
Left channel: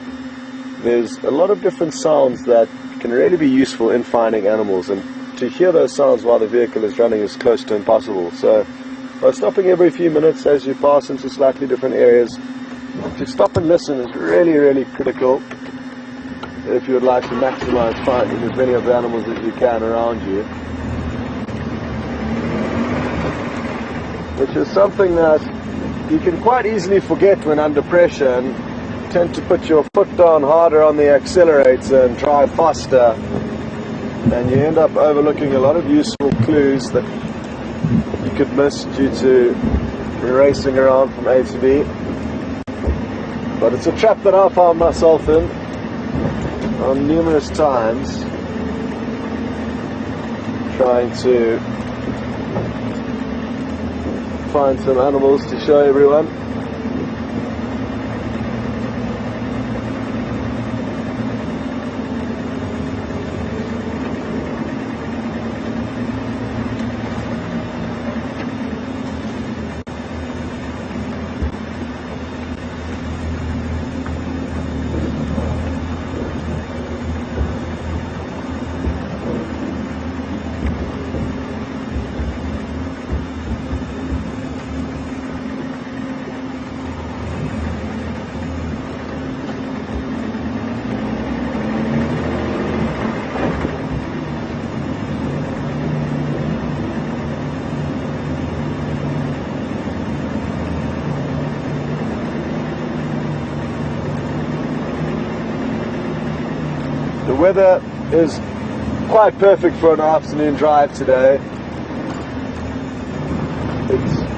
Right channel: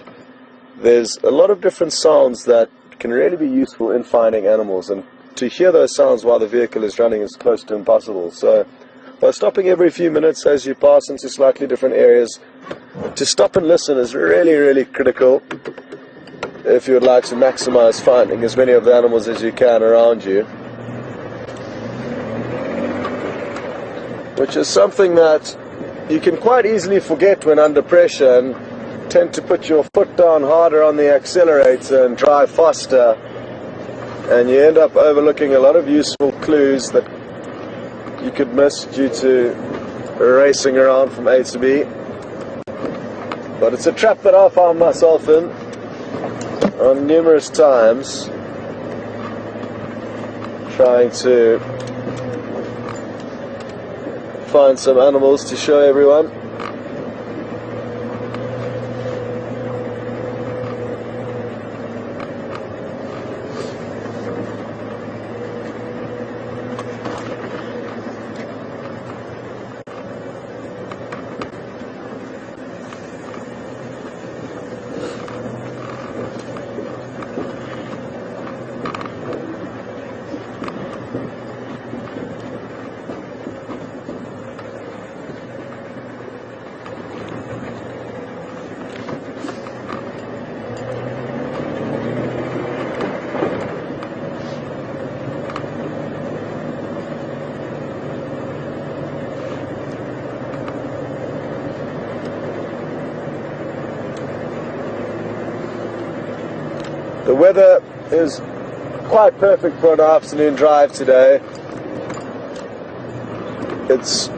There's a lot of different sounds that can really be useful in finding animals, and to hear those sounds while the vehicle is running is close to impossible. So by stopping every few minutes as you pass into slightly different areas, to stop and listen is really, really critical if you would like to maximize finding as many of the animals as you can around you. Which is something that you can quite easily forget when under pressure and tend to put your foot down harder on the accelerator and drive faster. And you end up overlooking a lot of useful clues that you could miss due to racing around from A to B. It's a trap that I found myself in on numerous times, trying to find some animals to show everyone. The weather is quite perfect for an afternoon drive today. It's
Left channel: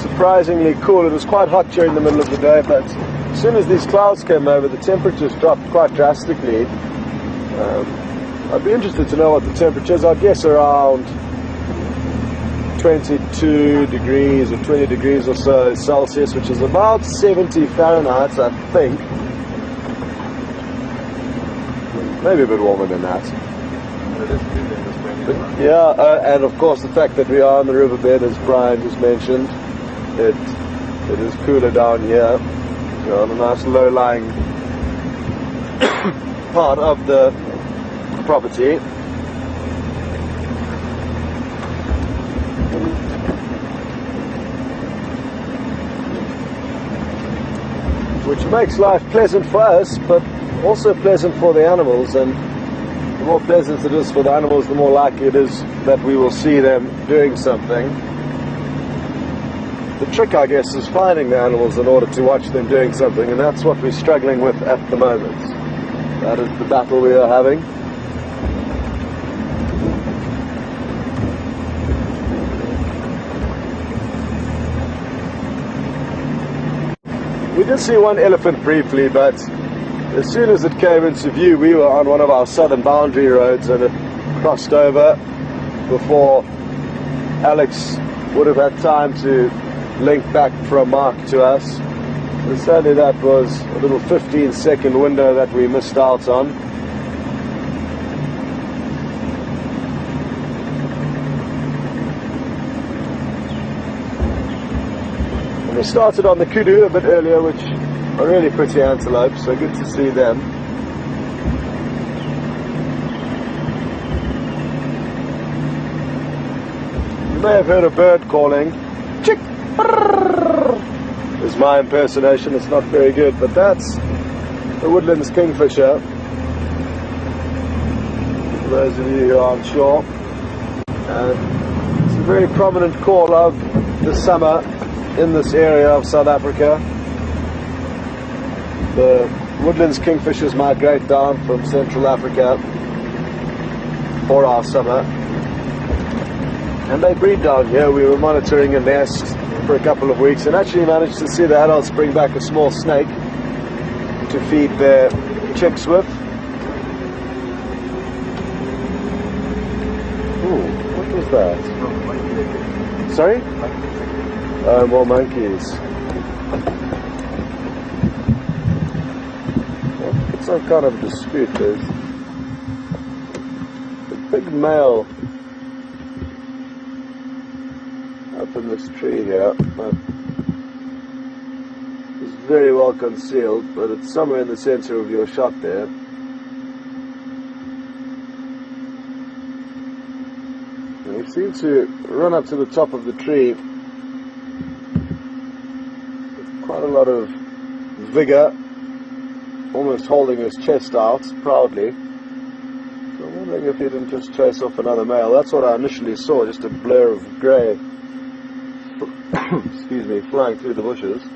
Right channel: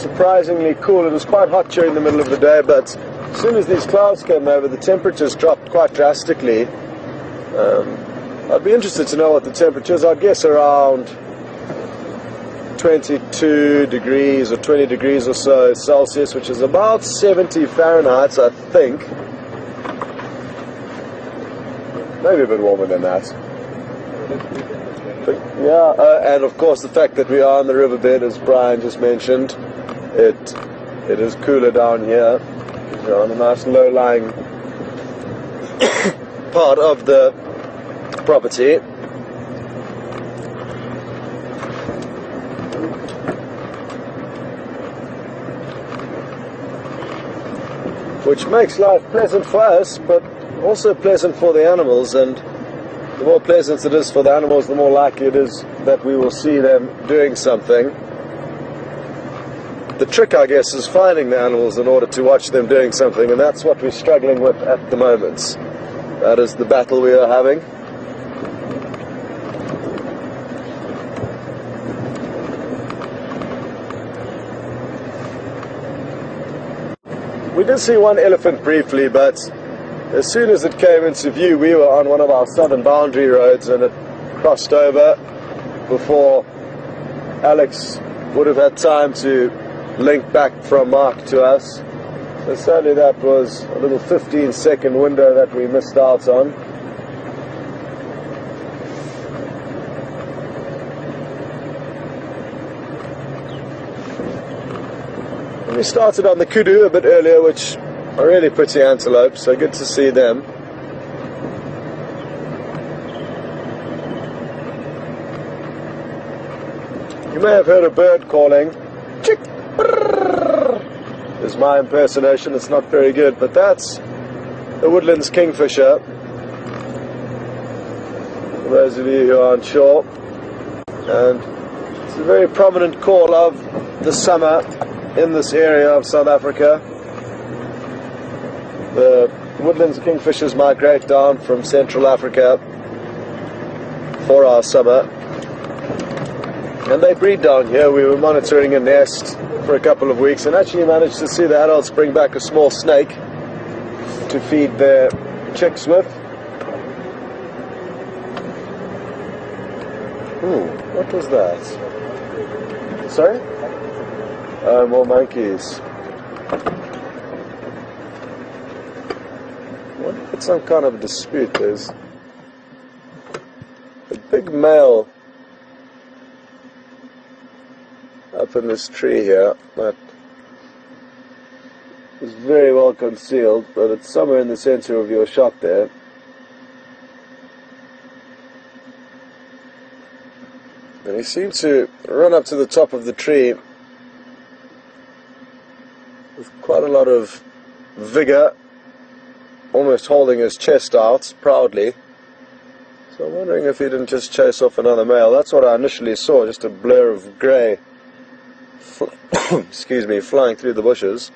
surprisingly cool. It was quite hot during the middle of the day, but as soon as these clouds came over, the temperatures dropped quite drastically. I'd be interested to know what the temperature is. I guess around 22 degrees or 20 degrees or so Celsius, which is about 70 Fahrenheit, I think. Maybe a bit warmer than that. Yeah, and of course the fact that we are on the riverbed, as Brian just mentioned, it is cooler down here. We're on a nice low-lying part of the property. Which makes life pleasant for us, but also pleasant for the animals, and the more pleasant it is for the animals, the more likely it is that we will see them doing something. The trick, I guess, is finding the animals in order to watch them doing something, and that's what we're struggling with at the moment. That is the battle we are having. We did see one elephant briefly, but as soon as it came into view, we were on one of our southern boundary roads and it crossed over before Alex would have had time to link back from Mark to us. So sadly that was a little 15-second window that we missed out on. We started on the kudu a bit earlier, which are really pretty antelope, so good to see them. You may have heard a bird calling. Chick! Is my impersonation. It's not very good, but that's the woodlands kingfisher. Those of you who aren't sure. And it's a very prominent call of the summer in this area of South Africa. The woodlands kingfishers migrate down from Central Africa for our summer, and they breed down here. We were monitoring a nest for a couple of weeks and actually managed to see the adults bring back a small snake to feed their chicks with. What was that? Sorry? More monkeys. some kind of dispute. There's a big male up in this tree here that is very well concealed, but it's somewhere in the center of your shot there. And he seemed to run up to the top of the tree with quite a lot of vigor, almost holding his chest out proudly. So I'm wondering if he didn't just chase off another male. That's what I initially saw, just a blur of grey, excuse me, flying through the bushes.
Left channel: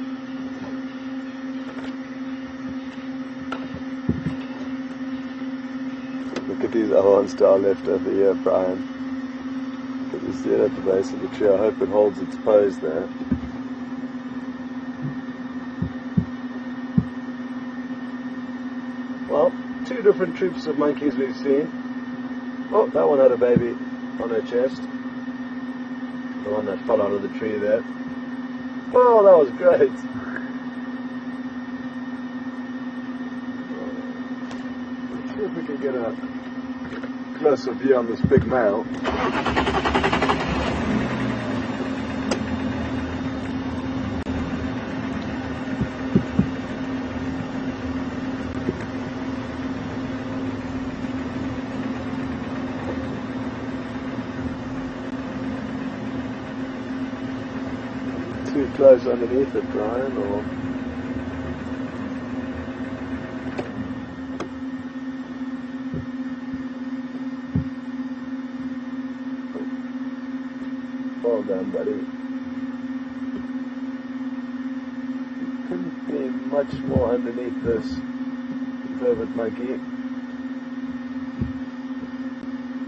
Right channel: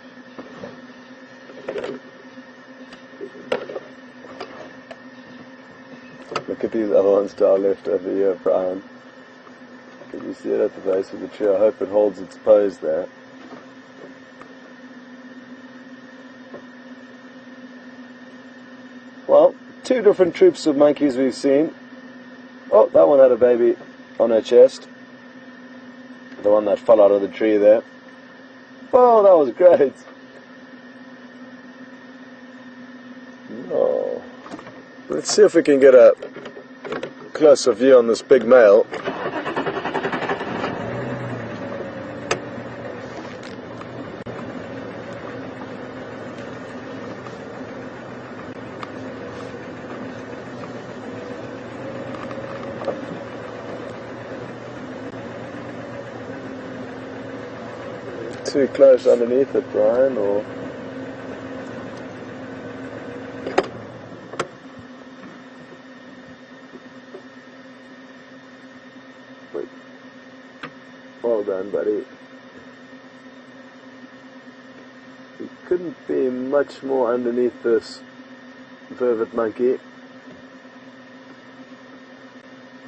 Look at the horns down left over here, Brian. Can you see it at the base of the tree? I hope it holds its pose there. Well, two different troops of monkeys we've seen. Well, that one had a baby on her chest. The one that fell out of the tree there. Well, that was great. Oh. Let's see if we can get a closer view on this big male. Too close underneath it, Brian, or... Well done, buddy. You couldn't be much more underneath this vervet monkey.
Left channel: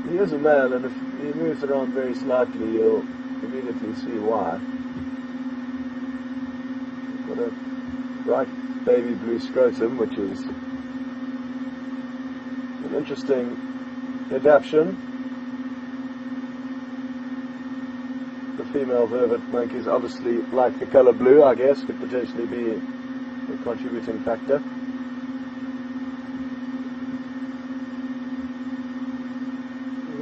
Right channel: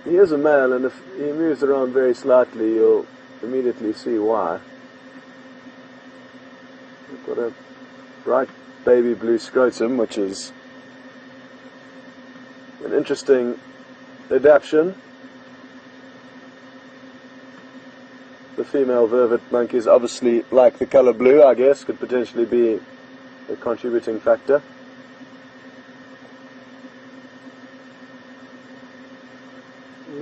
He is a male, and if he moves around very slightly, you'll immediately see why. Got a bright baby blue scrotum, which is an interesting adaptation. The female vervet monkeys obviously like the colour blue, I guess, could potentially be a contributing factor.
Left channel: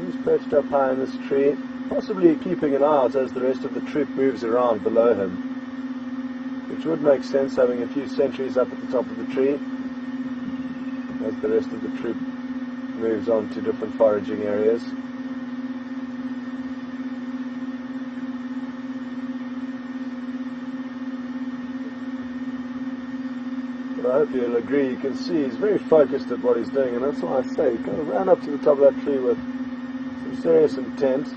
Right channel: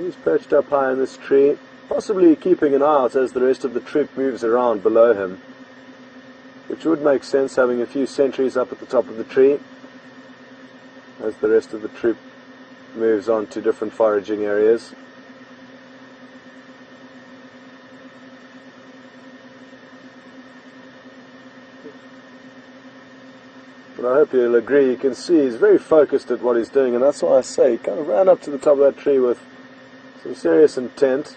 He's perched up high in this tree, possibly keeping an eye out as the rest of the troop moves around below him, which would make sense, having a few sentries up at the top of the tree as the rest of the troop moves on to different foraging areas. But I hope you'll agree, you can see he's very focused at what he's doing, and that's why I say he kind of ran up to the top of that tree with some serious intent,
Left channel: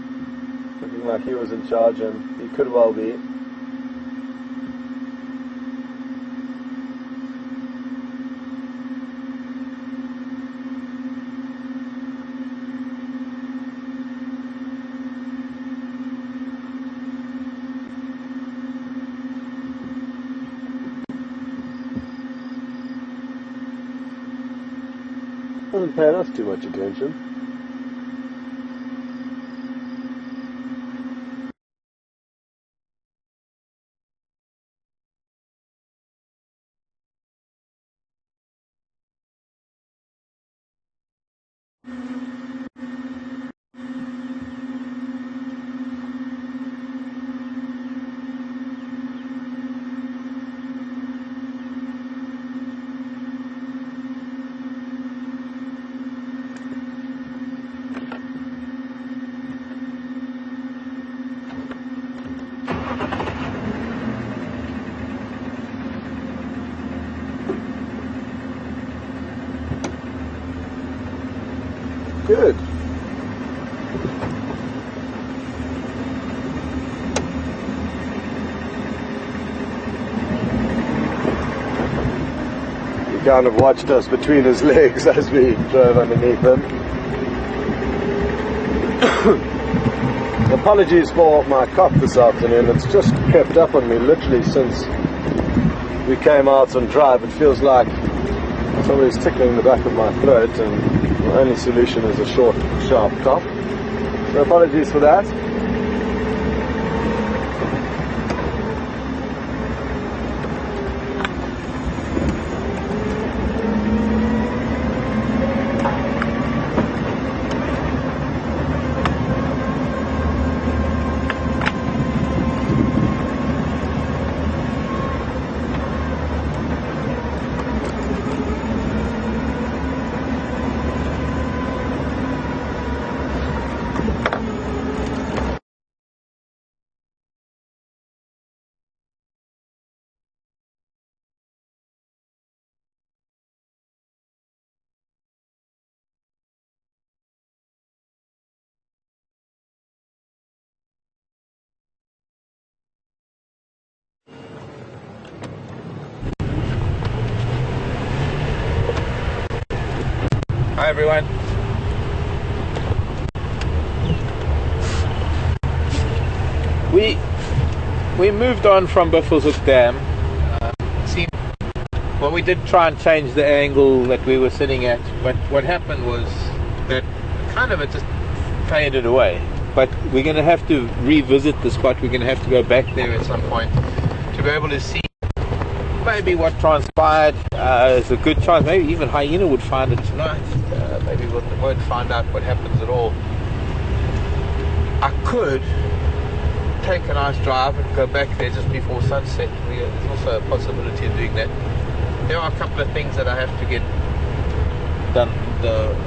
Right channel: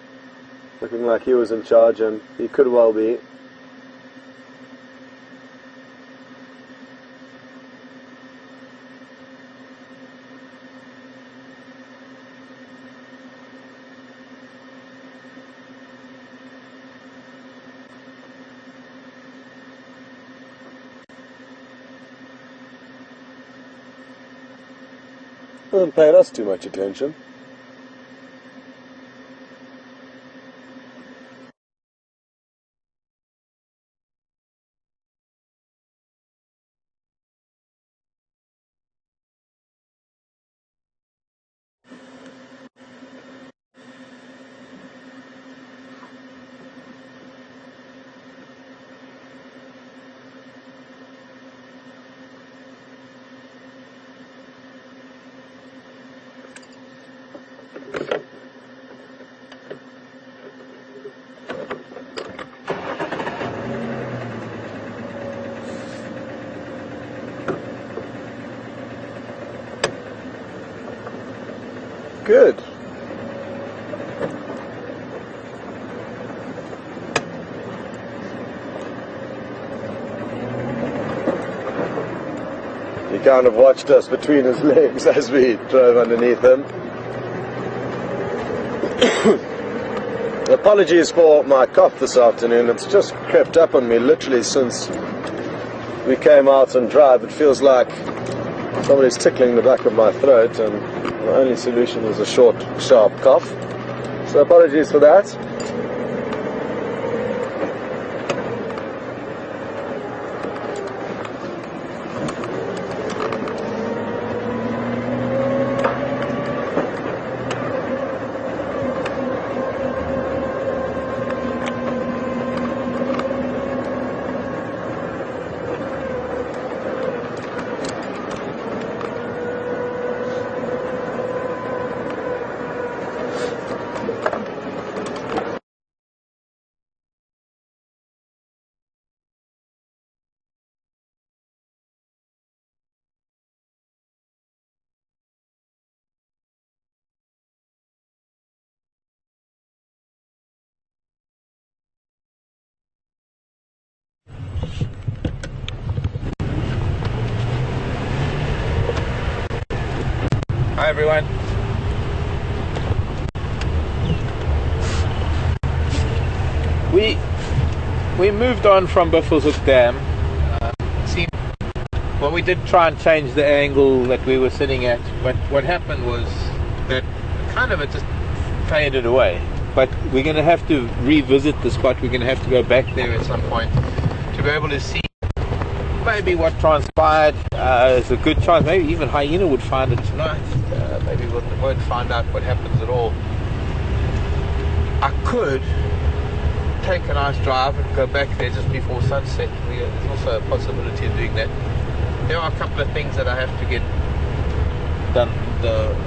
looking like he was in charge, and he could well be. Doesn't pay us too much attention. Good. He kind of watched us between his legs as we drove underneath it. Apologies for my cough this afternoon, it's just crept up on me literally since we came out on drive. It feels like somebody's tickling the back of my throat, and my only solution is a short, sharp cough. So apologies for that. Hi everyone. We moved on from Buffelshoek Dam. Well, we did try and change the angle that we were sitting at, but what happened was that it just faded away. But we're going to have to revisit the spot. We're going to have to go back there at some point to be able to see maybe what transpired. There's a good chance maybe even Hyena would find it tonight. Maybe we won't find out what happens at all. I could take a nice drive and go back there just before sunset. There's also a possibility of doing that. There are a couple of things that I have to get done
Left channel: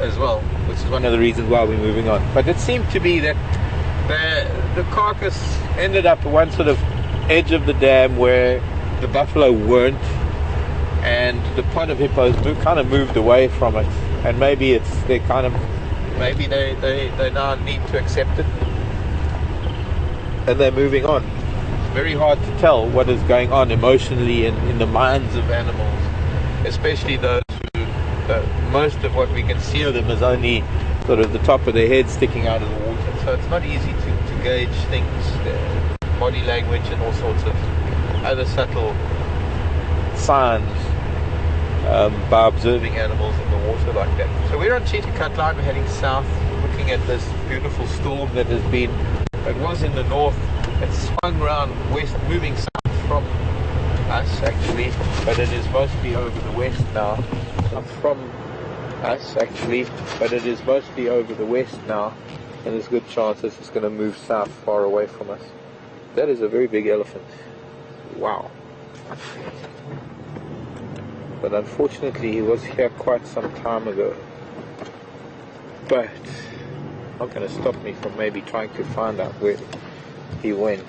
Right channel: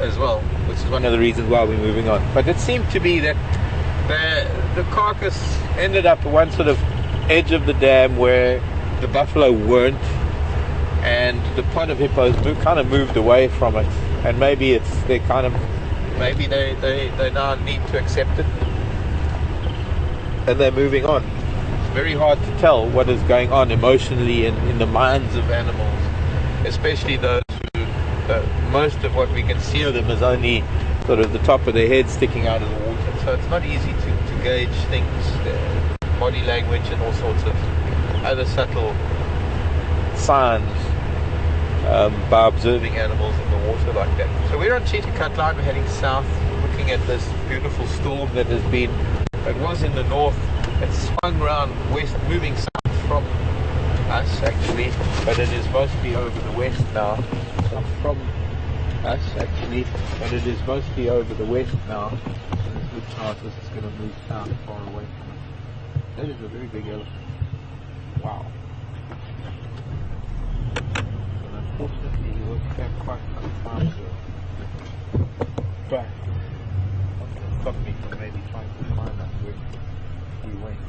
as well, which is one of the reasons why we're moving on. But it seemed to be that the carcass ended up at one sort of edge of the dam where the buffalo weren't, and the pod of hippos kind of moved away from it, and maybe they now need to accept it and they're moving on. It's very hard to tell what is going on emotionally in the minds of animals, especially those who most of what we can see of them is only sort of the top of their head sticking out of the water, so it's not easy to gauge things, body language and all sorts of other subtle signs by observing animals in the water like that. So we're on Cheetah Cut Line, we're heading south, looking at this beautiful storm that has been, it was in the north, it's swung around west, moving south from us actually, but it is mostly over the west now. So from us actually, but it is mostly over the west now, and there's good chances it's going to move south far away from us. That is a very big elephant. Wow. But unfortunately he was here quite some time ago. But not going to stop me from maybe trying to find out where he went.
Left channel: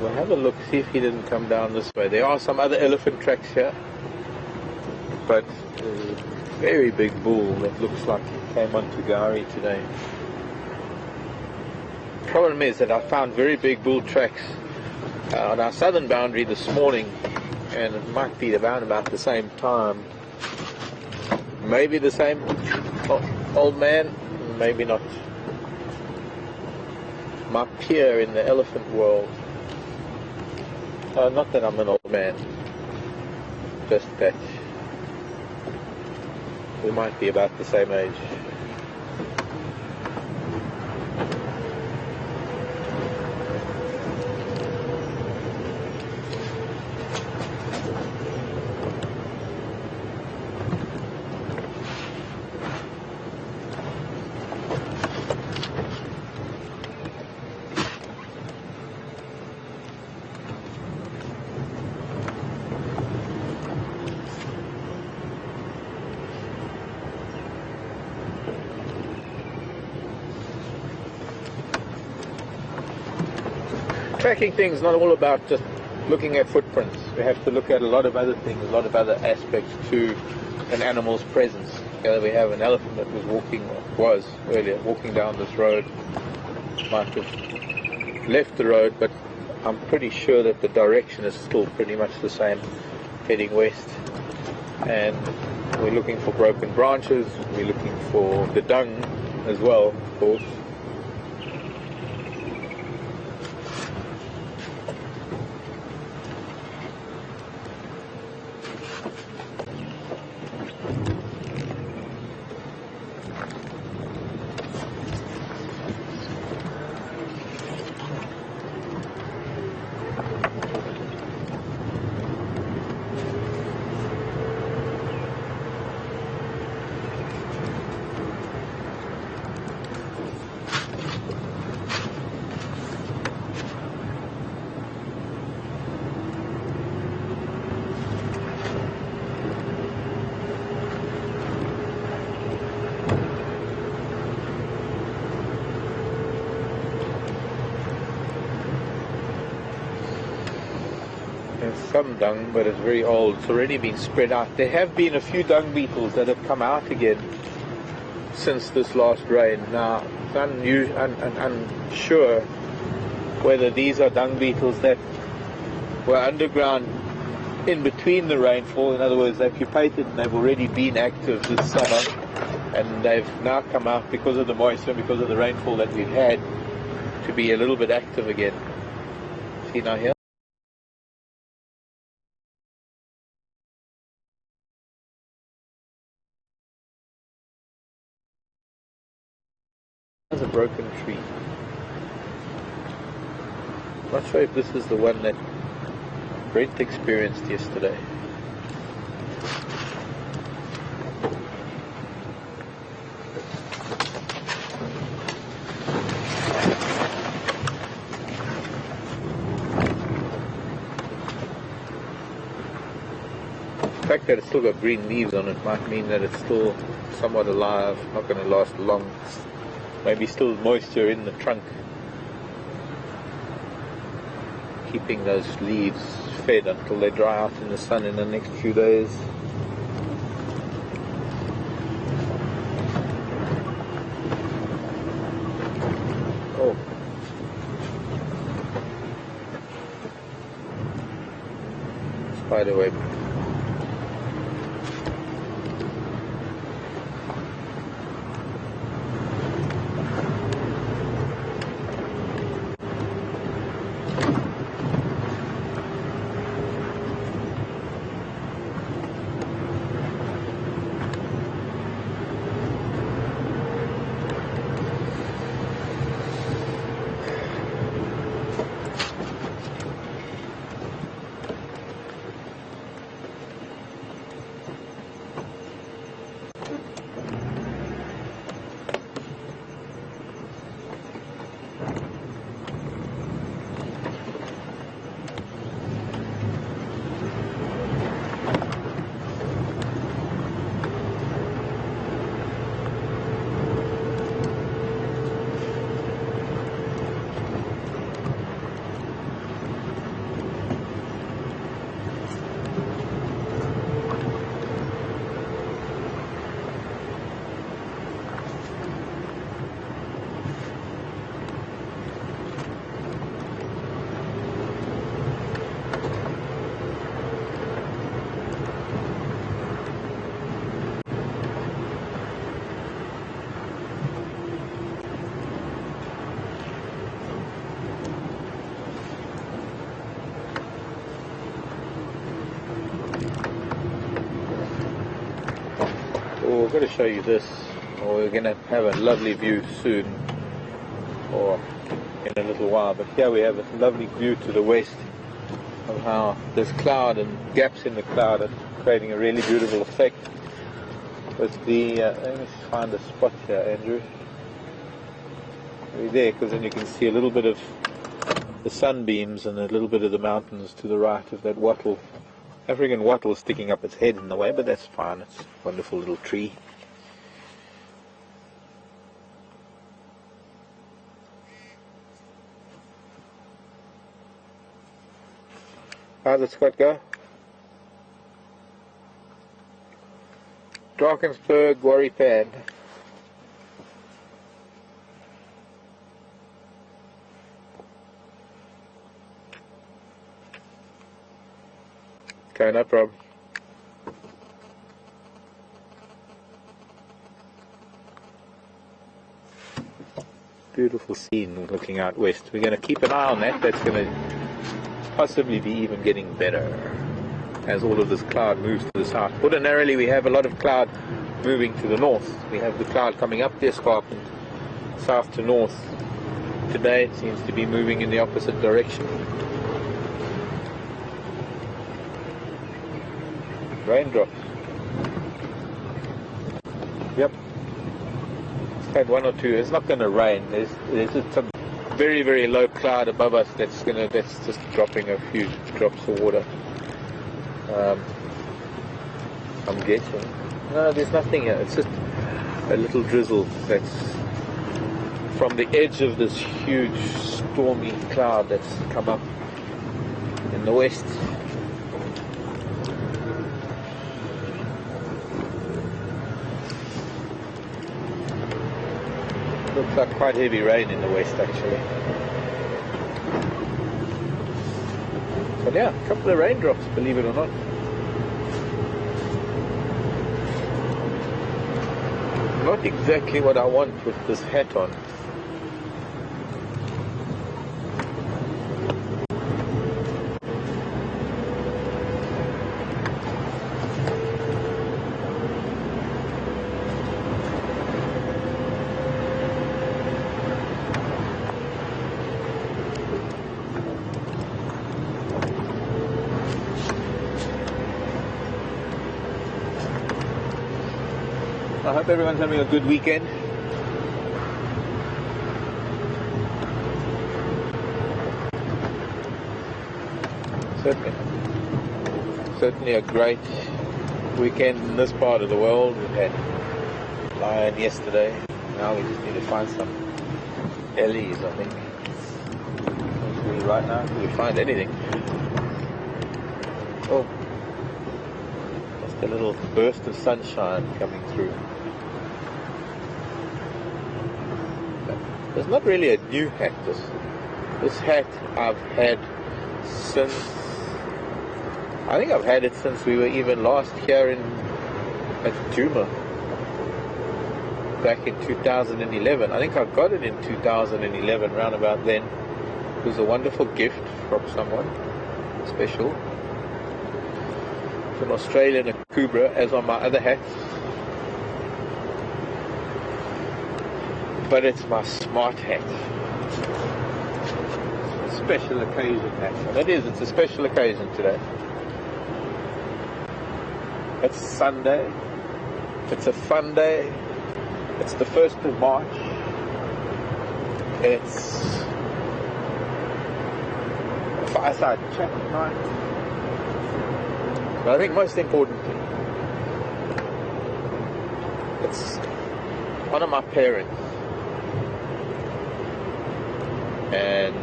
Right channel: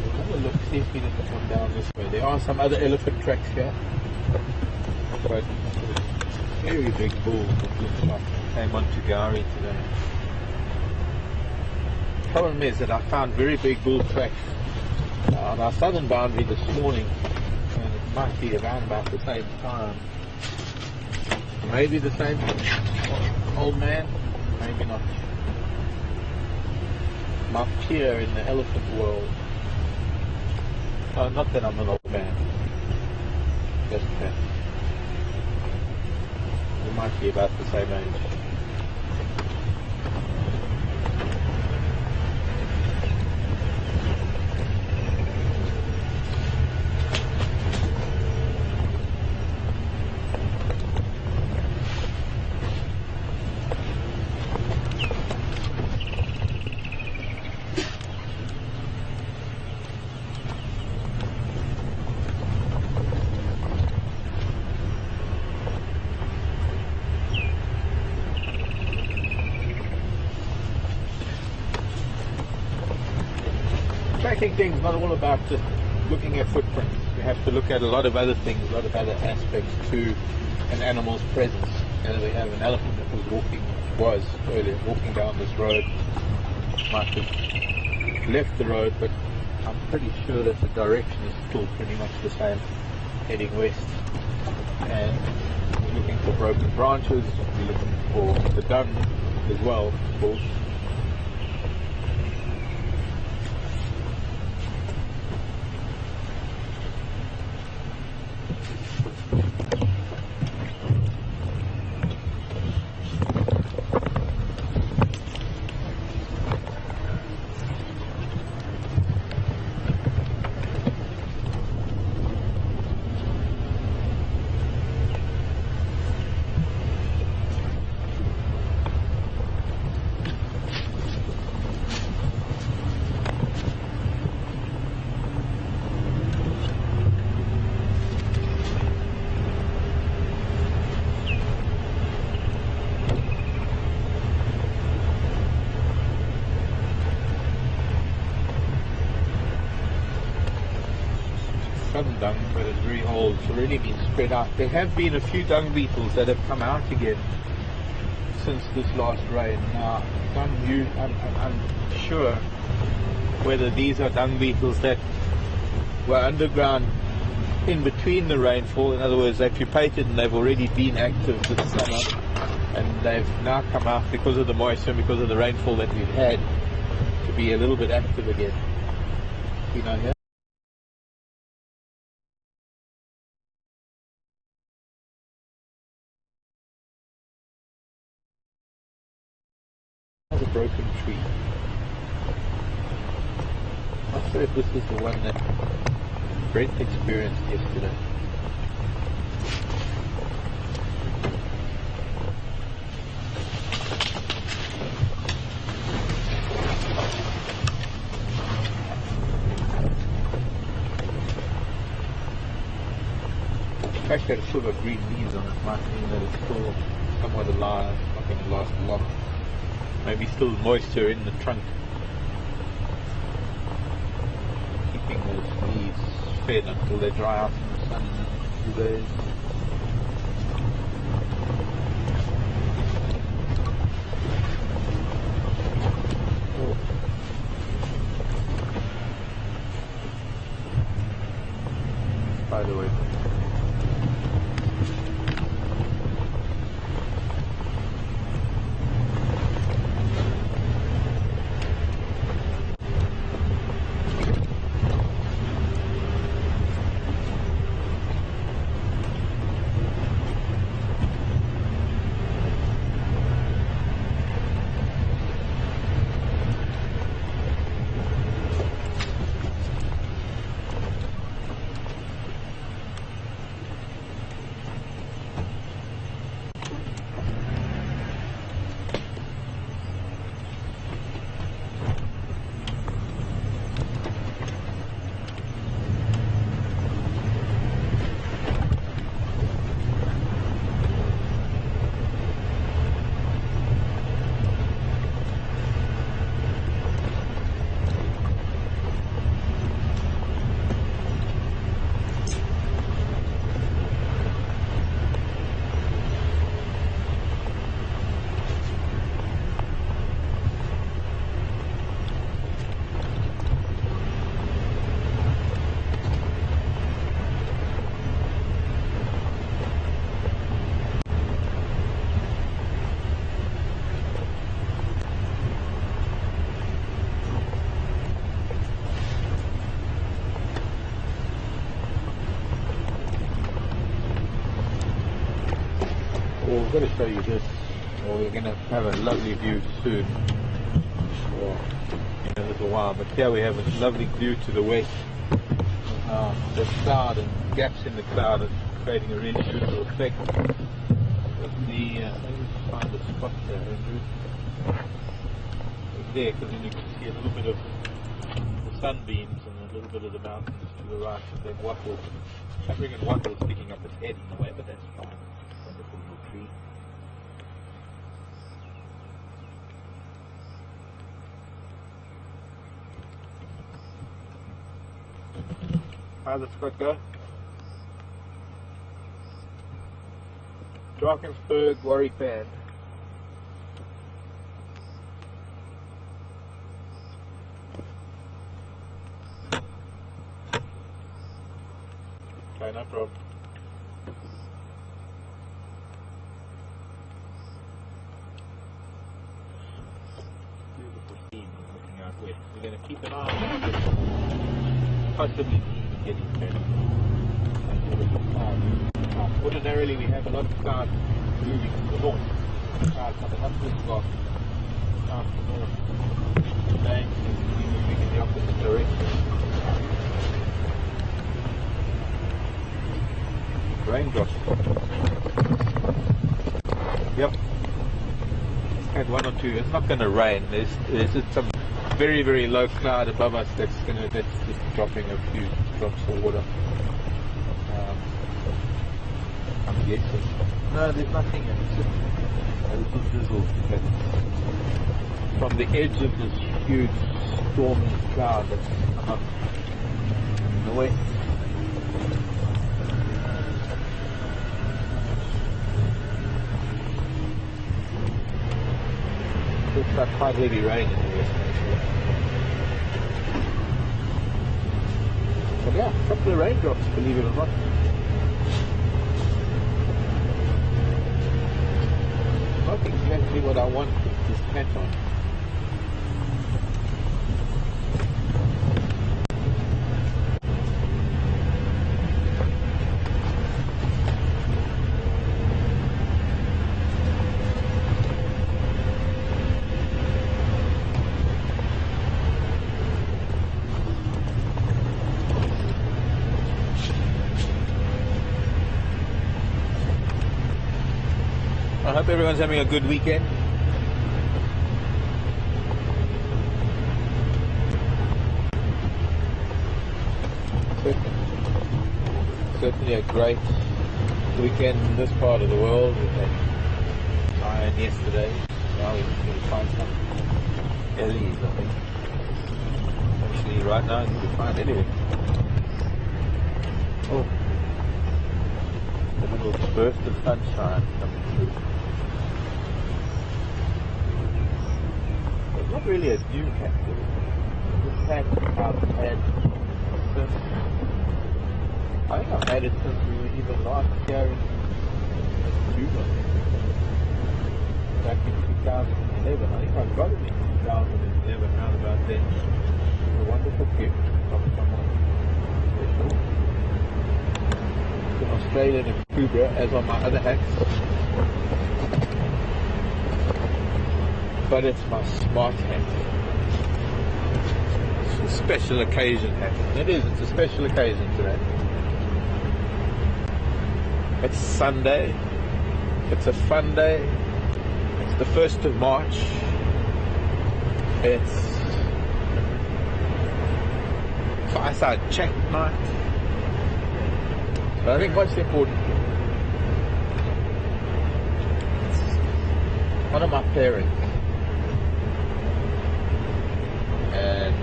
We'll have a look, see if he didn't come down this way. There are some other elephant tracks here, but there's a very big bull that looks like he came onto Gowrie today. The problem is that I found very big bull tracks on our southern boundary this morning, and it might be around about the same time. Maybe the same old man, maybe not. My peer in the elephant world. Not that I'm an old man, just that we might be about the same age. Tracking things not all about just looking at footprints. We have to look at a lot of other things, a lot of other aspects to an animal's presence. We have an elephant that was walking down this road. Might have left the road, but I'm pretty sure that the direction is still pretty much the same, heading west. And we're looking for broken branches, we're looking for the dung as well, of course. Some dung, but it's very old. It's already been spread out. There have been a few dung beetles that have come out again since this last rain. Now, I'm unsure whether these are dung beetles that were underground in between the rainfall. In other words, they've pupated and they've already been active this summer, and they've now come out because of the moisture, because of the rainfall that we've had, to be a little bit active again. See now here? It's a broken tree. I'm not sure if this is the one that Brent experienced yesterday. The fact that it's still got green leaves on it might mean that it's still somewhat alive, not going to last long. Maybe still moisture in the trunk, keeping those leaves fed until they dry out in the sun in the next few days. Oh. Spider web. To show you this, we're going to have a lovely view soon, or in a little while, but here we have a lovely view to the west of how there's cloud and gaps in the cloud and creating a really beautiful effect with the, let's find a spot here, Andrew, right there, because then you can see a little bit of the sunbeams and a little bit of the mountains to the right of that wattle. African wattle sticking up its head in the way, but that's fine. It's a wonderful little tree. How's it, Scott, go? Drakensberg, Worry Pad. Okay, no problem. Beautiful scene looking out west. We're going to keep an eye on that. That's going to possibly be even getting better as all of this cloud moves to the south. Ordinarily we have a lot of cloud moving to the north. We have the cloud coming up the escarpment, south to north. Today it seems to be moving in the opposite direction. Raindrops. Yep. It's had one or two. It's not going to rain. There's a very, very low cloud above us that's just dropping a few drops of water. I'm guessing. No, there's nothing here. It's just a little drizzle that's from the edge of this huge stormy cloud that's come up in the west. like quite heavy rain in the west actually. But yeah, a couple of raindrops, believe it or not. Not exactly what I want with this hat on. I hope everyone's having a good weekend. Certainly a great weekend in this part of the world. And lion yesterday. Now we just need to find some delis, I think. Actually, right now, until we find anything. Oh, that's a little burst of sunshine coming through. It's not really a new hat. This hat I've had since, I think I've had it since we were even last here at Djuma back in 2011. I think I got it in 2011, round about then. It was a wonderful gift from someone special. An Australian Cobra, as on my other hats. But it's my smart hat. It's a special occasion hat. And it's a special occasion today. It's Sunday. It's a fun day. It's the 1st of March. It's fireside chat night. I think most important, it's one of my parents. And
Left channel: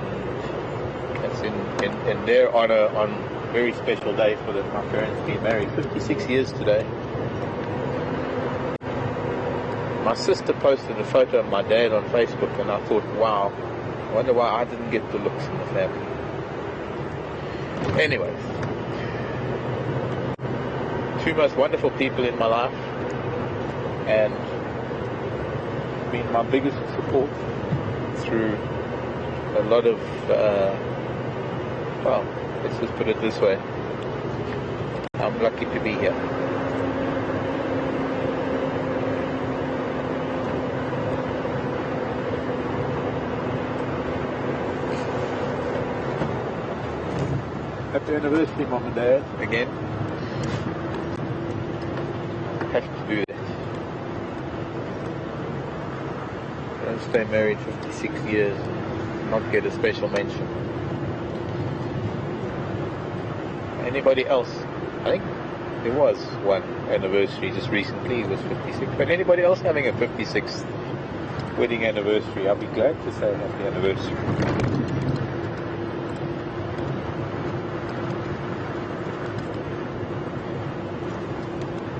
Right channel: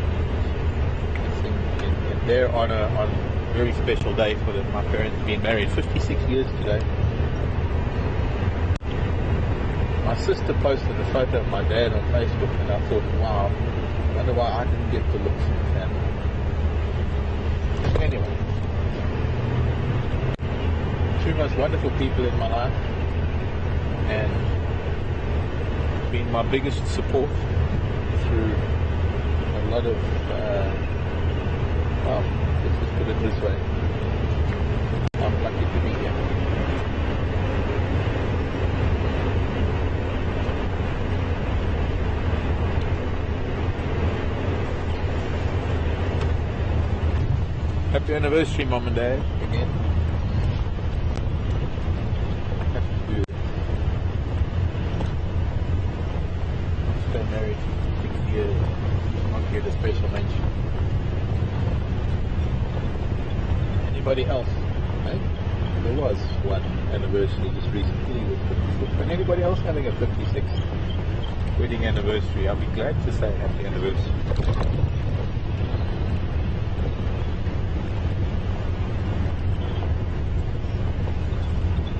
it's in their honor on a very special day for them. My parents being married 56 years today. My sister posted a photo of my dad on Facebook and I thought, wow, I wonder why I didn't get the looks of his family. Anyway, two most wonderful people in my life and been my biggest support through a lot of, well, let's just put it this way. I'm lucky to be here. Happy anniversary, Mum and Dad, again. Have to do this. I'll stay married 56 years. Not get a special mention. Anybody else? I think there was one anniversary just recently. It was 56. But anybody else having a 56th wedding anniversary? I'll be glad to say happy anniversary.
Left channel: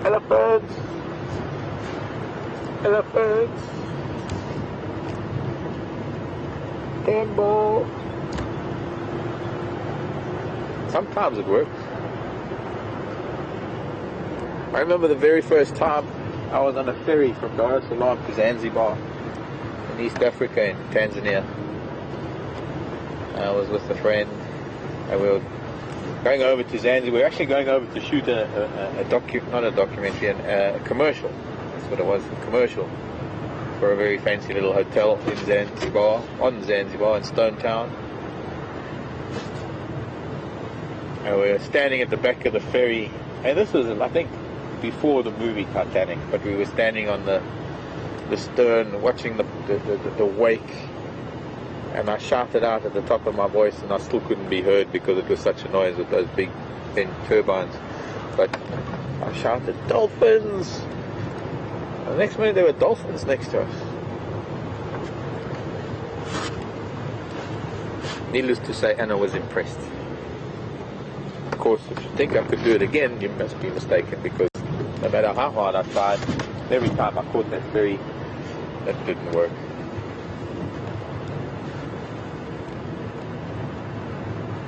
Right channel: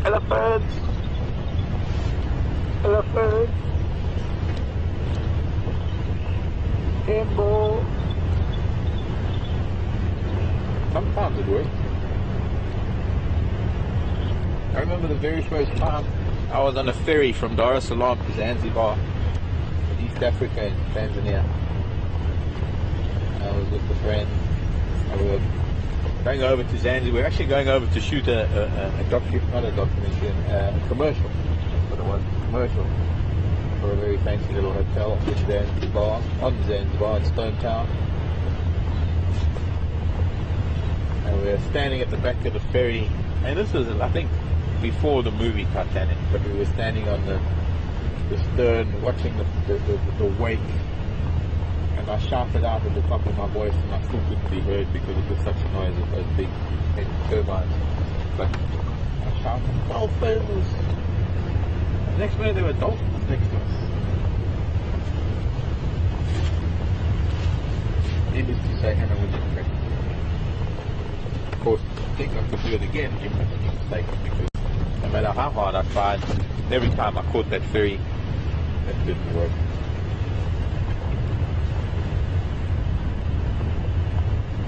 Elephants! Elephants! Sometimes it works. I remember the very first time I was on a ferry from Dar es Salaam to Zanzibar in East Africa in Tanzania. I was with a friend and we were going over to Zanzibar. We were actually going over to shoot not a documentary, a commercial. That's what it was, a commercial. For a very fancy little hotel in Zanzibar, on Zanzibar in Stone Town. And we were standing at the back of the ferry, and this was, I think, before the movie Titanic, but we were standing on the stern watching the wake, and I shouted out in the top of my voice, and I still couldn't be heard because it was such a noise with those big turbines, but I shouted, "Dolphins!" The next minute there were dolphins next to us. Needless to say, Anna was impressed. Of course, if you think I could do it again, you must be mistaken, because no matter how hard I tried, every time I caught that ferry, that didn't work.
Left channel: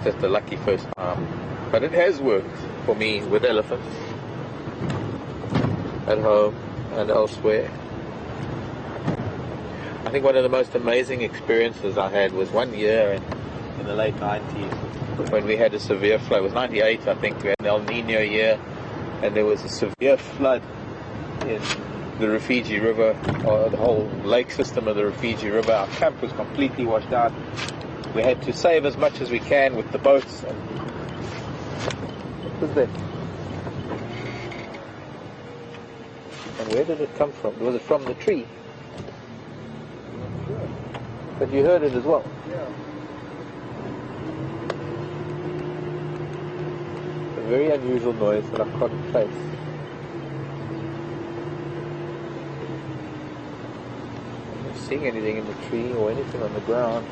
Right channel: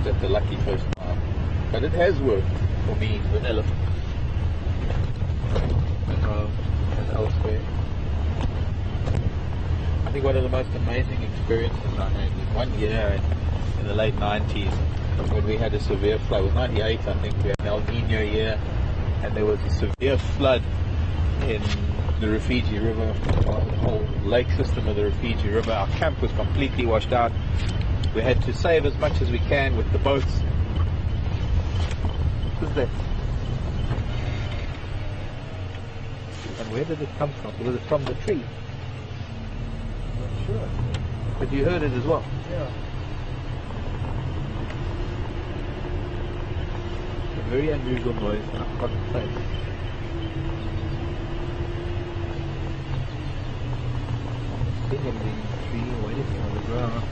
just a lucky first time. But it has worked for me with elephants at home and elsewhere. I think one of the most amazing experiences I had was one year in the late 90s when we had a severe flood. It was 98, I think. We had an El Nino year, and there was a severe flood in the Rufiji River, or the whole lake system of the Rufiji River. Our camp was completely washed out. We had to save as much as we can with the boats. What was that? And where did it come from? Was it from the tree? I'm not sure. But you heard it as well? A very unusual noise that I can't place. Seeing anything in the tree or anything on the ground.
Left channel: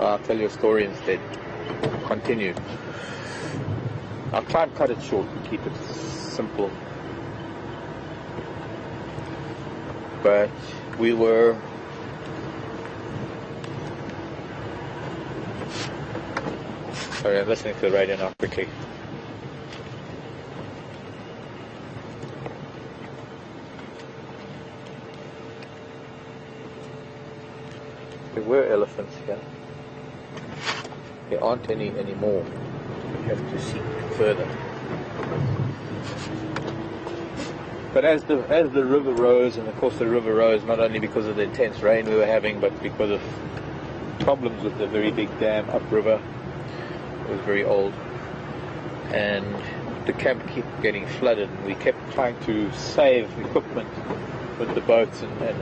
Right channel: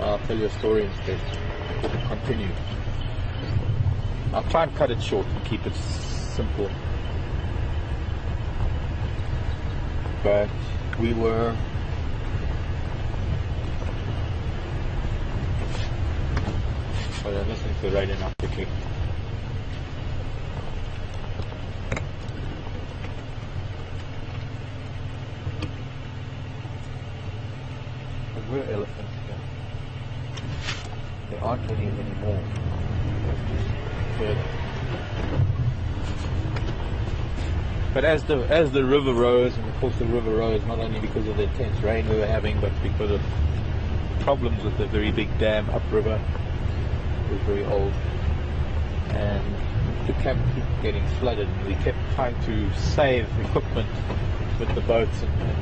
I'll tell you a story instead. Continue. I'll try and cut it short and keep it simple. But we were sorry, I'm listening to the radio now quickly. There were elephants here. There aren't any anymore. We have to see further. But as the river rose, and of course the river rose not only because of the intense rain we were having, but because of problems with the very big dam upriver. It was very old, and the camp kept getting flooded. We kept trying to save equipment with the boats and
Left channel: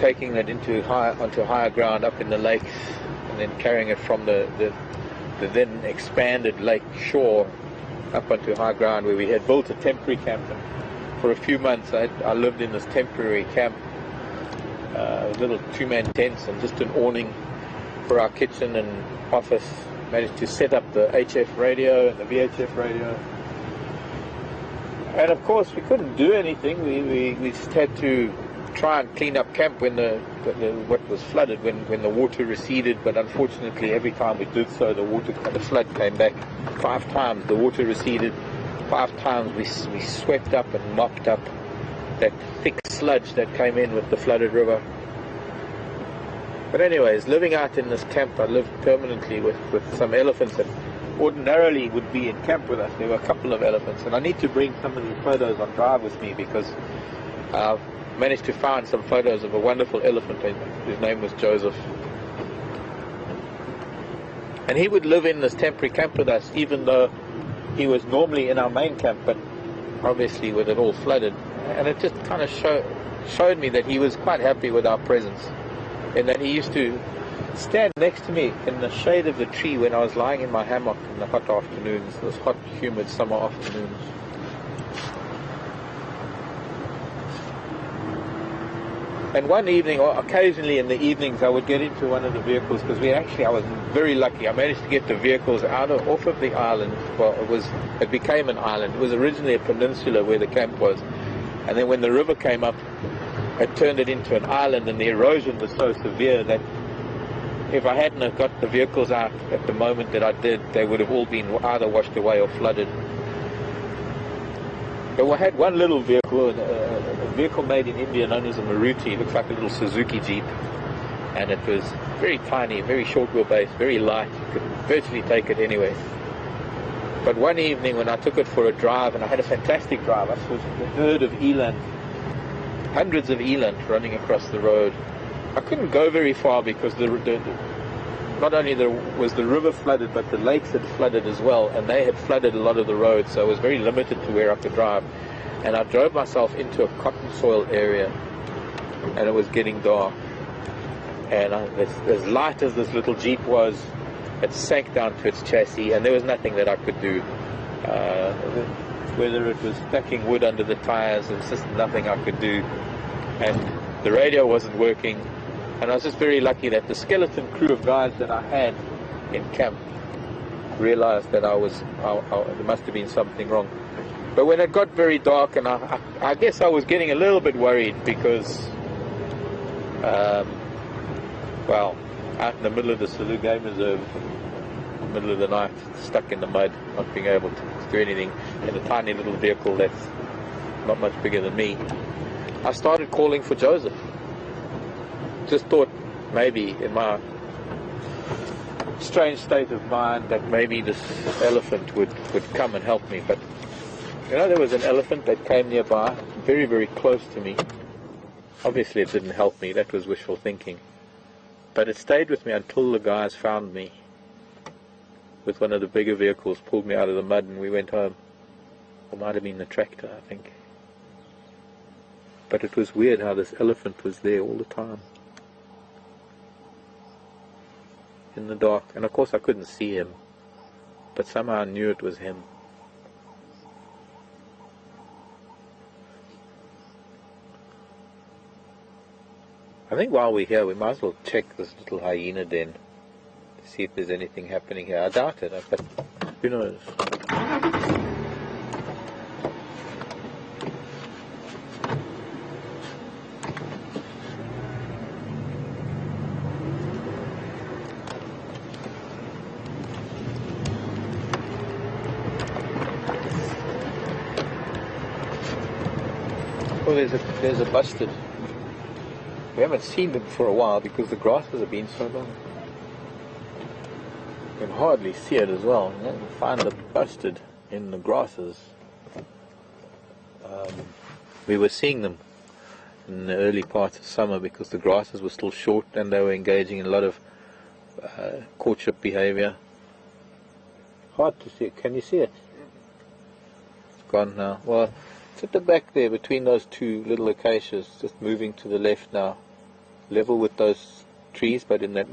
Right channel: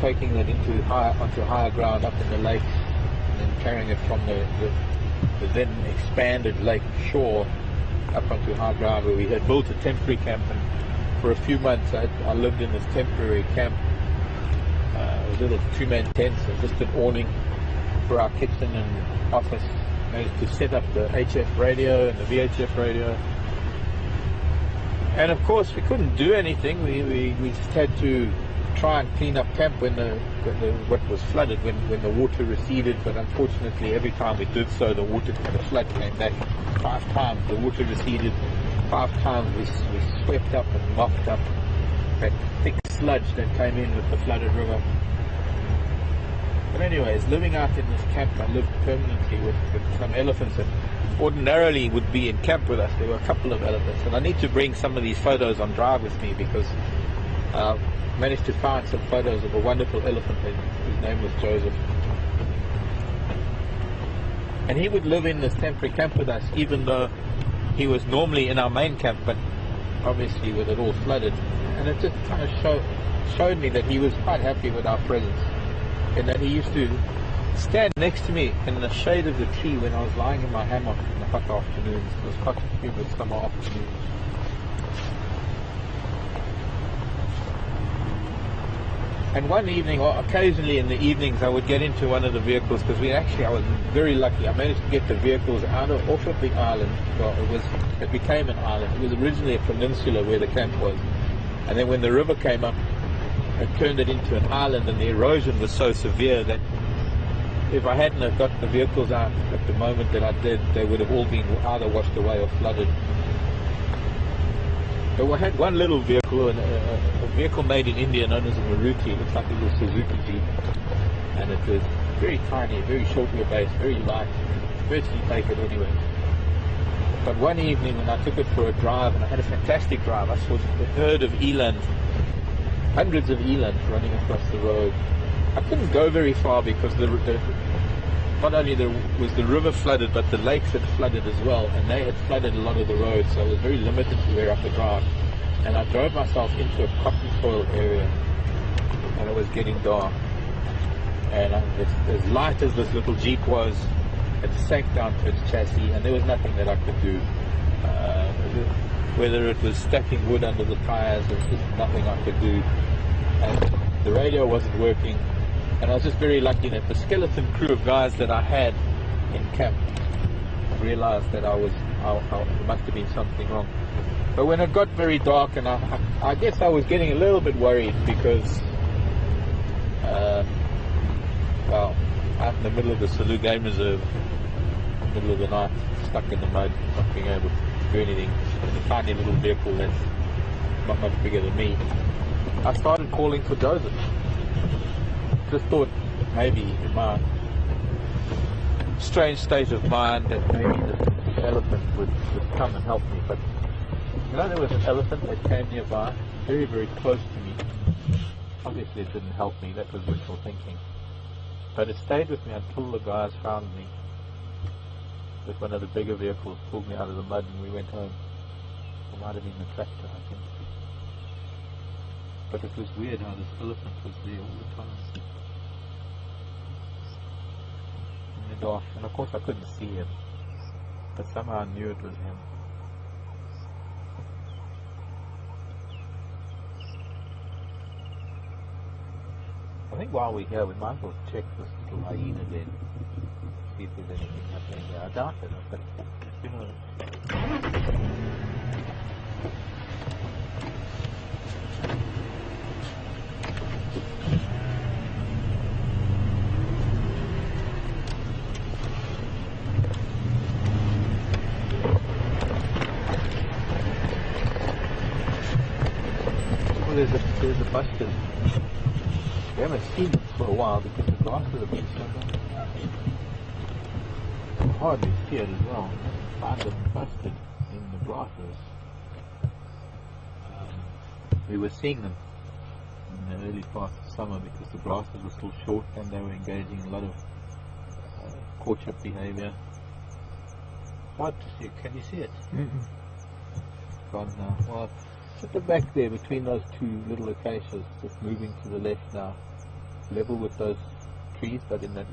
taking that onto higher ground up in the lakes, and then carrying it from the then expanded lake shore up onto high ground. We had built a temporary camp. For a few months I lived in this temporary camp, little two-man tents and just an awning for our kitchen and office. Managed to set up the HF radio and the VHF radio. And of course we couldn't do anything. We just had to try and clean up camp when what was flooded, when the water receded. But unfortunately every time we did so, the flood came back 5 times. The water receded 5 times. We swept up and mopped up that thick sludge that came in with the flooded river. But anyways, living out in this camp, I lived permanently with some elephants that ordinarily would be in camp with us. There were a couple of elephants, and I need to bring some of these photos on drive with me because I managed to find some photos of a wonderful elephant. His name was Joseph, and he would live in this temporary camp with us, even though he was normally in our main camp, but obviously with it all flooded. And it just kind of showed me that he was quite happy with our presence, and that he used to stand next to me in the shade of the tree when I was lying in my hammock in the hot afternoons, those hot, humid summer afternoons. And one evening, or occasionally in the evenings, I would get into one of the vehicles, because I was very lucky. I managed to get the vehicles off of the island. Well, it became an island. It was originally a peninsula where the camp was. And then when the river came up, it turned it into an island, and the erosion was so severe that if I hadn't have got the vehicles out at the moment that I did, they would have all been either washed away or flooded. So I had one little vehicle, a vehicle made in India known as a Maruti. It looks like a little Suzuki Jeep, and it was very tiny, very short wheelbase, very light. You could virtually take it anywhere. But one evening when I took it for a drive, and I had a fantastic drive, I saw the herd of eland, hundreds of eland running across the road. I couldn't go very far because not only was the river flooded, but the lakes had flooded as well, and they had flooded a lot of the roads, so I was very limited to where I could drive. And I drove myself into a cotton soil area, and it was getting dark. And as light as this little Jeep was, it sank down to its chassis, and there was nothing that I could do. Whether it was stacking wood under the tires, it's just nothing I could do. And the radio wasn't working. And I was just very lucky that the skeleton crew of guys that I had in camp realized that it must have been something wrong. But when it got very dark, and I guess I was getting a little bit worried because, well, out in the middle of the Salou Game Reserve, middle of the night, stuck in the mud, not being able to do anything in a tiny little vehicle that's not much bigger than me, I started calling for Joseph. Just thought maybe in my strange state of mind that maybe this elephant would come and help me. But you know, there was an elephant that came nearby, very, very close to me. Obviously it didn't help me, that was wishful thinking. But it stayed with me until the guys found me with one of the bigger vehicles, pulled me out of the mud, and we went home. It might have been the tractor, I think. But it was weird how this elephant was there all the time. In the dark. And of course I couldn't see him, but somehow I knew it was him. I think while we're here we might as well check this little hyena den, see if there's anything happening here. I doubt it, but who knows. There's a busted. We haven't seen them for a while because the grasses have been so long. You can hardly see it as well. You can find the busted in the grasses. We were seeing them in the early parts of summer because the grasses were still short and they were engaging in a lot of courtship behavior. Hard to see it. Can you see it? It's gone now. Well, it's at the back there between those two little acacias, just moving to the left now, level with those trees, but in that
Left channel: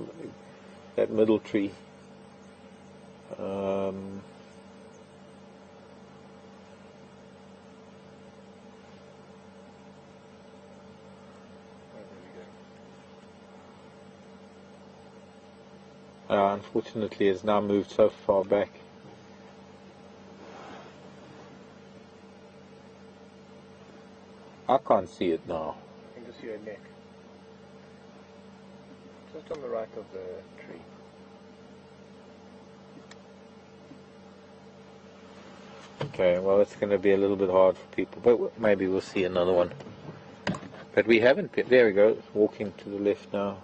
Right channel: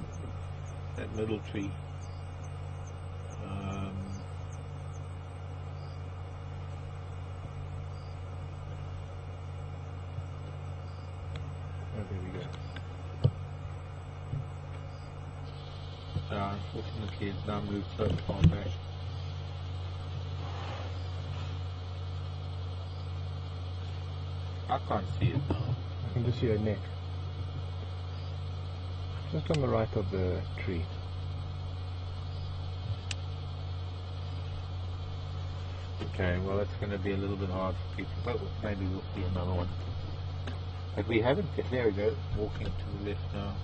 middle tree. Unfortunately, it's now moved so far back. I can't see it now. I can just see her neck. Just on the right of the tree. Okay, well it's going to be a little bit hard for people, but maybe we'll see another one. But we haven't been, there we go, walking to the left now.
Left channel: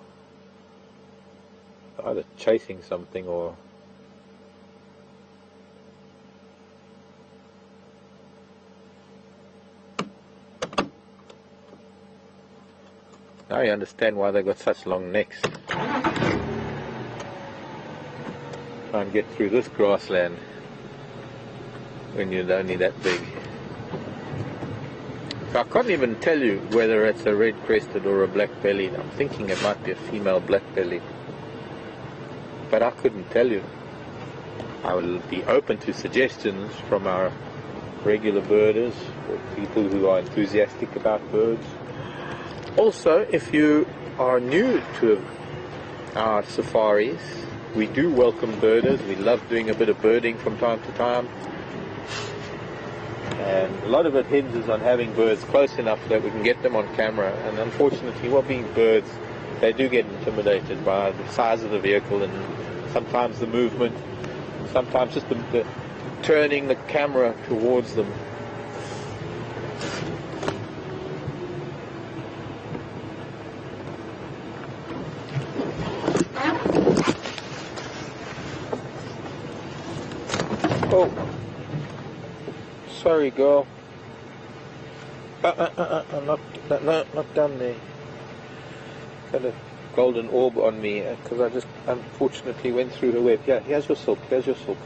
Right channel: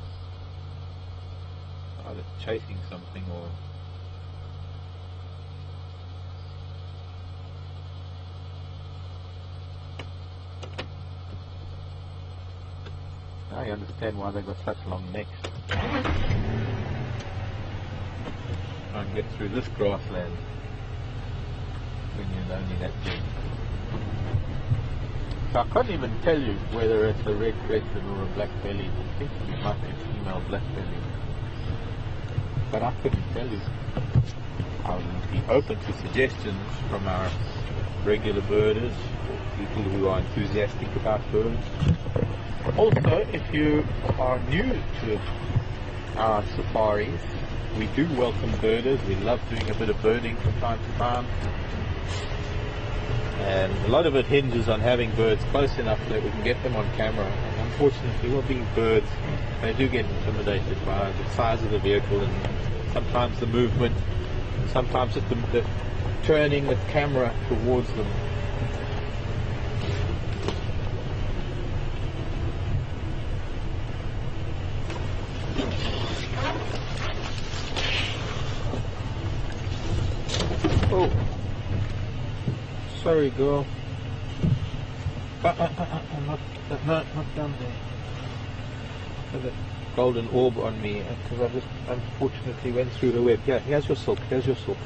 Either chasing something or... Now you understand why they got such long necks. Try and get through this grassland when you're only that big. So I can't even tell you whether it's a red-crested or a black-bellied. I'm thinking it might be a female black-bellied, but I couldn't tell you. I will be open to suggestions from our regular birders or people who are enthusiastic about birds. Also, if you are new to our safaris, we do welcome birders. We love doing a bit of birding from time to time. And a lot of it hinges on having birds close enough that we can get them on camera. And unfortunately, what being birds, they do get intimidated by the size of the vehicle and sometimes the movement, sometimes just the turning the camera towards them. Oh, sorry, girl. Not down there. Got a golden orb on me because I just unfortunately went through the web. Yeah, here's your silk. Here's your silk.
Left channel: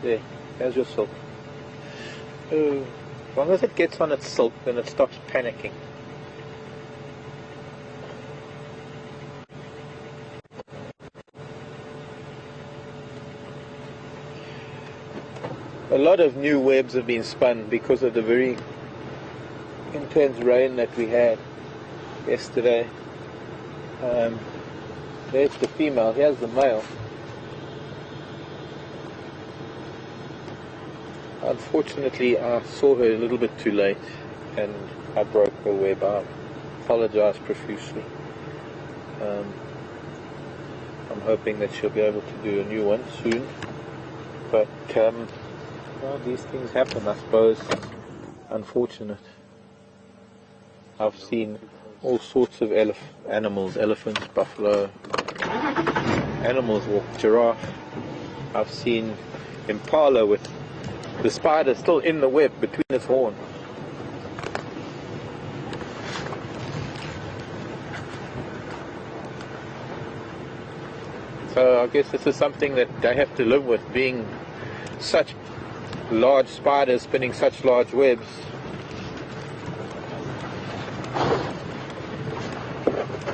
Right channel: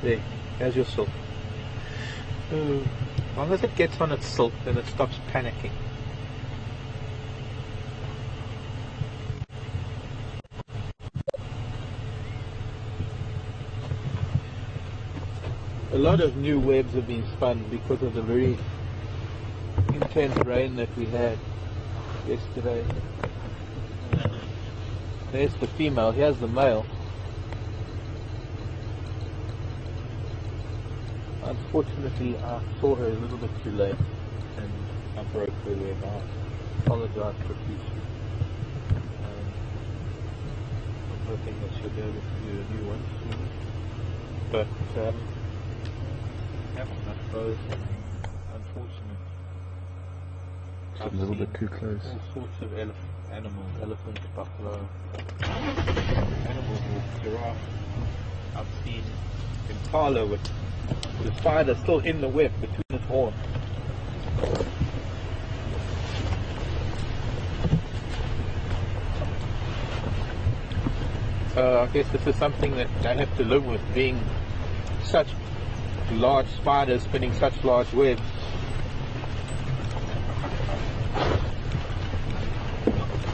There, here's your silk. As long as it gets on its silk, then it stops panicking. a lot of new webs have been spun because of the very intense rain that we had yesterday. There's the female, here's the male. Unfortunately, I saw her a little bit too late and I broke her web. I apologize profusely. I'm hoping that she'll be able to do a new one soon. But well, these things happen, I suppose. Unfortunate. I've seen all sorts of animals, elephants, buffalo, animals walk, giraffe. I've seen impala with the spider still in the web between its horns. So I guess this is something that they have to live with, being such large spiders spinning such large webs.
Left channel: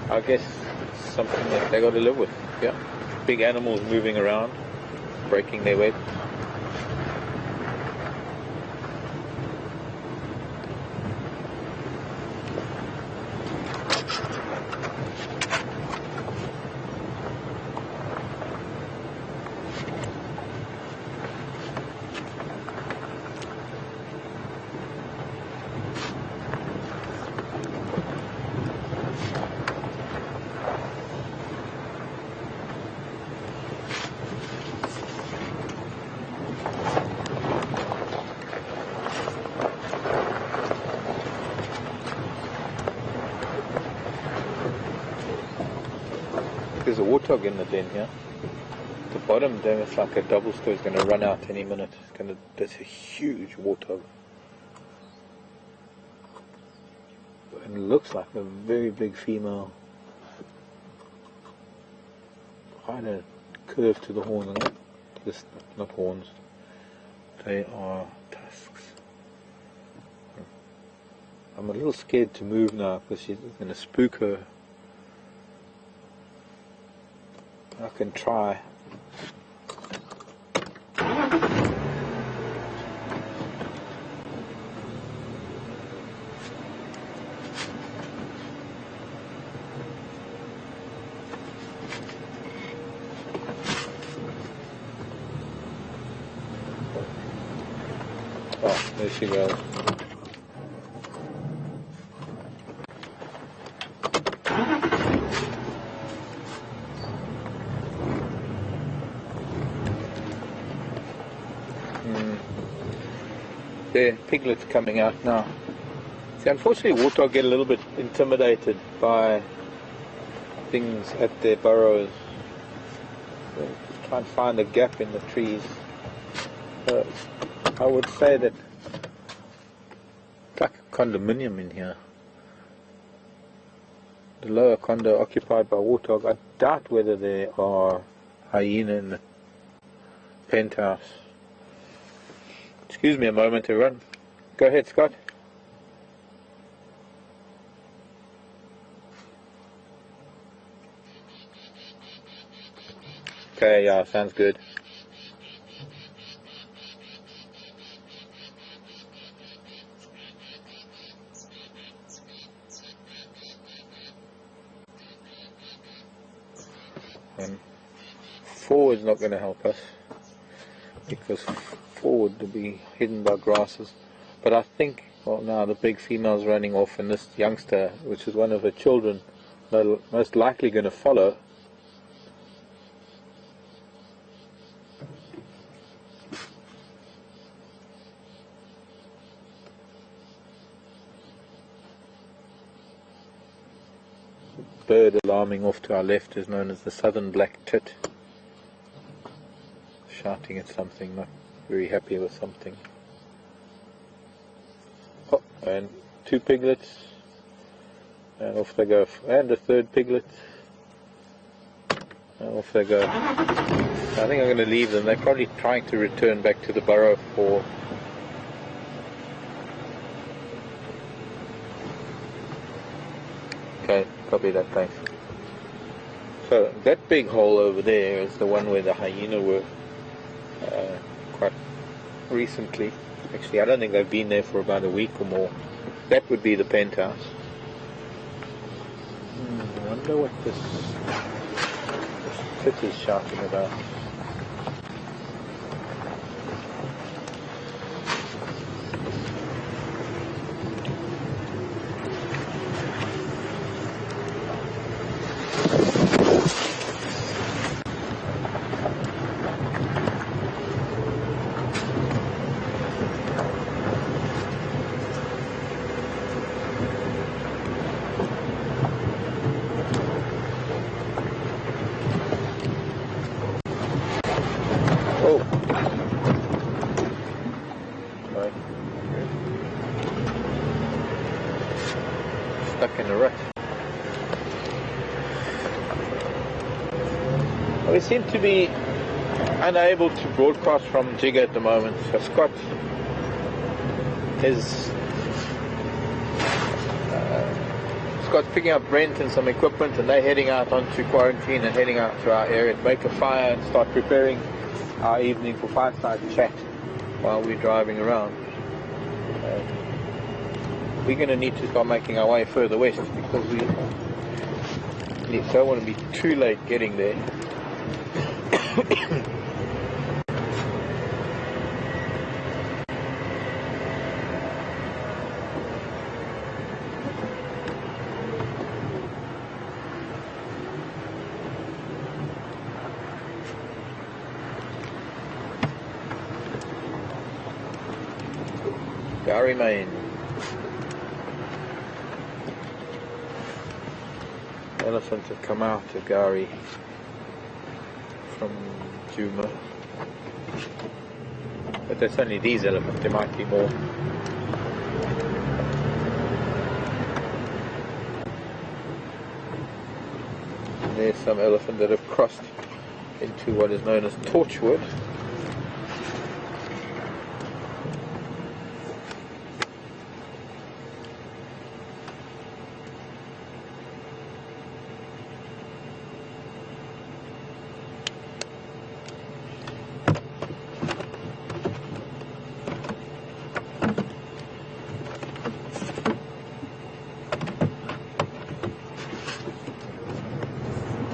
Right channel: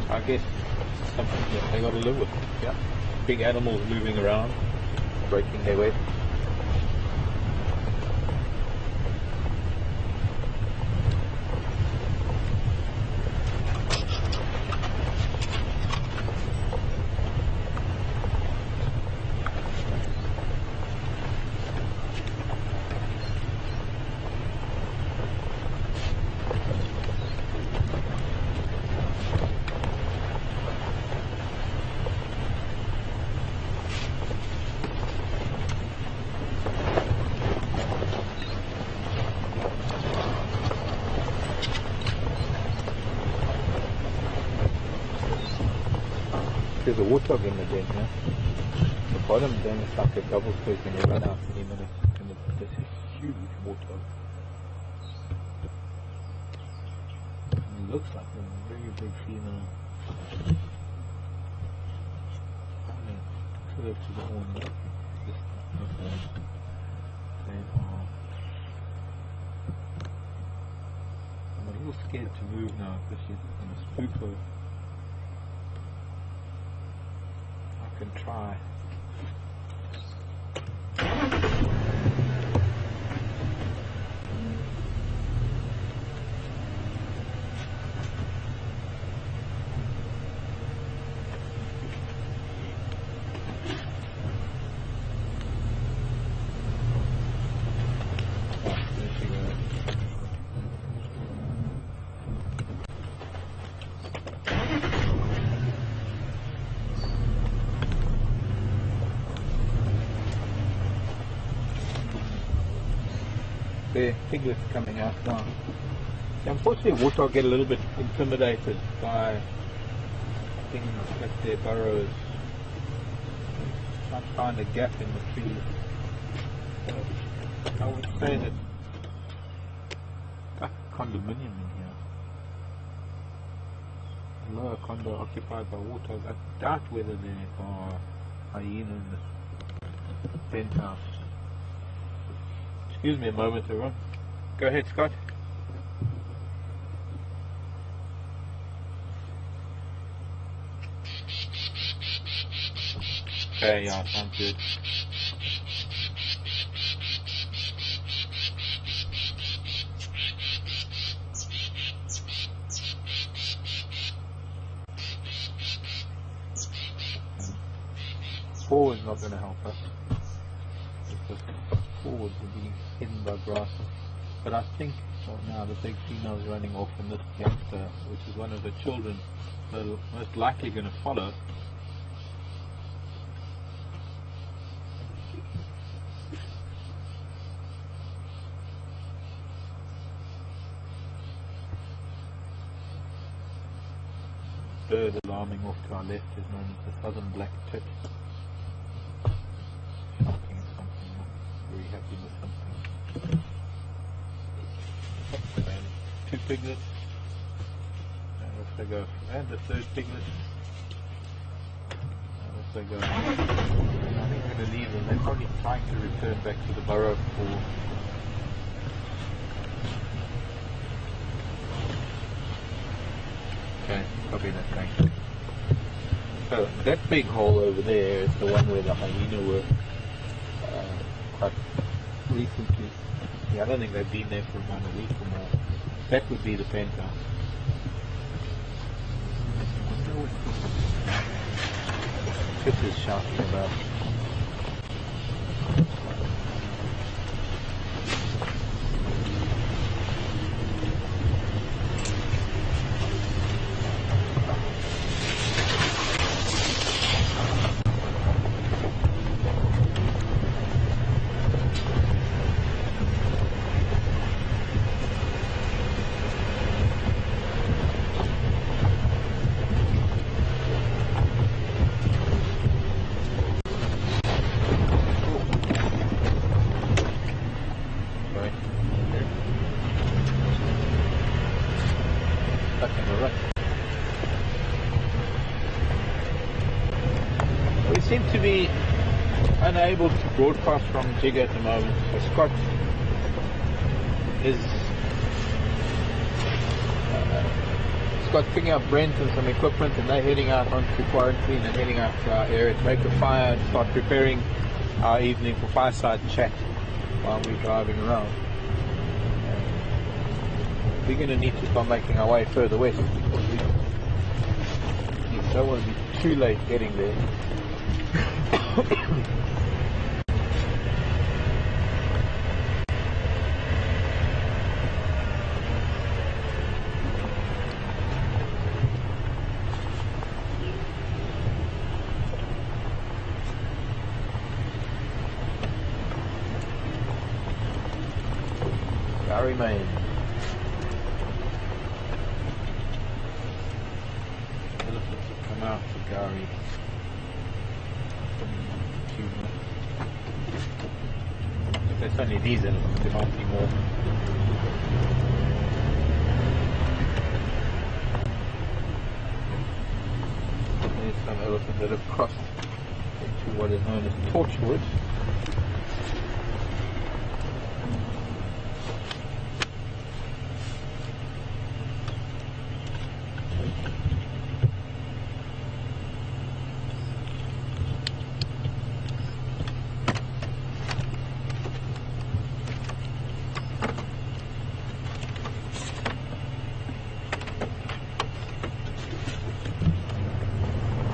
I guess it's something that they got to live with. Yeah, big animals moving around, breaking their web. In the den, yeah. The bottom there is like a double square, it's going to run out any minute. There's a huge warthog. And it looks like a very big female. Quite a curve to the horn, right? This, not horns. They are tusks. I'm a little scared to move now because she's going to spook her. I can try. Oh, there she goes. There, piglets coming out now. See, unfortunately, warthog get a little bit intimidated by things at their burrows. Just try and find a gap in the trees. I would say that it's like a condominium in here. The lower condo occupied by warthog. I doubt whether there are hyena in the penthouse. Excuse me a moment to run. Go ahead, Scott. Okay, yeah, sounds good. And forward's not going to help us because forward to be hidden by grasses. But I think, well, now the big female's running off and this youngster, which is one of her children, they're most likely going to follow. Bird alarming off to our left is known as the southern black tit, shouting at something, not very happy with something. Oh, and two piglets, and off they go, and a third piglet, and off they go. I think I'm going to leave them. They're probably trying to return back to the burrow for okay, copy that, thanks. So that big hole over there is the one where the hyena were quite recently. Actually, I don't think they've been there for about a week or more. That would be the penthouse. I wonder what this is shouting about. Stuck in the rut. We seem to be unable to broadcast from Jigga at the moment. So Scott picking up rent and some equipment, and they're heading out onto quarantine and heading out to our area to make a fire and start preparing our evening for fireside chat while we're driving around. We're going to need to start making our way further west because we don't want to be too late getting there. Gary Main. Elephants have come out of Gari from Djuma. But there's only these elephants, there might be more. There's some elephants that have crossed into what is known as Torchwood.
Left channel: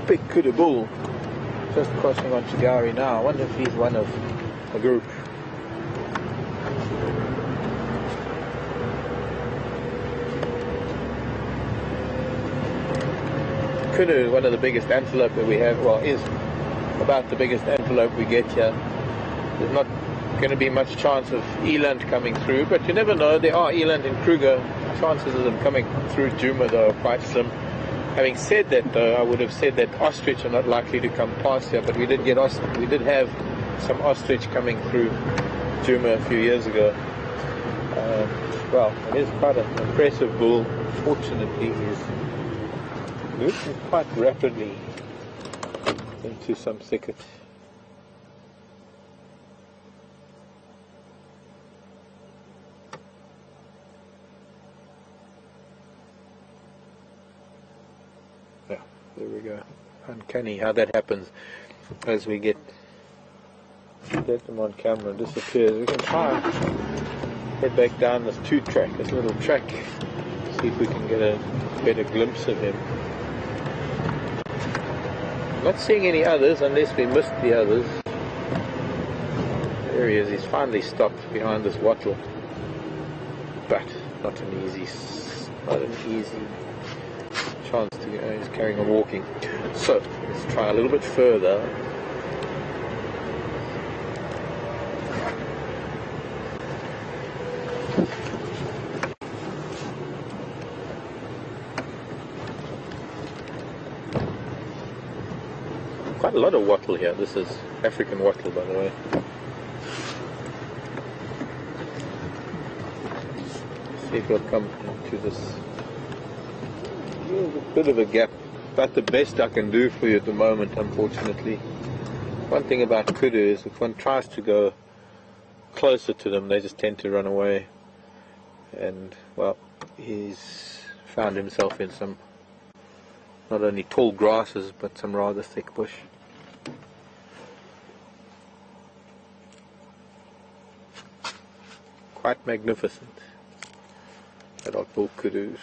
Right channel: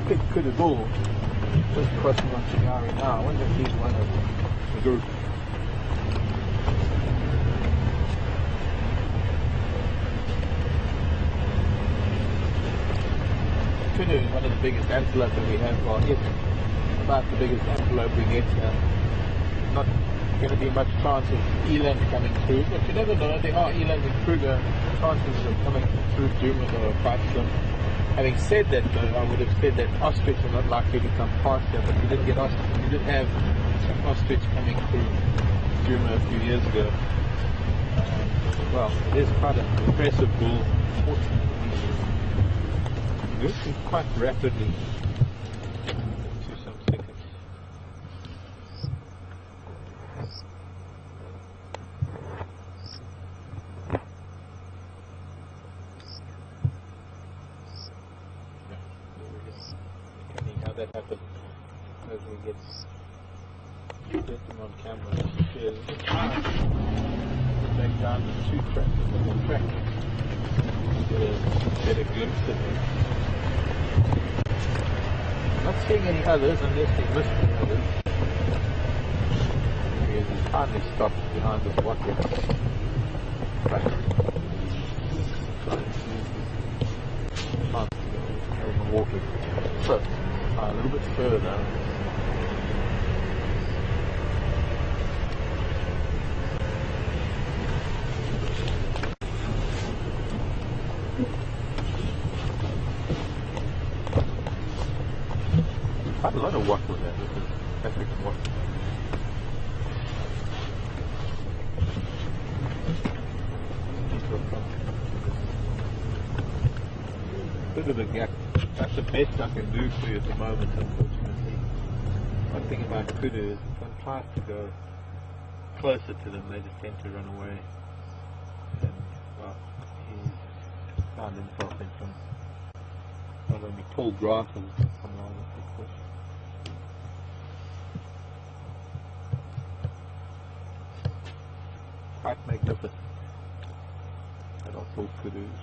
Big kudu bull just crossing onto Gari now. I wonder if he's one of a group. Kudu is one of the biggest antelope that we have, well, is about the biggest antelope we get here. There's not going to be much chance of eland coming through, but you never know. There are eland in Kruger. Chances of them coming through Djuma though are quite slim. Having said that though, I would have said that ostrich are not likely to come past here, but we did have some ostrich coming through Djuma a few years ago. But he's quite an impressive bull. Fortunately, he's moving quite rapidly into some thicket. There we go. Uncanny how that happens as we get them on camera, disappears. We can try and head back down this this little track, see if we can get a better glimpse of him. Not seeing any others unless we missed the others. There he is, he's finally stopped behind this wattle. But not an easy chance to get, he's carrying on walking. So let's try a little bit further. Quite a lot of wattle here. This is African wattle, by the way. Let's see if we'll come to this. There's a bit of a gap. That's the best I can do for you at the moment, unfortunately. One thing about kudu is if one tries to go closer to them, they just tend to run away. And, well, he's found himself in some not only tall grasses, but some rather thick bush. quite magnificent. That are bull kudu's.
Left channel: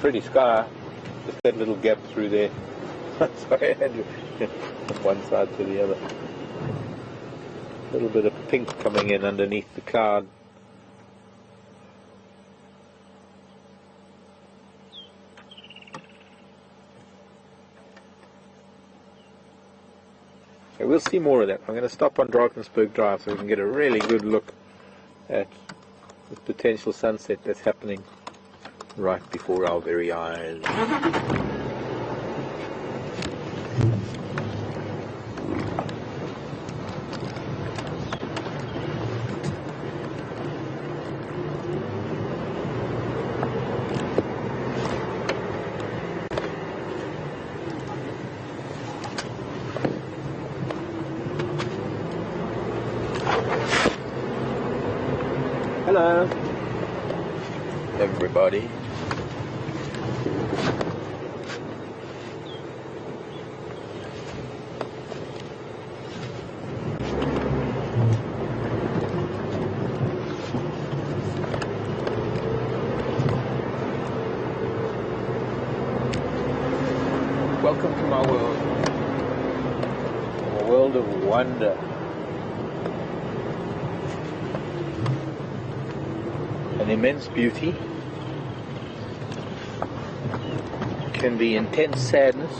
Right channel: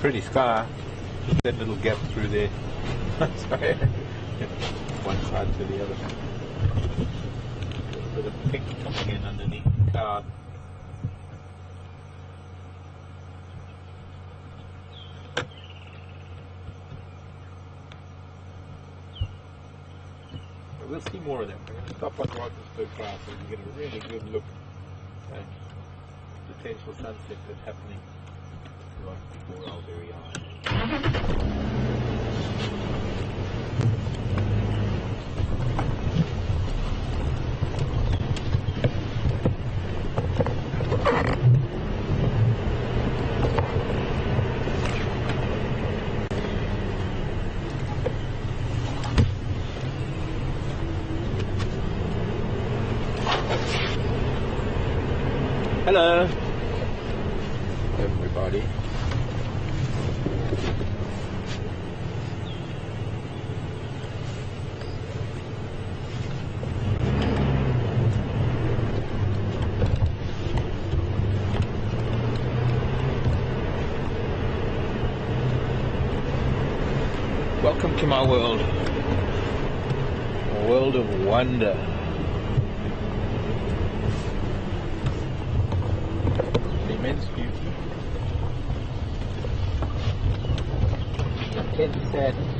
Pretty sky, just that little gap through there. Sorry, I had to get from one side to the other. A little bit of pink coming in underneath the cloud. So we'll see more of that. I'm going to stop on Drakensberg Drive so we can get a really good look at the potential sunset that's happening right before our very eyes. Hello, everybody. Welcome to my world, a world of wonder. An immense beauty, can be intense sadness,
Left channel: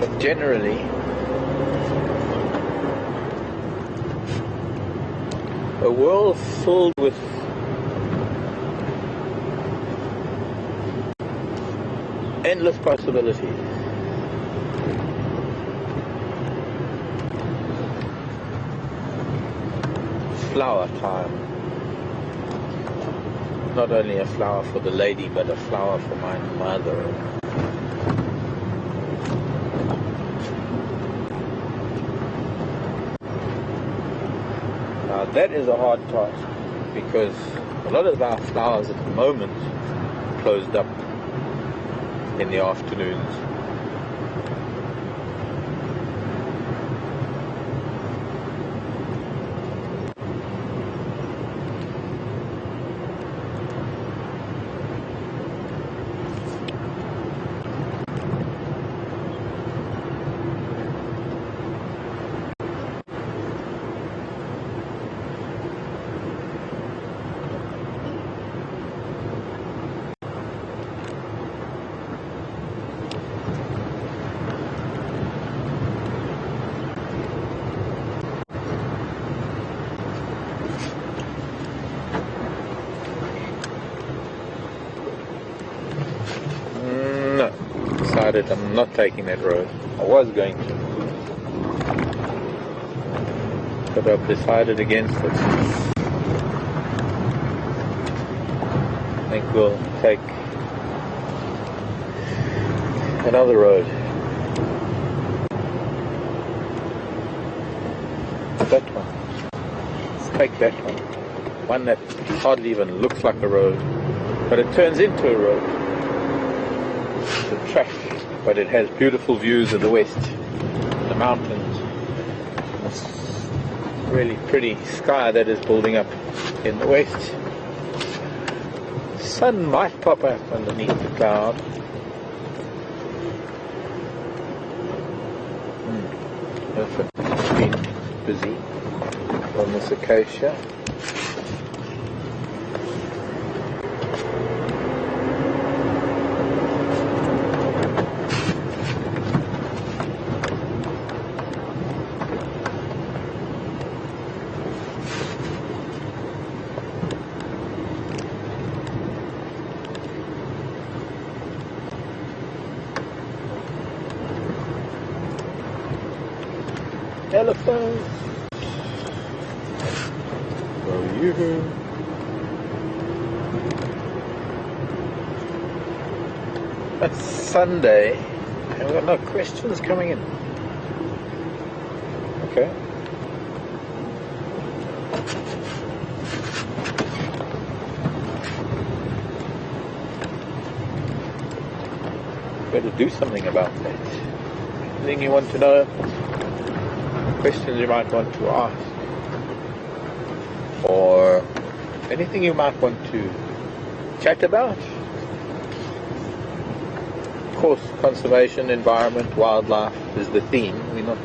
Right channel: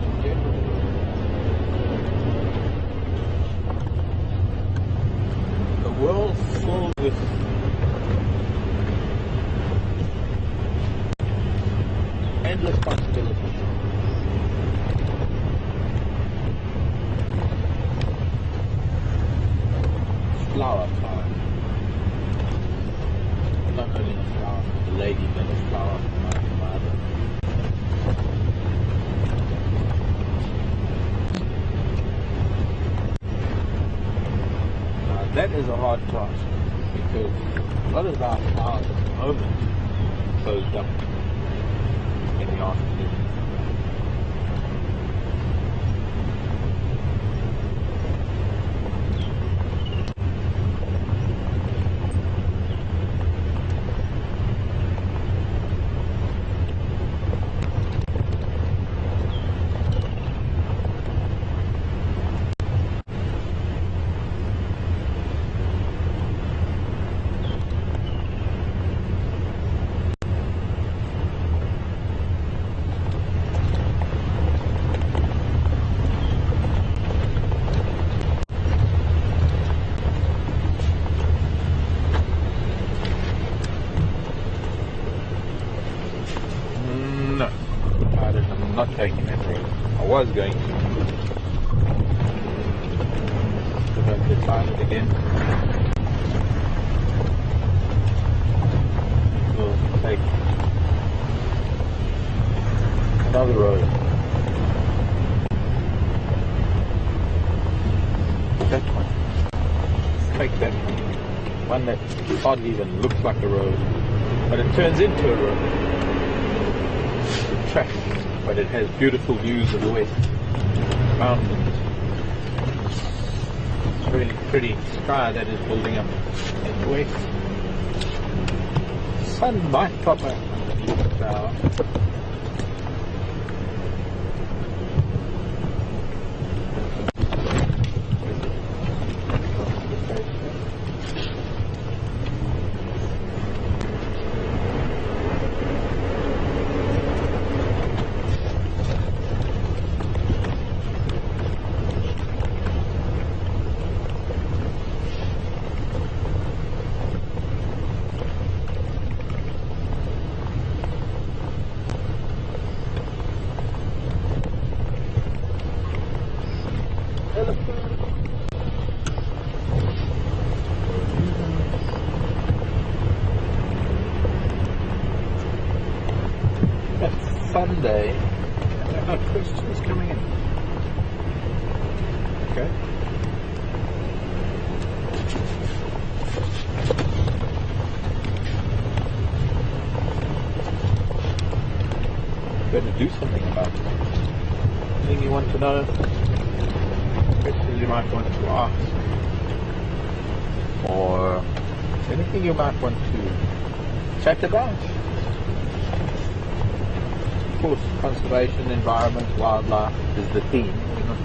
but generally a world filled with endless possibilities. Flower time. Not only a flower for the lady, but a flower for my mother. Now that is a hard task because a lot of our flowers at the moment closed up in the afternoons. I'm not taking that road. I was going to, but I've decided against it. I think we'll take another road. That one. Let's take that one. One that hardly even looks like a road, but it turns into a road. Trash. But it has beautiful views of the west, the mountains, really pretty sky that is building up in the west. Sun might pop out underneath the cloud. Definitely busy on this acacia. Telephone. Where are you? It's Sunday. And we've got no questions coming in. Okay. I'm going to do something about that. I think you want to know questions you might want to ask, or anything you might want to chat about. Of course, conservation, environment, wildlife is the theme. We're not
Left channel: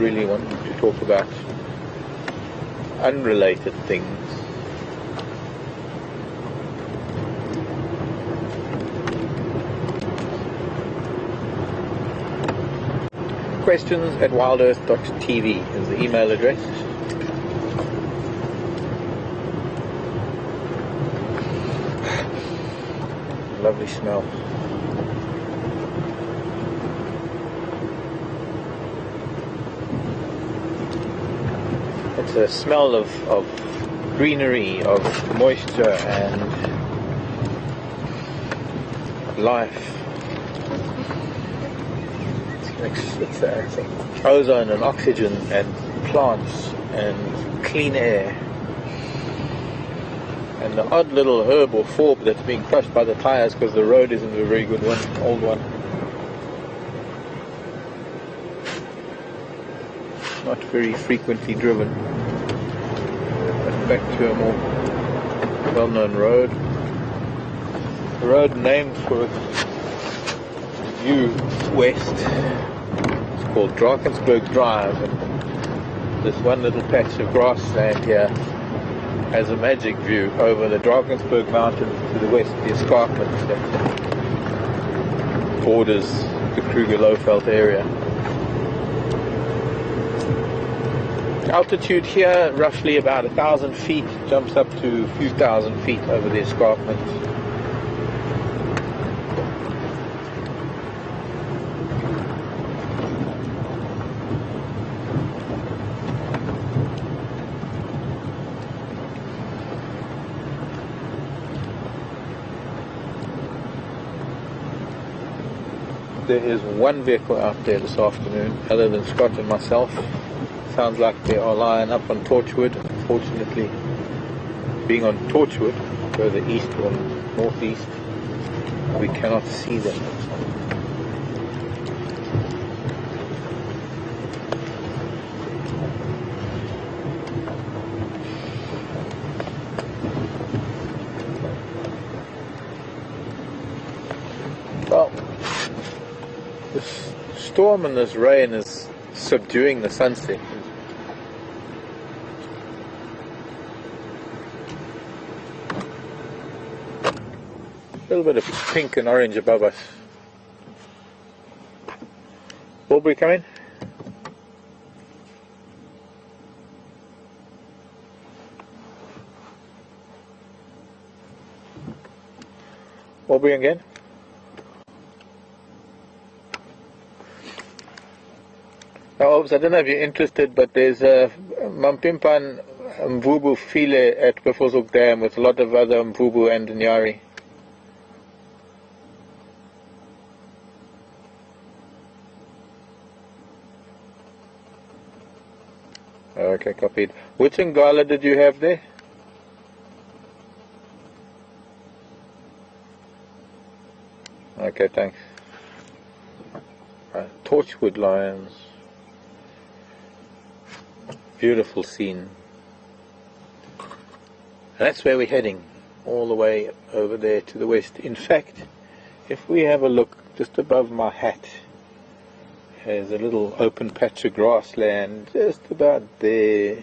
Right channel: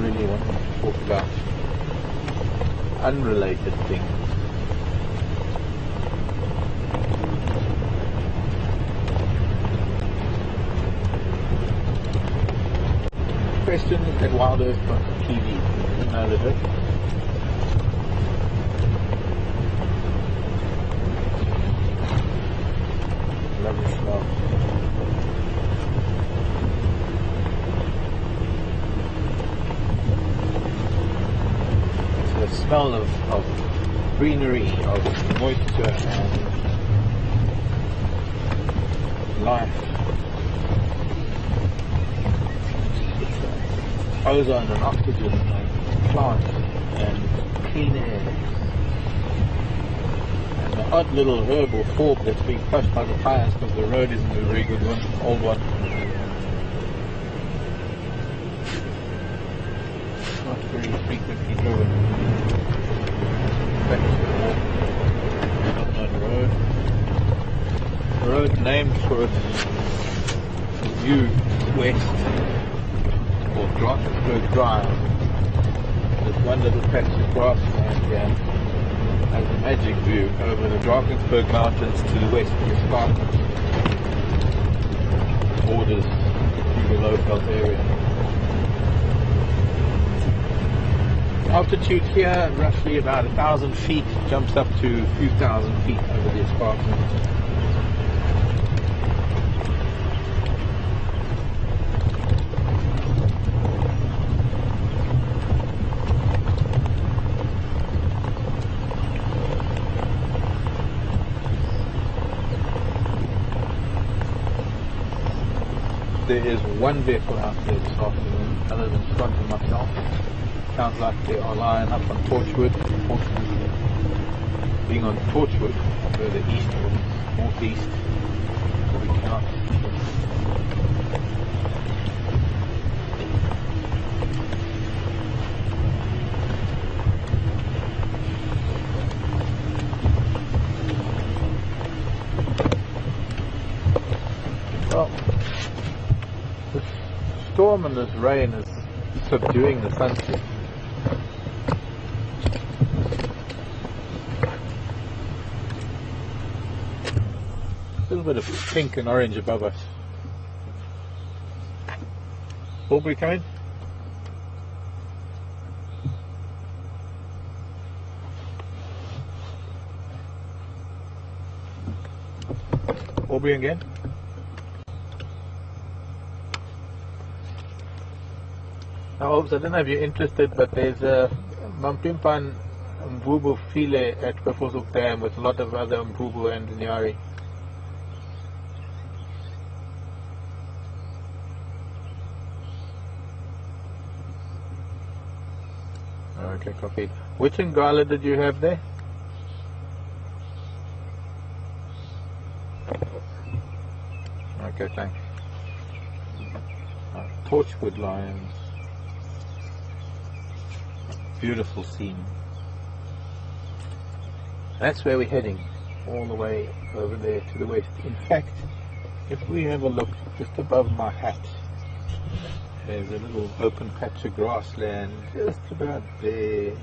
really wanting to talk about unrelated things. Questions at WildEarthTV is the email address. Lovely smell. It's a smell of greenery, of moisture and of life. It's I think ozone and oxygen and plants and clean air and an odd little herb or fork that's being crushed by the tires because the road isn't a very good one, old one. Not very frequently driven. Back to a more well-known road. A road named for its view west. It's called Drakensberg Drive. This one little patch of grassland here has a magic view over the Drakensberg Mountains to the west, the escarpment that borders the Kruger-Lofeld area. Altitude here, roughly about 1,000 feet, jumps up to a few thousand feet over the escarpment. There is one vehicle out there this afternoon, other than Scott and myself. Sounds like they are lying up on Torchwood. Unfortunately, being on Torchwood, further eastward, northeast, we cannot see them. The storm and this rain is subduing the sunset. A little bit of pink and orange above us. Aubrey coming? Aubrey again? Now, I don't know if you're interested, but there's a Mampimpan Mvubu file at Kwefosuk Dam with a lot of other Mvubu and Nyari. Okay, copied. Which Ngala did you have there? Okay, thanks. Torchwood lions. Beautiful scene. That's where we're heading, all the way over there to the west. In fact, if we have a look just above my hat, there's a little open patch of grassland just about there.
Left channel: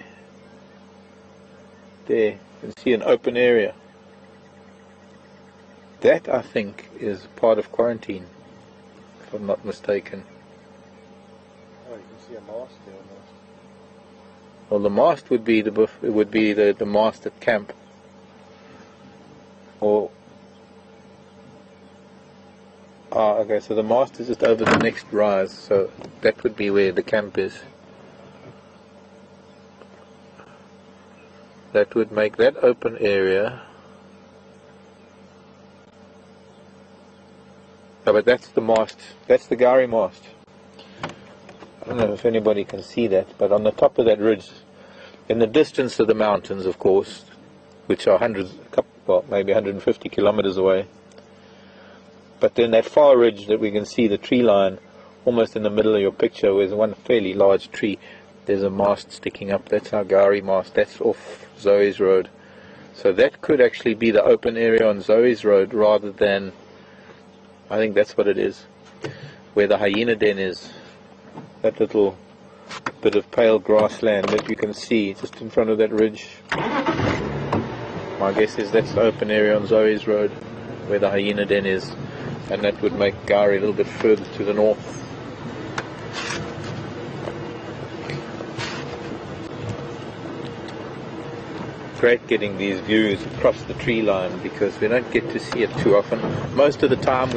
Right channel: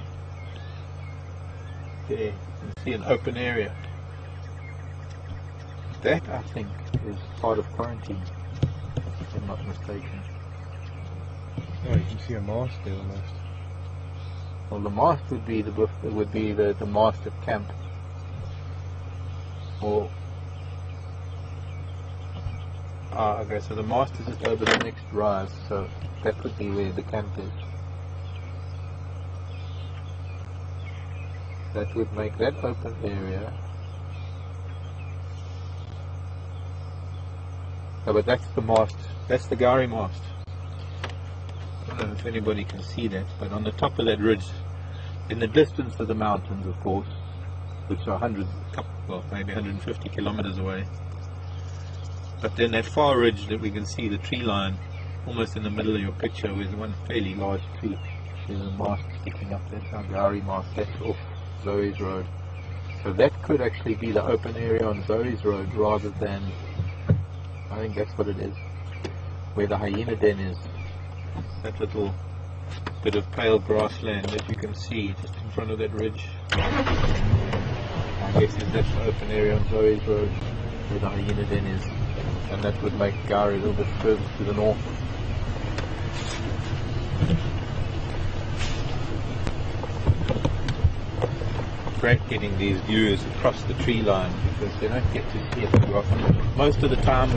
There, you can see an open area. That, I think, is part of quarantine, if I'm not mistaken. Oh, you can see a mast there almost. Well, the mast would be the mast at camp, or okay. So the mast is just over the next rise, so that would be where the camp is. That would make that open area. Oh, but that's the mast. That's the Gowrie mast. I don't know if anybody can see that, but on the top of that ridge, in the distance of the mountains, of course, which are maybe 150 kilometers away. But then that far ridge that we can see, the tree line, almost in the middle of your picture, where there's one fairly large tree, there's a mast sticking up. That's our Gowrie mast. That's off Zoe's Road. So that could actually be the open area on Zoe's Road rather than, I think that's what it is, where the hyena den is. That little bit of pale grassland that you can see just in front of that ridge. My guess is that's the open area on Zoe's Road where the hyena den is, and that would make Gowrie a little bit further to the north. Great getting these views across the tree line because we don't get to see it too often. Most of the time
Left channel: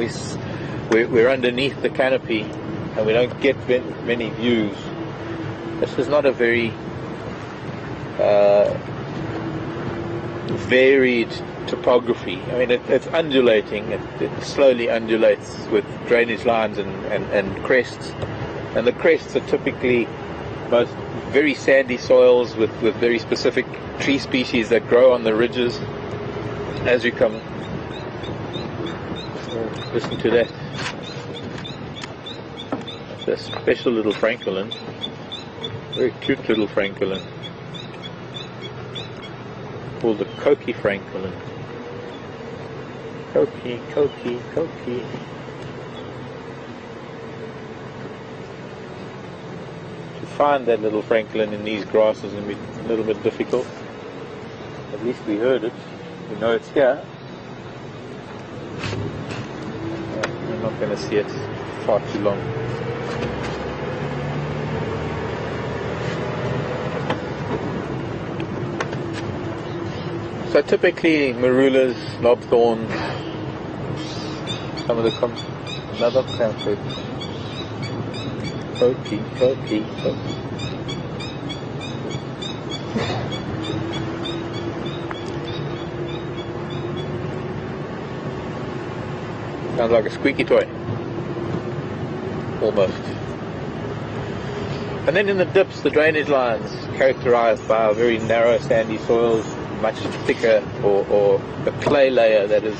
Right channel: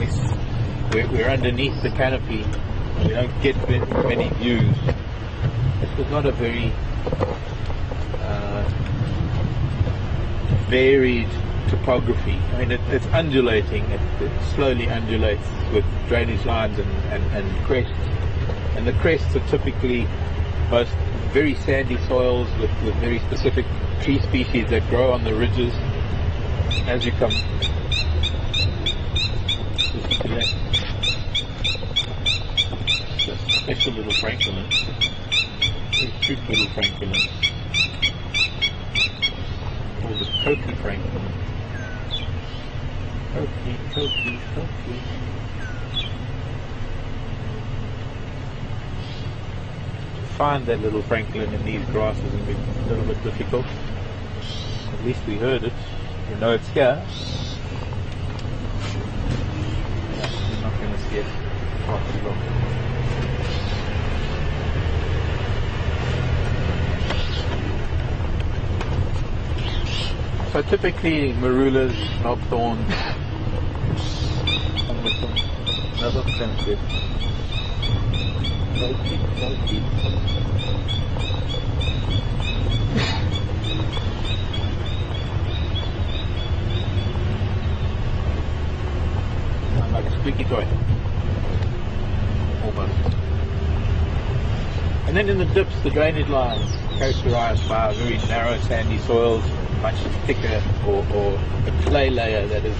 we're underneath the canopy and we don't get many views. This is not a very varied topography. I mean, it's undulating. It slowly undulates with drainage lines and crests. And the crests are typically most very sandy soils with very specific tree species that grow on the ridges. As you come, listen to that. It's a special little francolin. Very cute little francolin. Called the Coqui francolin. Coqui, Coqui, Coqui. To find that little francolin in these grasses would be a little bit difficult. At least we heard it. We know it's here. I'm not going to see it far too long. So typically marulas, knobthorns, some of the another plant. Coqui, Coqui, Coqui. Sounds like a squeaky toy. Almost. And then in the dips, the drainage lines characterized by very narrow sandy soils, much thicker, or a clay layer that is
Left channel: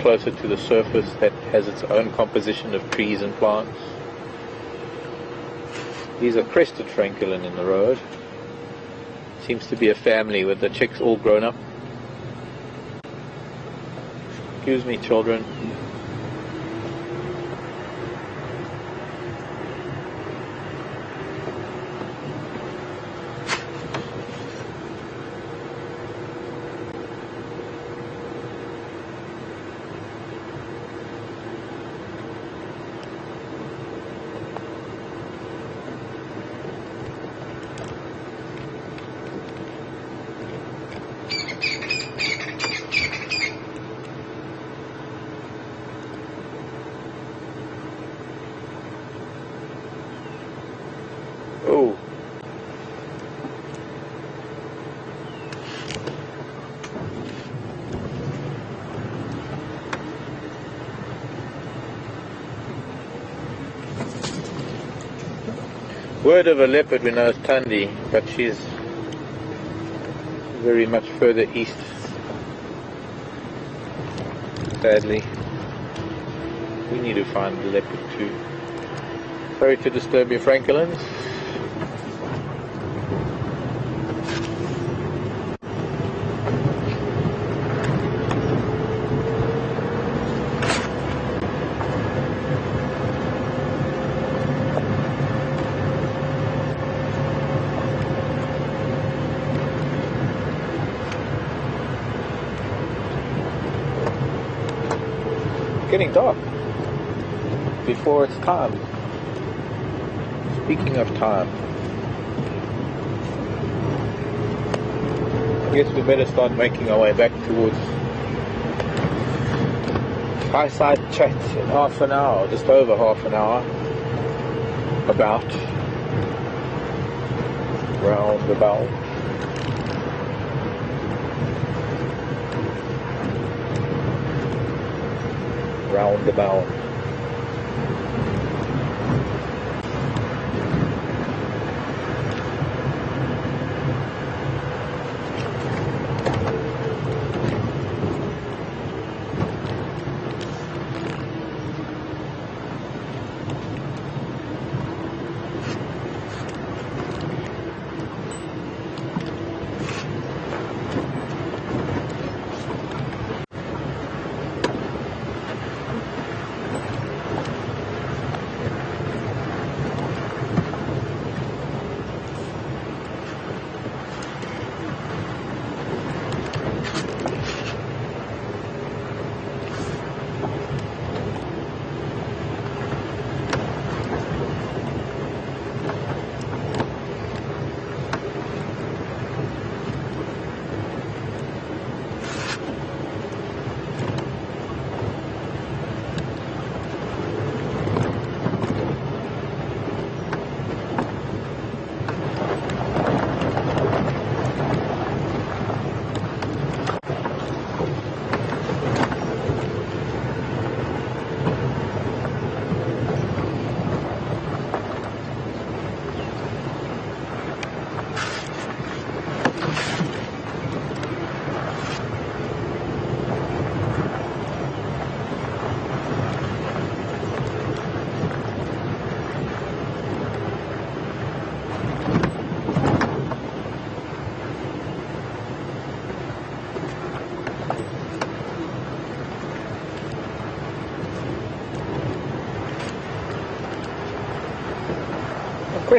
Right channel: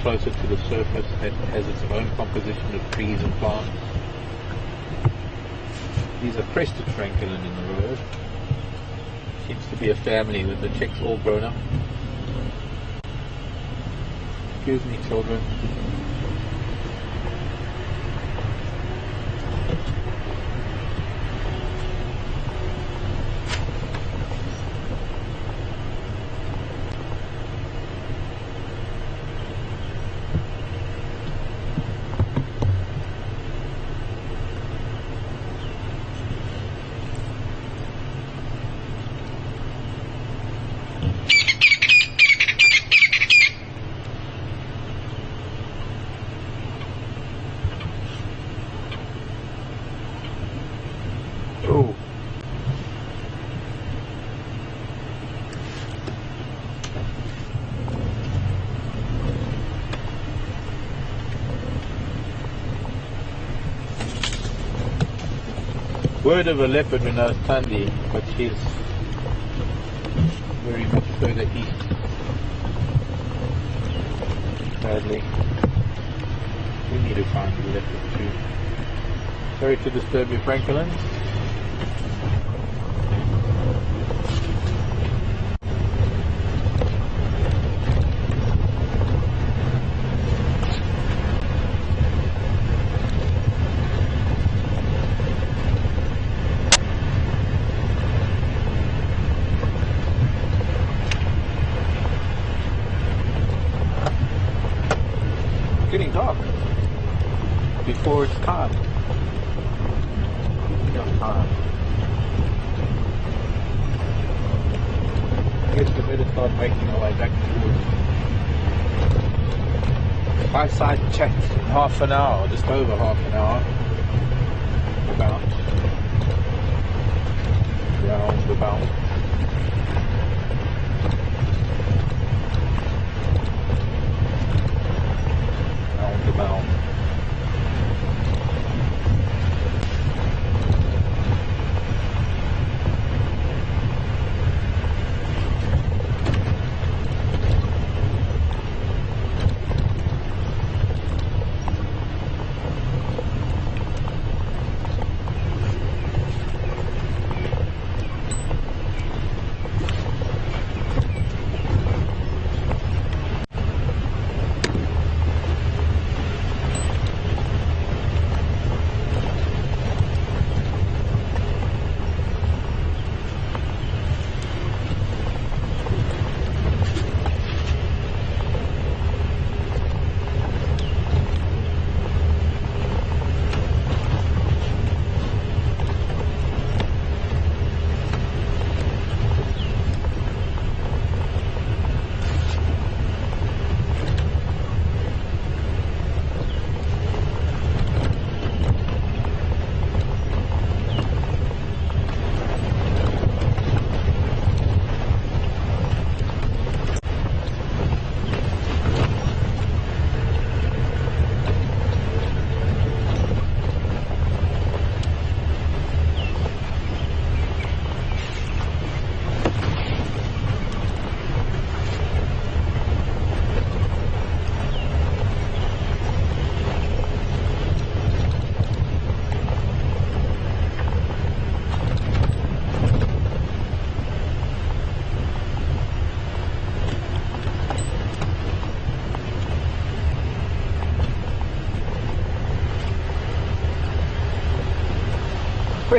closer to the surface that has its own composition of trees and plants. These are crested francolin in the road. Seems to be a family with the chicks all grown up. Excuse me, children. Word of a leopard when I was Tundi, but she's very much further east. Sadly, we need to find the leopard too. Sorry to disturb your francolins. Getting dark before it's time. Speaking of time, I guess we better start making our way back towards my side chat in half an hour, just over half an hour, about Roundabout.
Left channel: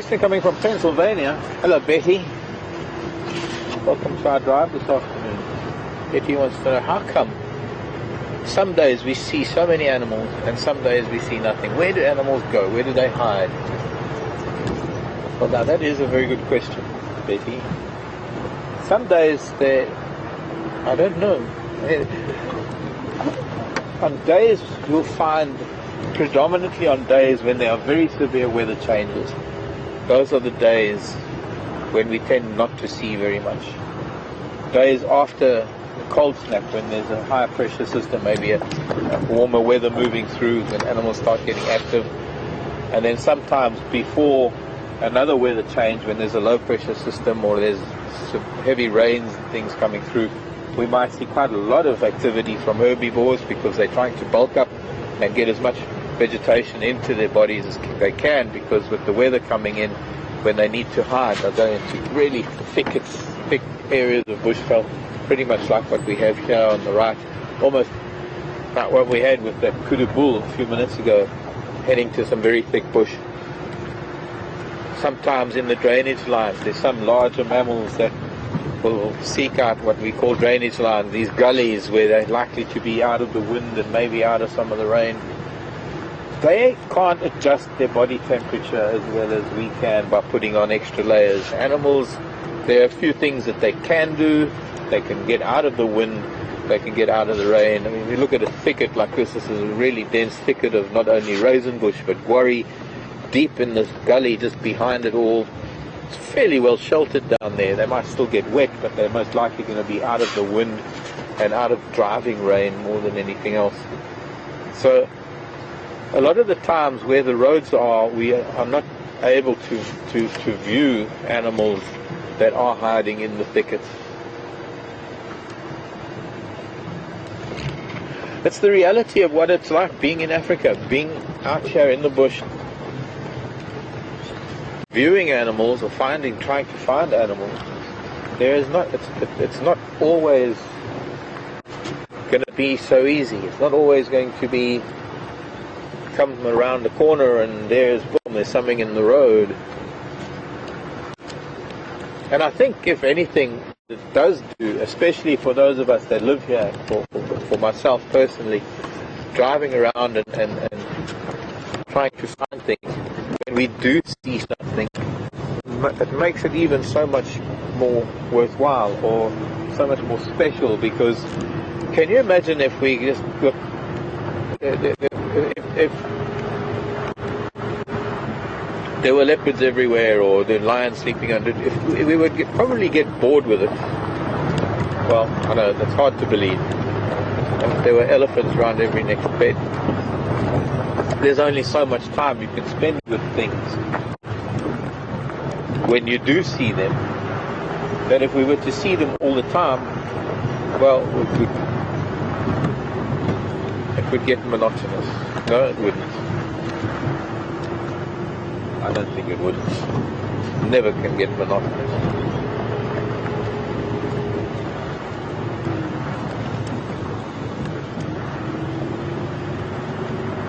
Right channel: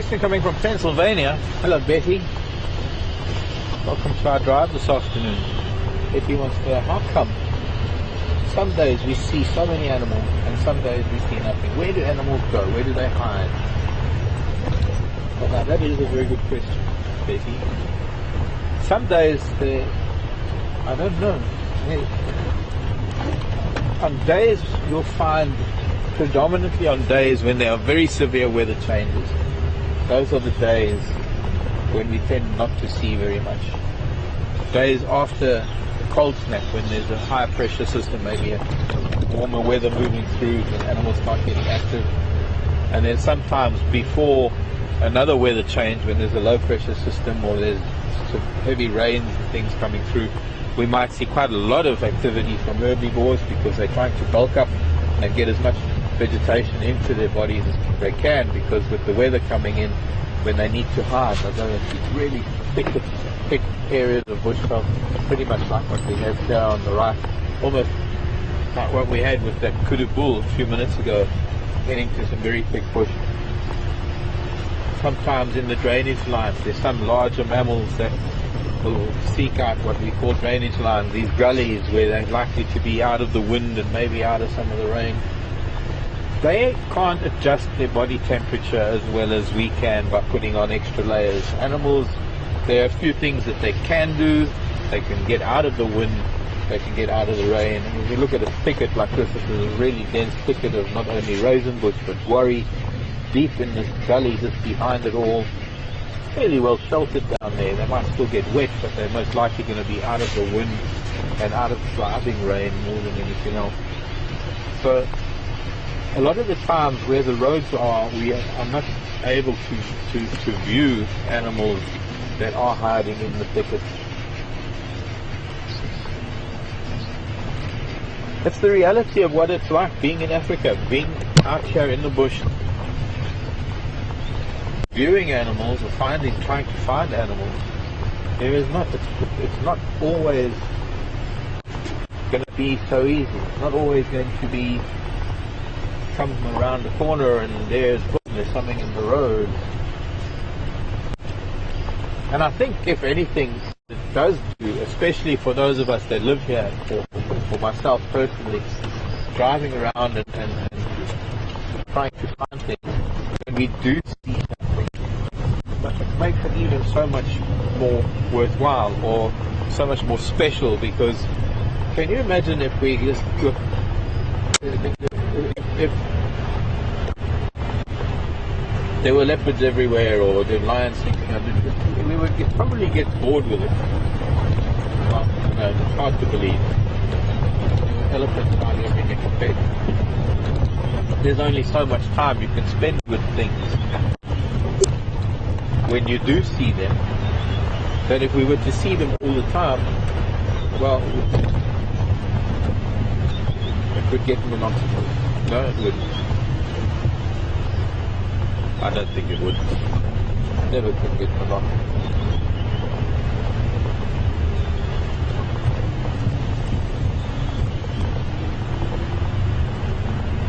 Coming from Pennsylvania. Hello, Betty. Welcome to our drive this afternoon. Betty wants to know how come some days we see so many animals and some days we see nothing. Where do animals go? Where do they hide? Well, now that is a very good question, Betty. Some days they, I don't know. On days we'll find, predominantly on days when there are very severe weather changes, those are the days when we tend not to see very much. Days after the cold snap, when there's a higher pressure system, maybe a warmer weather moving through, and animals start getting active. And then sometimes before another weather change, when there's a low pressure system or there's some heavy rains and things coming through, we might see quite a lot of activity from herbivores because they're trying to bulk up and get as much vegetation into their bodies as they can, because with the weather coming in, when they need to hide, they go into really thick areas of bushveld, pretty much like what we have here on the right, almost like what we had with that Kudu bull a few minutes ago, heading to some very thick bush. Sometimes in the drainage line, there's some larger mammals that will seek out what we call drainage line, these gullies where they're likely to be out of the wind and maybe out of some of the rain. They can't adjust their body temperature as well as we can by putting on extra layers. Animals, there are a few things that they can do. They can get out of the wind, they can get out of the rain. And if you look at a thicket like this is a really dense thicket of not only raisin bush but worry, deep in this gully just behind it all. It's fairly well sheltered down there. They might still get wet, but they're most likely going to be out of the wind and out of driving rain more than anything else. So a lot of the times where the roads are, we are not able to view animals that are hiding in the thickets. It's the reality of what it's like being in Africa, being out here in the bush, viewing animals or trying to find animals. It's not always going to be so easy. It's not always going to be come around the corner and there's something in the road. And I think if anything it does do, especially for those of us that live here, for myself personally, driving around and trying to find things, when we do see something, it makes it even so much more worthwhile or so much more special, because can you imagine if we just took if there were leopards everywhere or there were lions sleeping under, we would probably get bored with it. well, I don't know, it's hard to believe. And there were elephants around every next bend. There's only so much time you can spend with things when you do see them. But if we were to see them all the time, well, it would get monotonous. No, it wouldn't. I don't think it would. Never can get monotonous.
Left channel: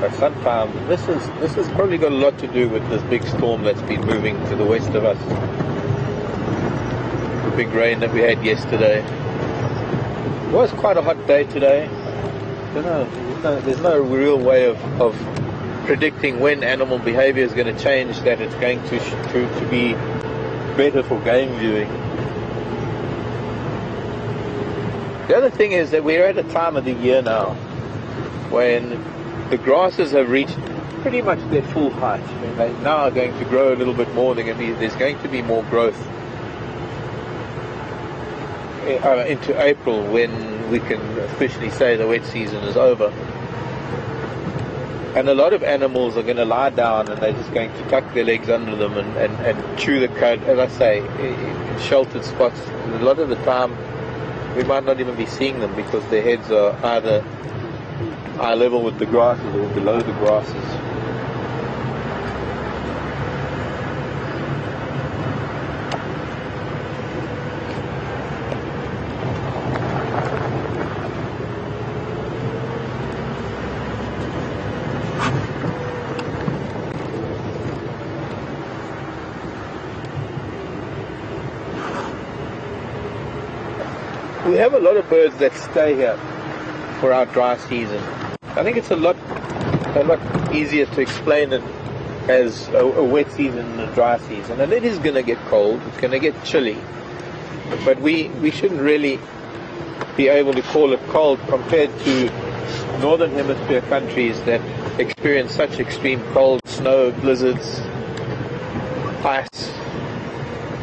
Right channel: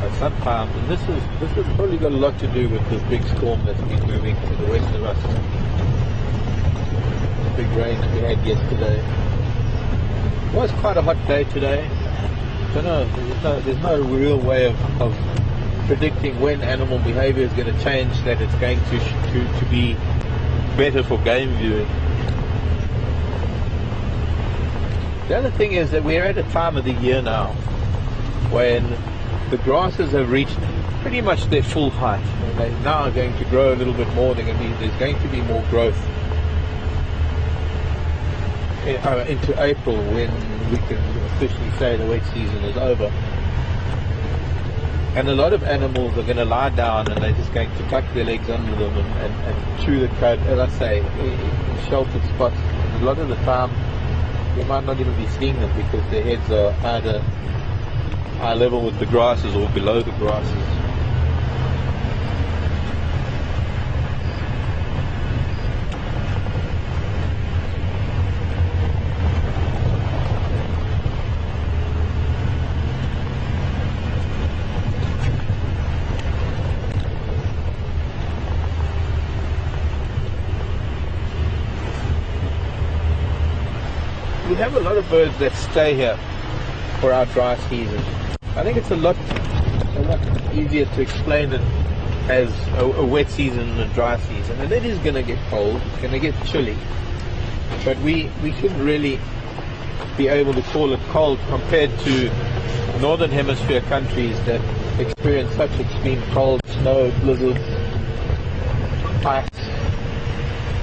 But sometimes, this has probably got a lot to do with this big storm that's been moving to the west of us. The big rain that we had yesterday. It was quite a hot day today. Don't know, there's no real way of predicting when animal behavior is going to change, that it's going to be better for game viewing. The other thing is that we're at a time of the year now when the grasses have reached pretty much their full height, and they now are going to grow a little bit more. There's going to be more growth into April, when we can officially say the wet season is over. And a lot of animals are going to lie down and they're just going to tuck their legs under them and chew the cud. And I say, sheltered spots, a lot of the time we might not even be seeing them because their heads are either eye level with the grasses or below the grasses. We have a lot of birds that stay here for our dry season. I think it's a lot easier to explain it as a wet season and a dry season. And it is going to get cold, it's going to get chilly. But we shouldn't really be able to call it cold compared to northern hemisphere countries that experience such extreme cold, snow, blizzards, ice,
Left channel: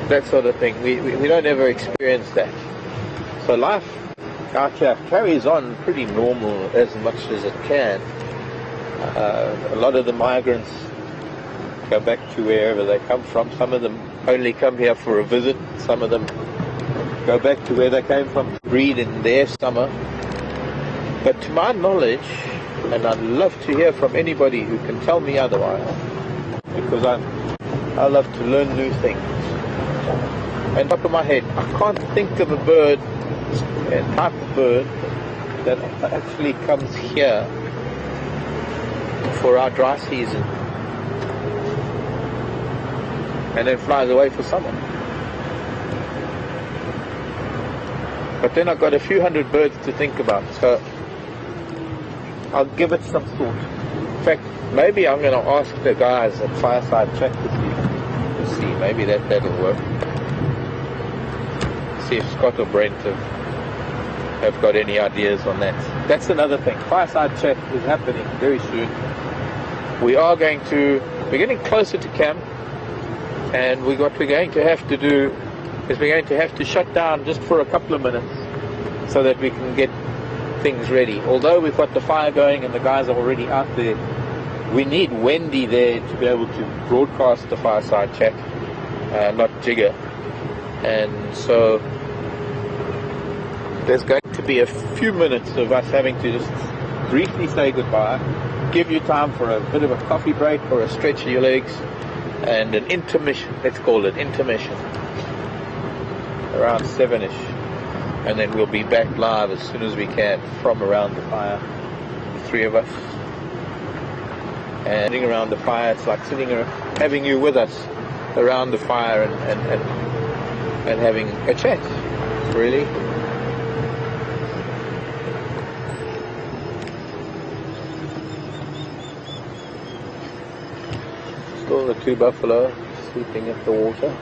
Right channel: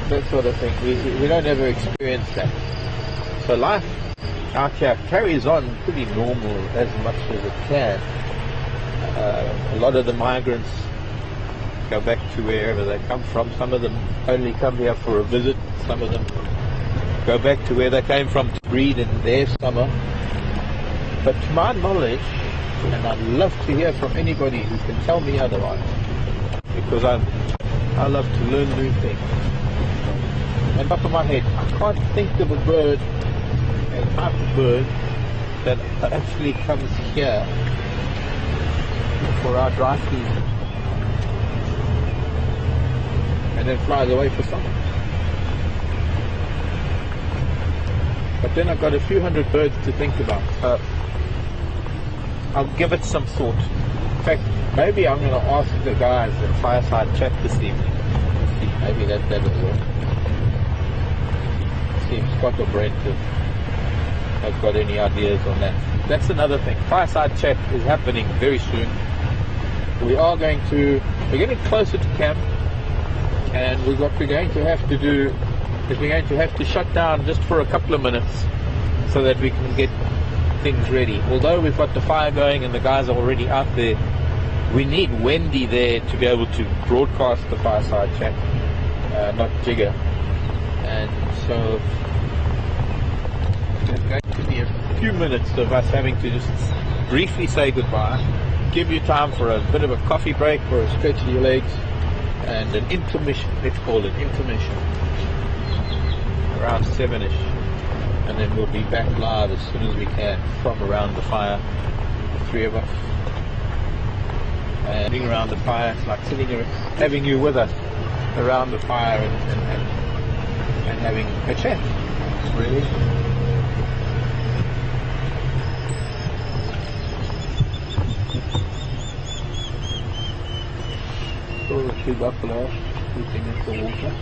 that sort of thing. We don't ever experience that. So life out here carries on pretty normal as much as it can. A lot of the migrants go back to wherever they come from. Some of them only come here for a visit. Some of them go back to where they came from to breed in their summer. But to my knowledge, and I'd love to hear from anybody who can tell me otherwise, because I love to learn new things. At the top of my head, I can't think of a bird, a type of bird, that actually comes here for our dry season and then flies away for summer. But then I've got a few hundred birds to think about, so I'll give it some thought. In fact, maybe I'm going to ask the guys at Fireside Chat this evening. See, maybe that'll work. See if Scott or Brent have got any ideas on that. That's another thing. Fireside Chat is happening very soon. We're getting closer to camp, and what we're going to have to do is we're going to have to shut down just for a couple of minutes so that we can get things ready. Although we've got the fire going and the guys are already out there, we need Wendy there to be able to broadcast the Fireside Chat, not Tigger. And so there's going to be a few minutes of us having to just briefly say goodbye, give you time for a bit of a coffee break or a stretch in your legs, and an intermission. Let's call it intermission, around 7ish, and then we'll be back live as soon as we can from around the fire, 3 of us. And sitting around the fire, it's like having you with us around the fire and having a chat, really. Still the 2 buffalo sleeping in the water.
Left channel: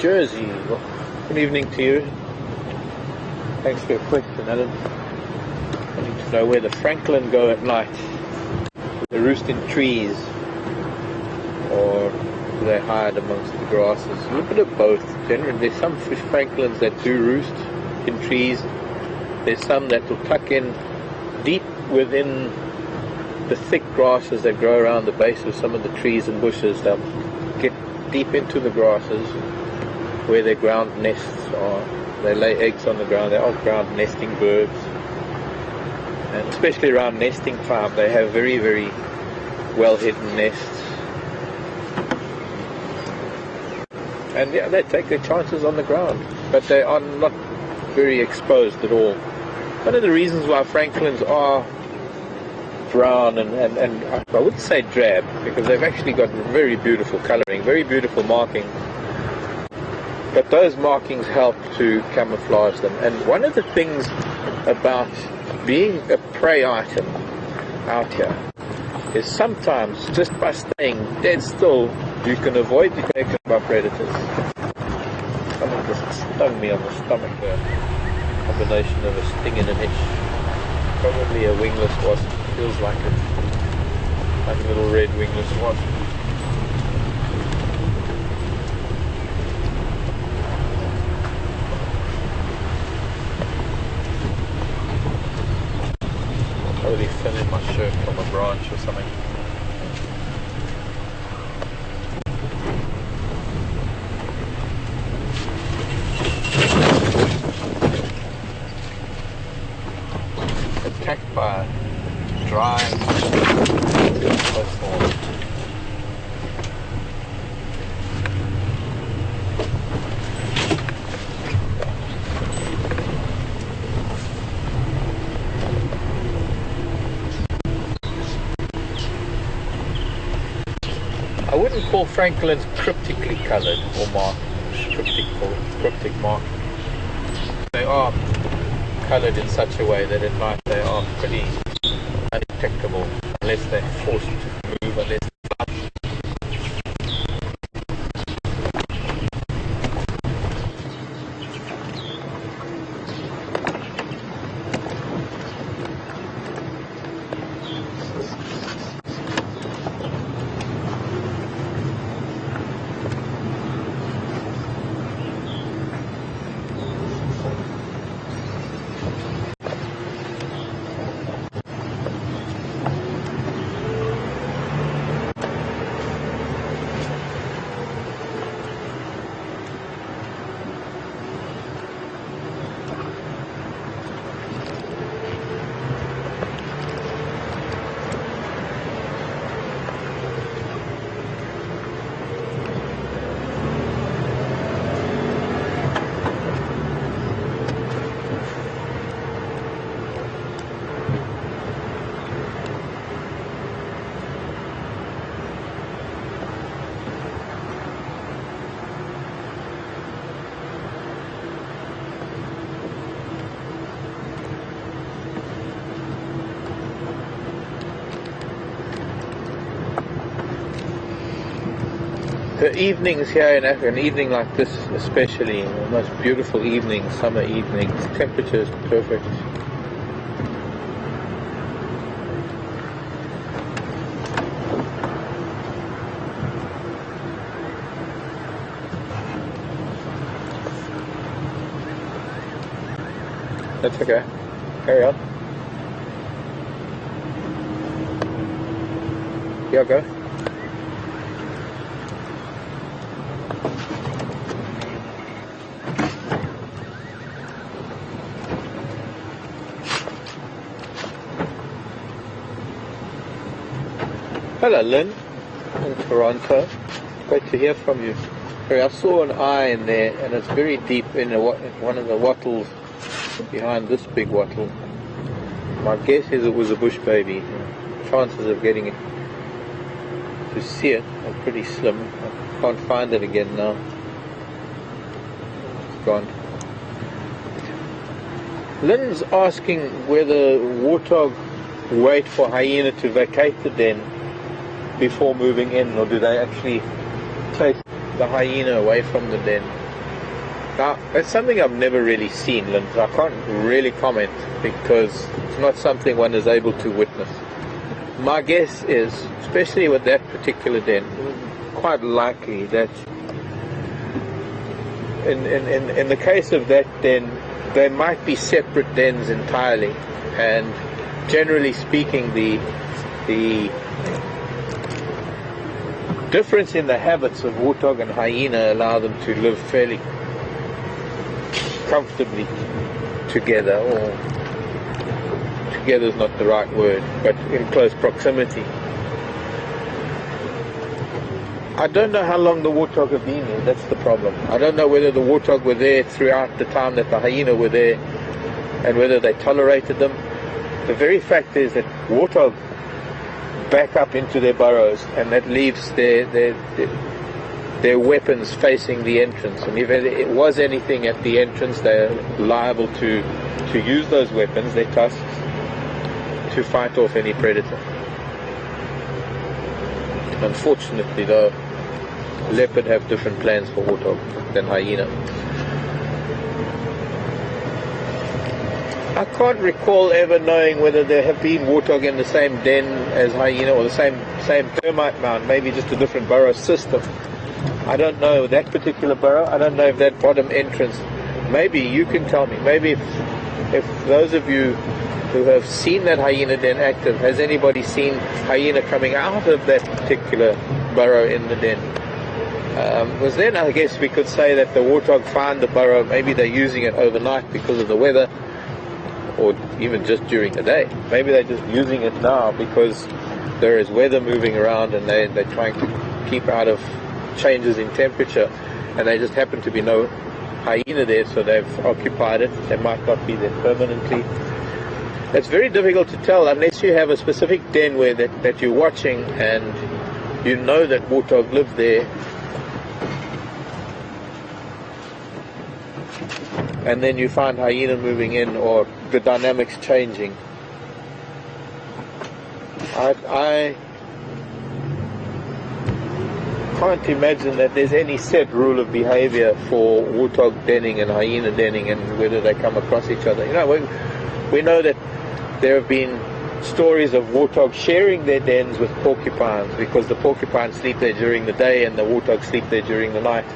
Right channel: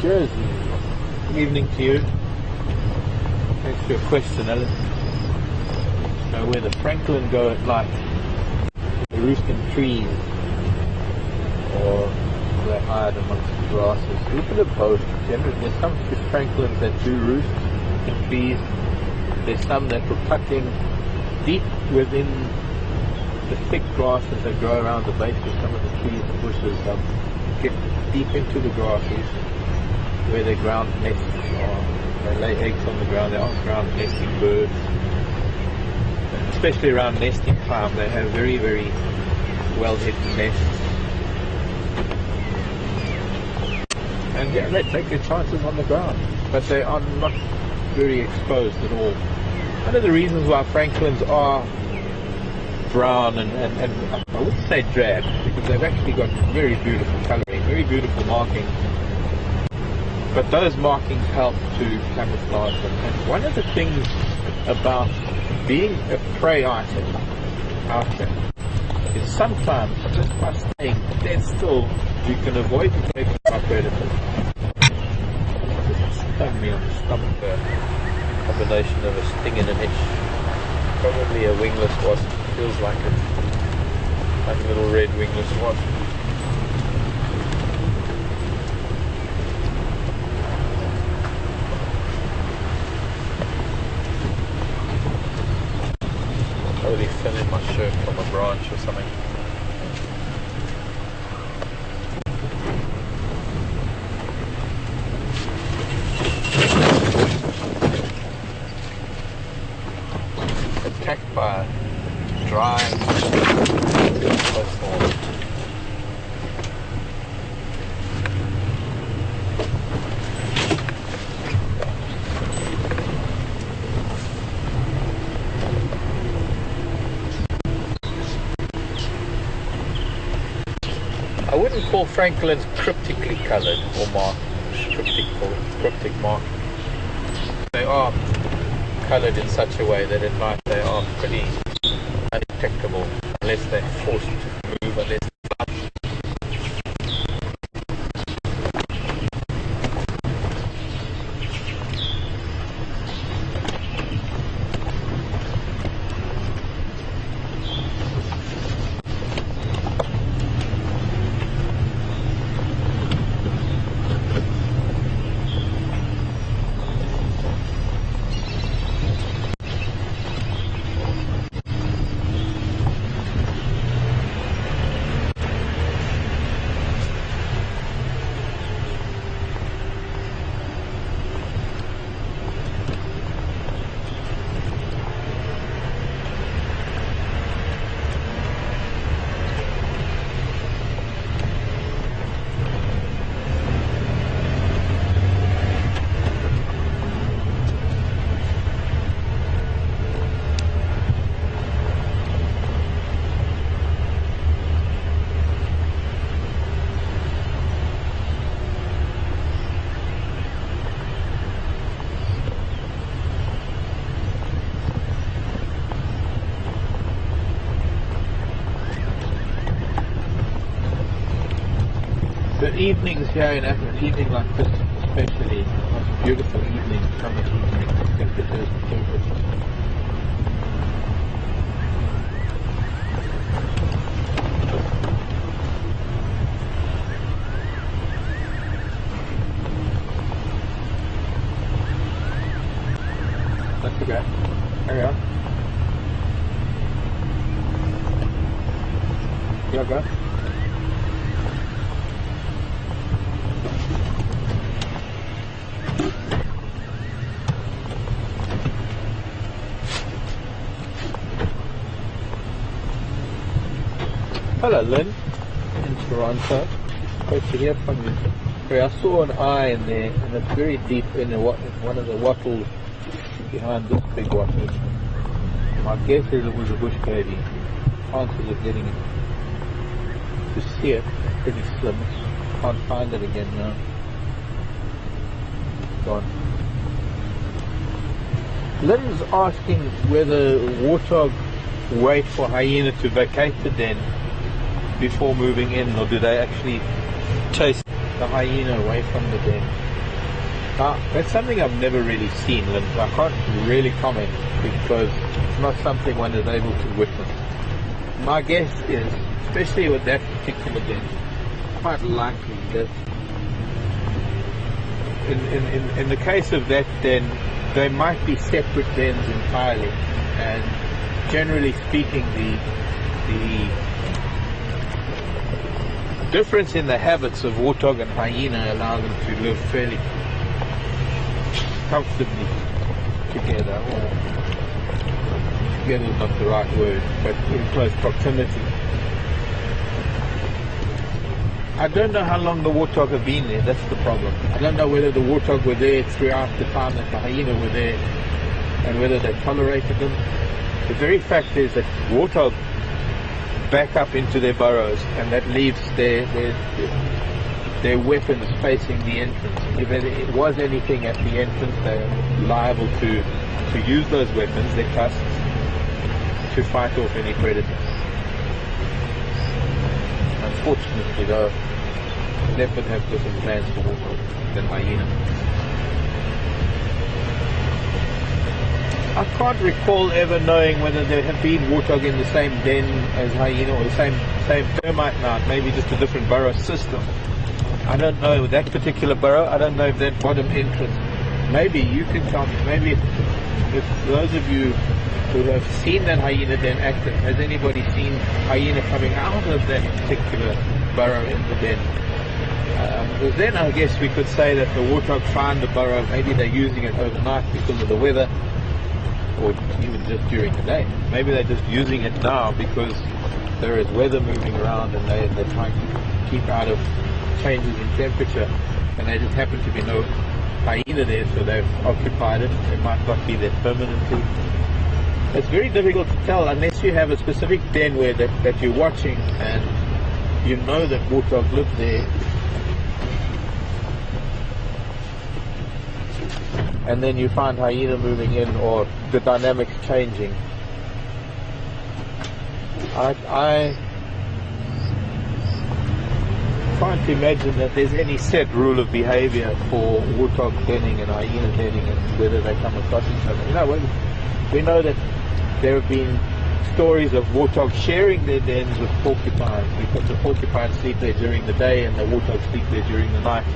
Jersey. Good evening to you. Thanks for your question, Alan. I need to know where the francolin go at night. The roosted trees, or they hide amongst the grasses. A bit of both. There's some fish francolins that do roost in trees. There's some that will tuck in deep within the thick grasses that grow around the base of some of the trees and bushes. They'll get deep into the grasses where their ground nests are. They lay eggs on the ground. They are ground nesting birds. And especially around nesting time, they have very, very well hidden nests. And yeah, they take their chances on the ground, but they are not very exposed at all. One of the reasons why francolins are brown and I wouldn't say drab, because they've actually got very beautiful colouring, very beautiful markings. But those markings help to camouflage them. And one of the things about being a prey item out here is sometimes just by staying dead still, you can avoid detection by predators. Someone just stung me on the stomach there. Combination of a sting and an itch. Probably a wingless wasp. Feels like it. Like a little red wingless wasp. Probably fell in my shirt from a branch or something. Attacked by a dry snowstorm. I wouldn't call francolins cryptically coloured or marked, cryptic marked. They are coloured in such a way that at night they are pretty undetectable unless they're forced to move, unless evenings here in Africa, an evening like this especially, the most beautiful evening, summer evenings, temperature is perfect. That's okay. Carry on. Yeah, go. Hello, Lynn. I'm in Toronto. Great to hear from you. I saw an eye in there, and it's very deep in one of the wattles behind this big wattle. My guess is it was a bush baby. Chances of getting it to see it are pretty slim. Can't find it again now. It's gone. Lynn's asking whether Muto wait for hyena to vacate the den before moving in, or do they actually chase the hyena away from the den. Now, that's something I've never really seen. I can't really comment because it's not something one is able to witness. My guess is, especially with that particular den, quite likely that in the case of that den, there might be separate dens entirely, and generally speaking, the difference in the habits of warthog and hyena allow them to live fairly comfortably together, or together is not the right word, but in close proximity. I don't know how long the warthog have been there, that's the problem. I don't know whether the warthog were there throughout the time that the hyena were there, and whether they tolerated them. The very fact is that warthog back up into their burrows, and that leaves their weapons facing the entrance. And if it was anything at the entrance, they're liable to use those weapons, their tusks, to fight off any predators. Unfortunately, though, leopard have different plans for warthog than hyena. I can't recall ever knowing whether there have been warthog in the same den as hyena, or the same termite mound, maybe just a different burrow system. I don't know that particular burrow. I don't know if that bottom entrance. Maybe you can tell me. Maybe if those of you who have seen that hyena den active, has anybody seen hyena coming out of that particular burrow in the den? Because then I guess we could say that the warthog find the burrow. Maybe they're using it overnight because of the weather, or even just during the day. Maybe they're just using it now because there is weather moving around, and they're trying to keep out of changes in temperature, and they just happen to be no hyena there, so they've occupied it. They might not be there permanently. It's very difficult to tell unless you have a specific den where that you're watching and you know that warthog live there, and then you find hyena moving in or the dynamics changing. I can't imagine that there's any set rule of behavior for warthog denning and hyena denning and whether they come across each other. You know, we know that there have been stories of warthog sharing their dens with porcupines because the porcupines sleep there during the day and the warthog sleep there during the night.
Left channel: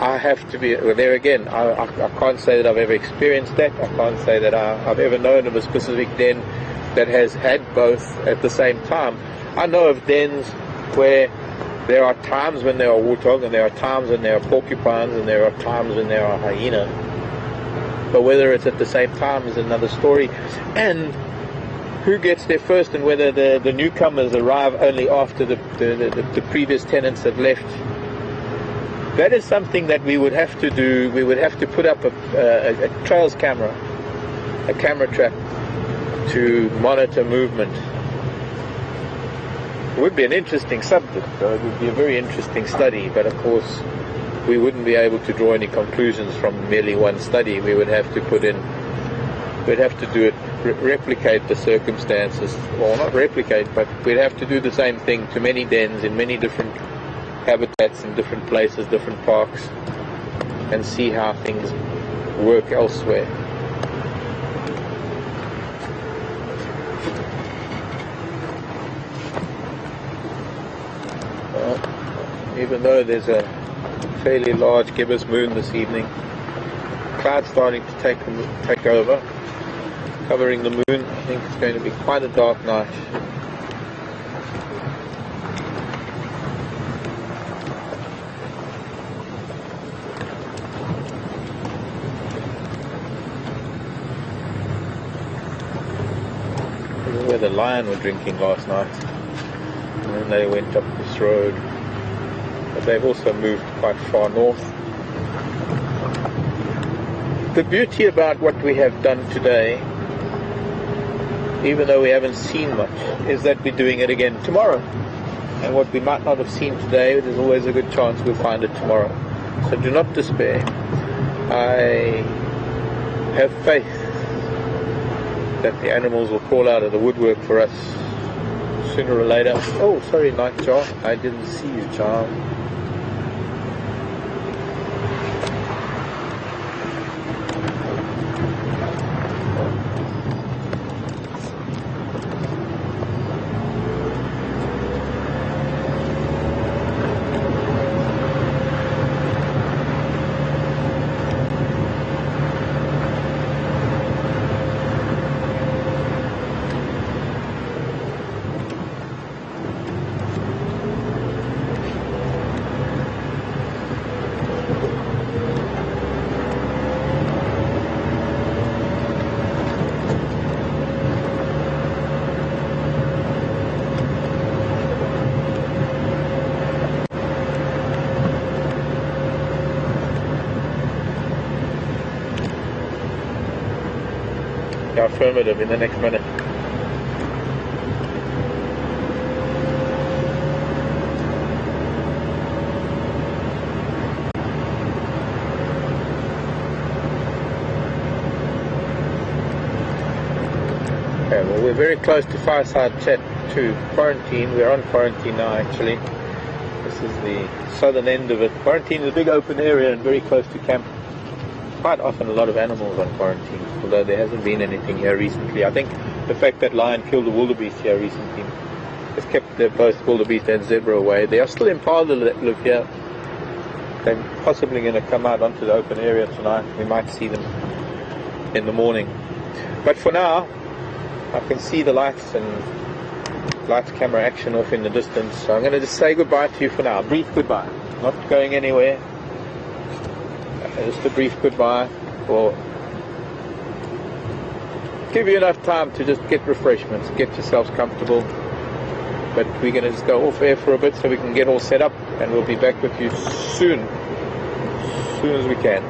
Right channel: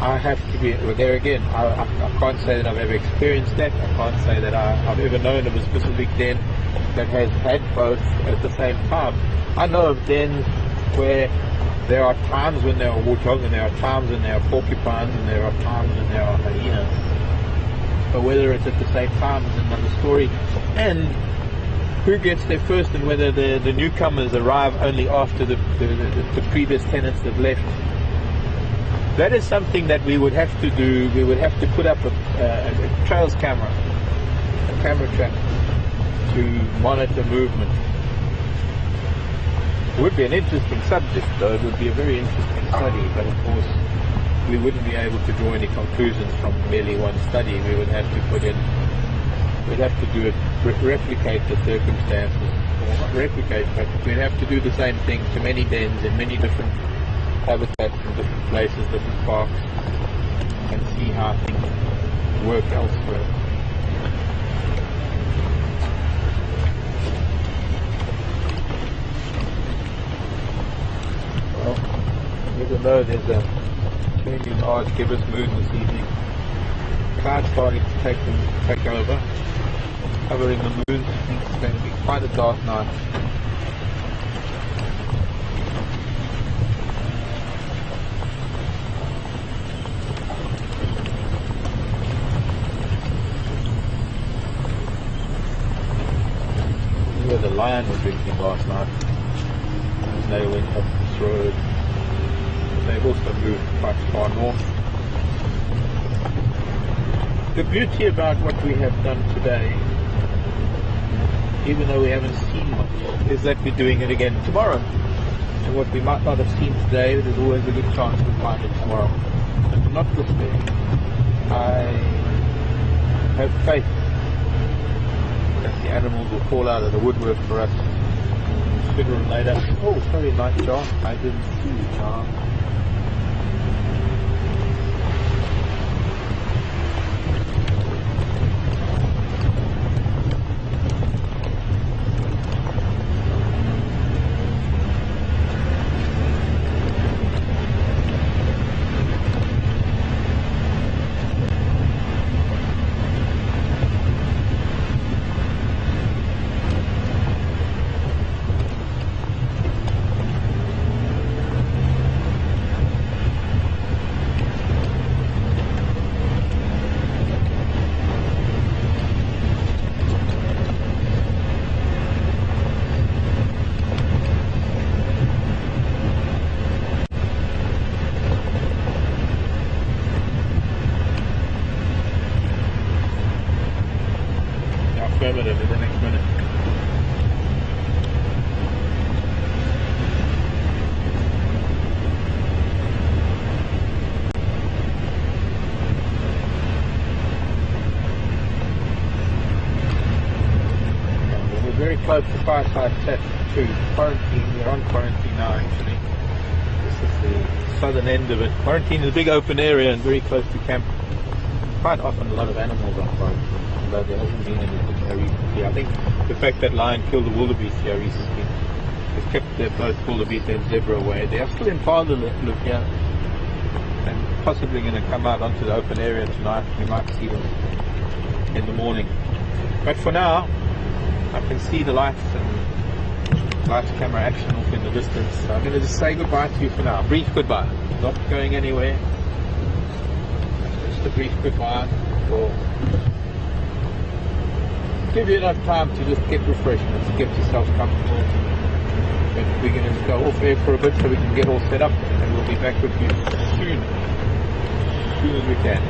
I have to be there again. I can't say that I've ever experienced that. I can't say that I've ever known of a specific den that has had both at the same time. I know of dens where there are times when there are warthog, and there are times when there are porcupines, and there are times when there are hyenas. But whether it's at the same time is another story. And who gets there first, and whether the newcomers arrive only after the previous tenants have left. That is something that we would have to do. We would have to put up a trails camera, a camera trap, to monitor movement. It would be an interesting subject, though. It would be a very interesting study, but of course we wouldn't be able to draw any conclusions from merely one study. We would have to we'd have to do it, replicate the circumstances, well, not replicate, but we'd have to do the same thing to many dens in many different habitats in different places, different parks, and see how things work elsewhere. Even though there's a fairly large gibbous moon this evening, clouds starting to take over, covering the moon. I think it's going to be quite a dark night. The lion were drinking last night, and they went up this road, but they've also moved quite far north. The beauty about what we have done today, even though we haven't seen much, is that we're doing it again tomorrow. And what we might not have seen today, there's always a good chance we'll find it tomorrow. So do not despair. I have faith that the animals will crawl out of the woodwork for us sooner or later. Oh, sorry, night, John. I didn't see you, John. affirmative in the next minute. Okay, well, we're very close to Fireside Chat to quarantine. We're on quarantine now, actually. This is the southern end of it. Quarantine is a big open area and very close to camp. Quite often a lot of animals on quarantine, although there hasn't been anything here recently. I think the fact that lion killed a wildebeest here recently has kept both wildebeest and zebra away. There are still impala that live here. They're possibly going to come out onto the open area tonight. We might see them in the morning. But for now, I can see the lights and lights camera action off in the distance. So I'm going to just say goodbye to you for now. Brief goodbye. Not going anywhere. Just a brief goodbye. Or give you enough time to just get refreshments, get yourselves comfortable. But we're going to just go off air for a bit so we can get all set up, and we'll be back with you soon as we can.